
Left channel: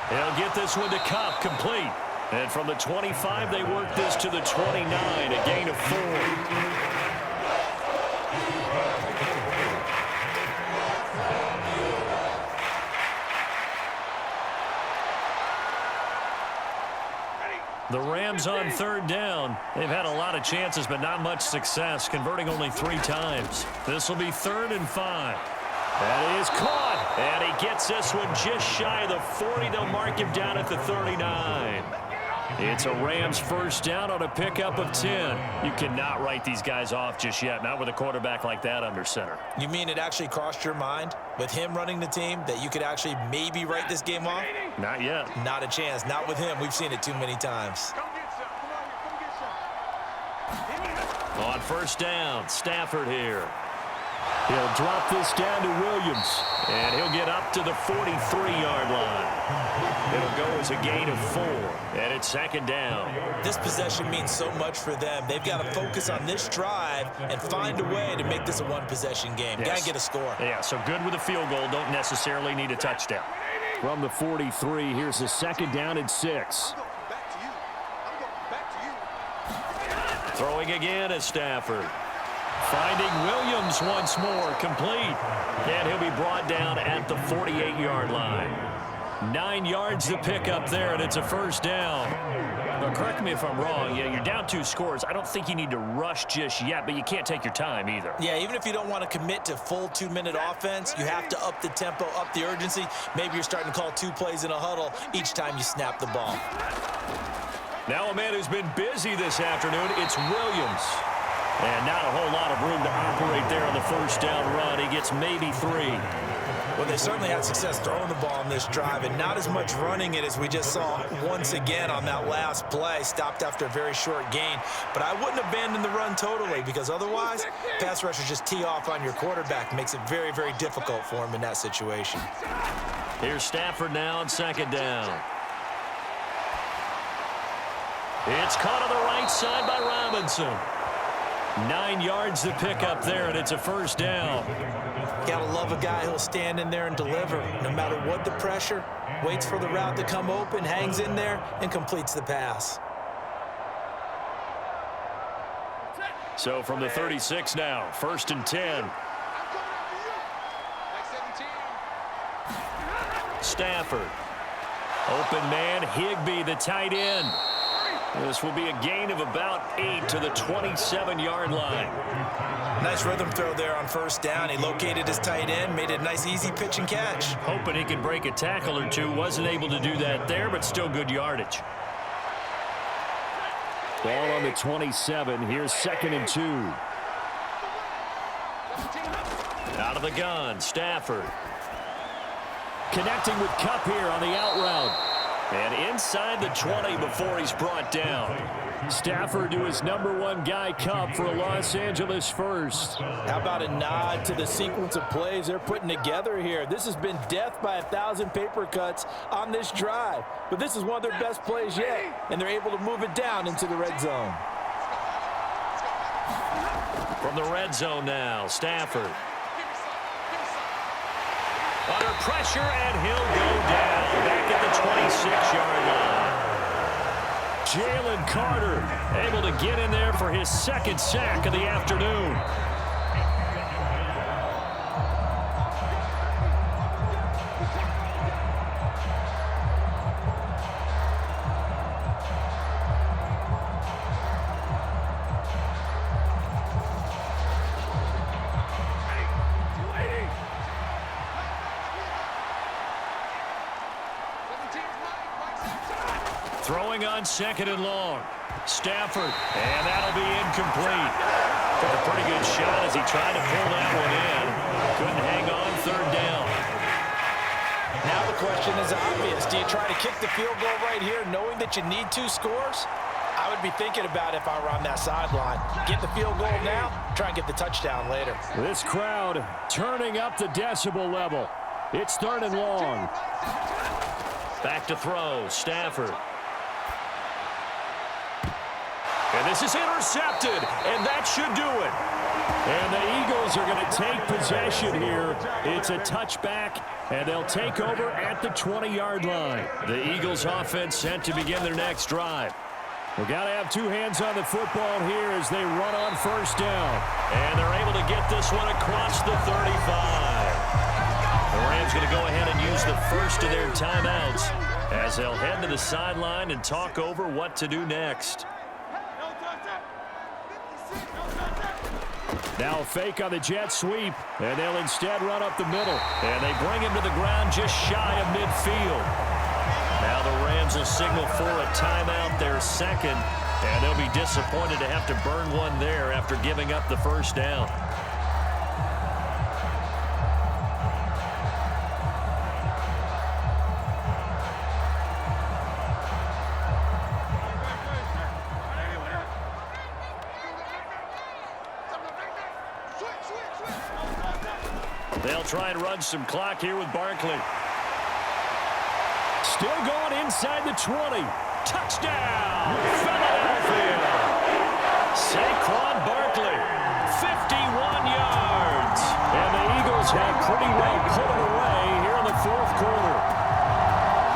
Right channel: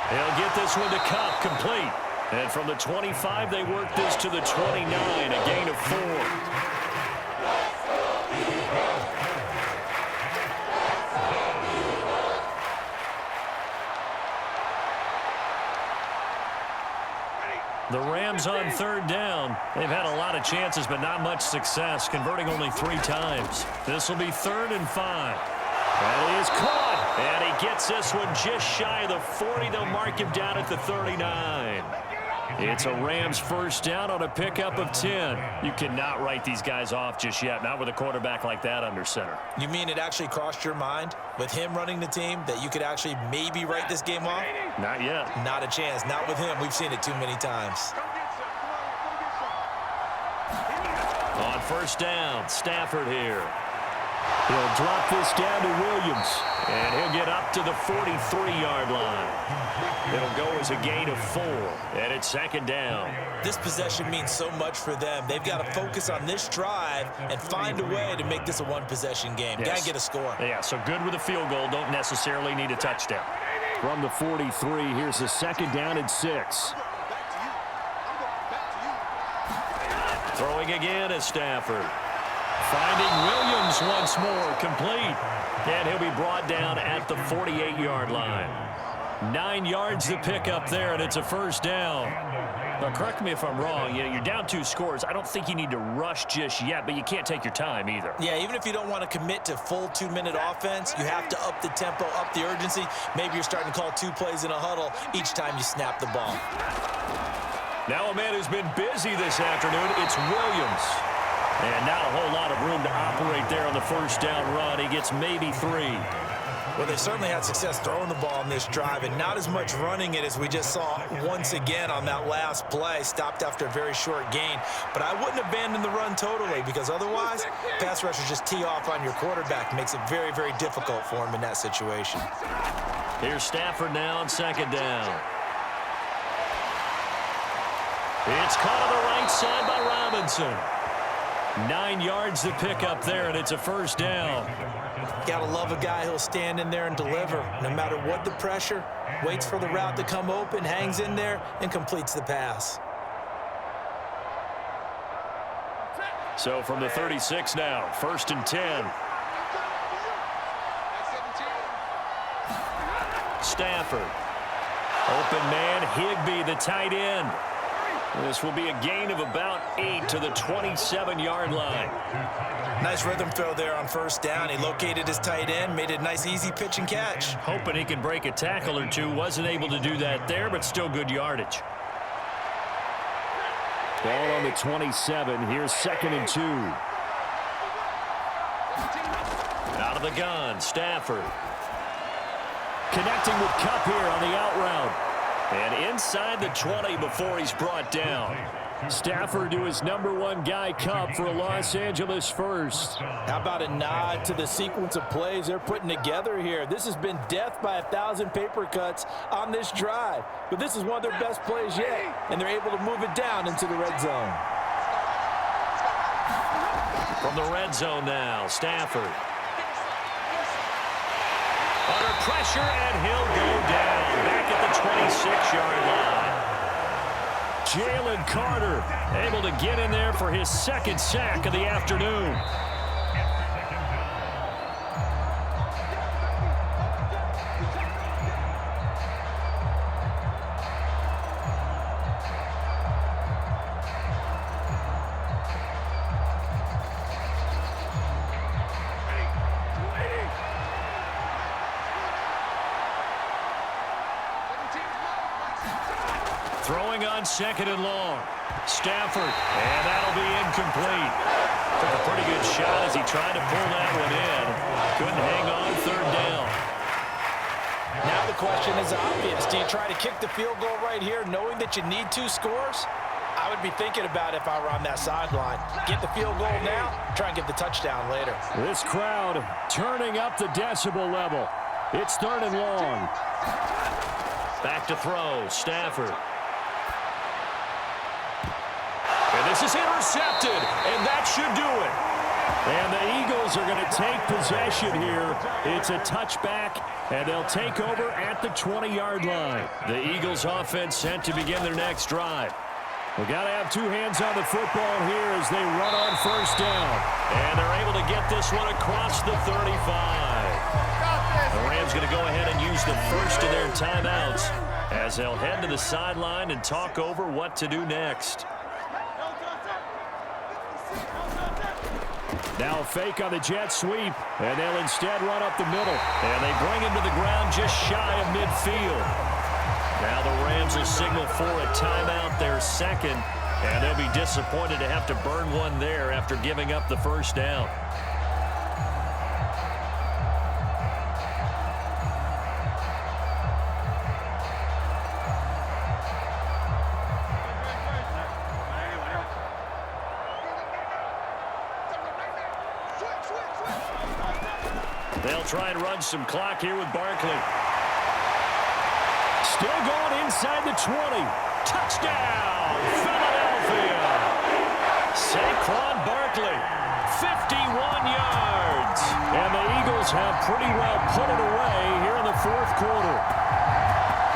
He'll get this one to Kupp, complete. And from the 25, they work this to the 29, a gain of 4. The Rams on third down. They've had a lot of chances, but not much success, converting only 3 times. This will be 3rd and 5. That is caught, and he gets this one just shy of the 40. They'll mark him down at the 39. It's a Rams first down on a pickup of 10. You cannot write these guys off just yet, not with a quarterback like that under center. You mean it actually crossed your mind with him running the team that you could actually maybe write this game off? Not yet. Not a chance. Not with him. We've seen it too many times. On first down, Stafford here. He'll drop this down to Williams. And he'll get up to the 43-yard line. It'll go as a gain of 4. And it's second down. This possession means so much for them. They've got to focus on this drive and find a way to make this a one-possession game. Yes. Got to get a score. Yeah, so good with a field goal. Don't necessarily need a touchdown. From the 43, here's a second down and 6. I'm going back to you. Throwing again is Stafford. Finding Williams once more, complete. And he'll be brought down at the 48-yard line. 9 yards to pick up there, and it's a first down. Now, correct me if I'm wrong. Yeah, you're down 2 scores. I don't think you need to rush just yet, but you can't take your time either. Yeah, even if you don't want to commit to full 2-minute offense, you have to up the tempo, up the urgency. Maybe you're starting to call 2 plays in a huddle each time you snap the ball. Now a man who's been busy this afternoon, it's Williams. And not a whole lot of room to operate there on the first down run. He gets maybe 3. Well, they certainly had success throwing the ball on this drive, and not as much running it as we just saw once again on that last play. Stopped after a very short gain. But I wouldn't abandon the run totally, because otherwise, pass rushers just tee off on your quarterback. Makes it very, very difficult for him in that situation. Here's Stafford now on second down. It's caught on the right side by Robinson. 9 yards to pick up there, and it's a first down. Gotta love a guy who'll stand in there and deliver. No matter what the pressure, waits for the route to come open, hangs in there, and completes the pass. So from the 36 now, first and 10. I'm coming after you. Back 17. Stafford. Open man, Higbee, the tight end. This will be a gain of about 8 to the 27-yard line. Nice rhythm throw there on first down. He located his tight end, made it a nice easy pitch and catch. Hoping he can break a tackle or two. Wasn't able to do that there, but still good yardage. Ball on the 27. Here's second and 2. Out of the gun, Stafford. Connecting with Kupp here on the out route. And inside the 20 before he's brought down. Stafford to his number 1 guy, Kupp, for a Los Angeles first. How about a nod to the sequence of plays they're putting together here? This has been death by 1,000 paper cuts on this drive. But this is one of their best plays yet, and they're able to move it down into the red zone. From the red zone now, Stafford. Under pressure, and he'll go down. Back at the 26-yard line. Jalen Carter able to get in there for his second sack of the afternoon. Throwing on second and long. Stafford, and that'll be incomplete. Took a pretty good shot as he tried to pull that one in. Couldn't hang on, third down. Now the question is obvious. Do you try to kick the field goal right here knowing that you need 2 scores? I would be thinking about it if I were on that sideline. Get the field goal now, try and get the touchdown later. This crowd turning up the decibel level. It's third and long. Back to throw, Stafford. And this is intercepted, and that should do it. And the Eagles are going to take possession here. It's a touchback, and they'll take over at the 20-yard line. The Eagles offense set to begin their next drive. We've got to have 2 hands on the football here as they run on first down. And they're able to get this one across the 35. The Rams going to go ahead and use the first of their timeouts as they'll head to the sideline and talk over what to do next. Now a fake on the jet sweep, and they'll instead run up the middle. And they bring him to the ground just shy of midfield. Now the Rams will signal for a timeout, their second, and they'll be disappointed to have to burn one there after giving up the first down. They'll try and run some clock here with Barkley. Still going inside the 20. Touchdown, Philadelphia. Saquon Barkley, 51 yards. And the Eagles have pretty well put it away here in the fourth quarter.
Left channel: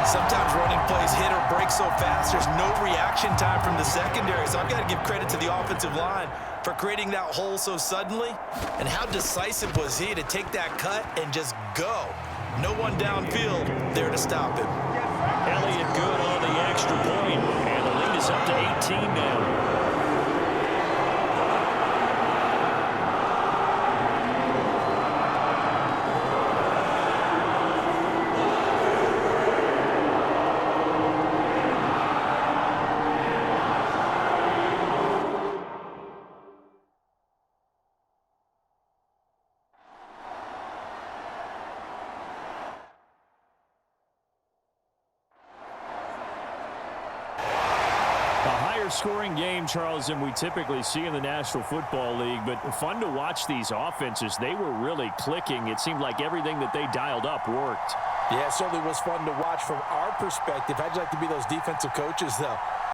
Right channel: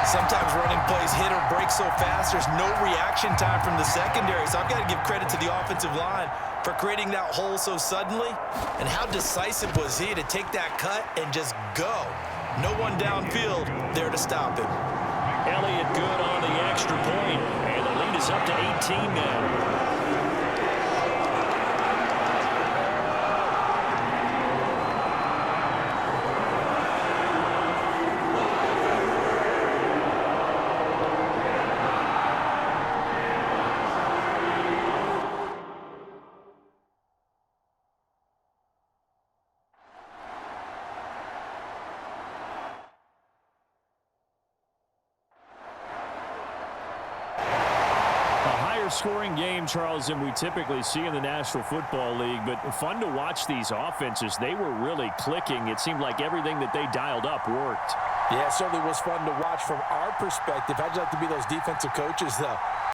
Sometimes running plays hit or break so fast, there's no reaction time from the secondary. So I've got to give credit to the offensive line for creating that hole so suddenly. And how decisive was he to take that cut and just go? No one downfield there to stop him. Elliott good on the extra point, and the lead is up to 18 now. A higher scoring game, Charles, than we typically see in the National Football League, but fun to watch these offenses. They were really clicking. It seemed like everything that they dialed up worked. Yeah, it certainly was fun to watch from our perspective. How'd you like to be those defensive coaches, though?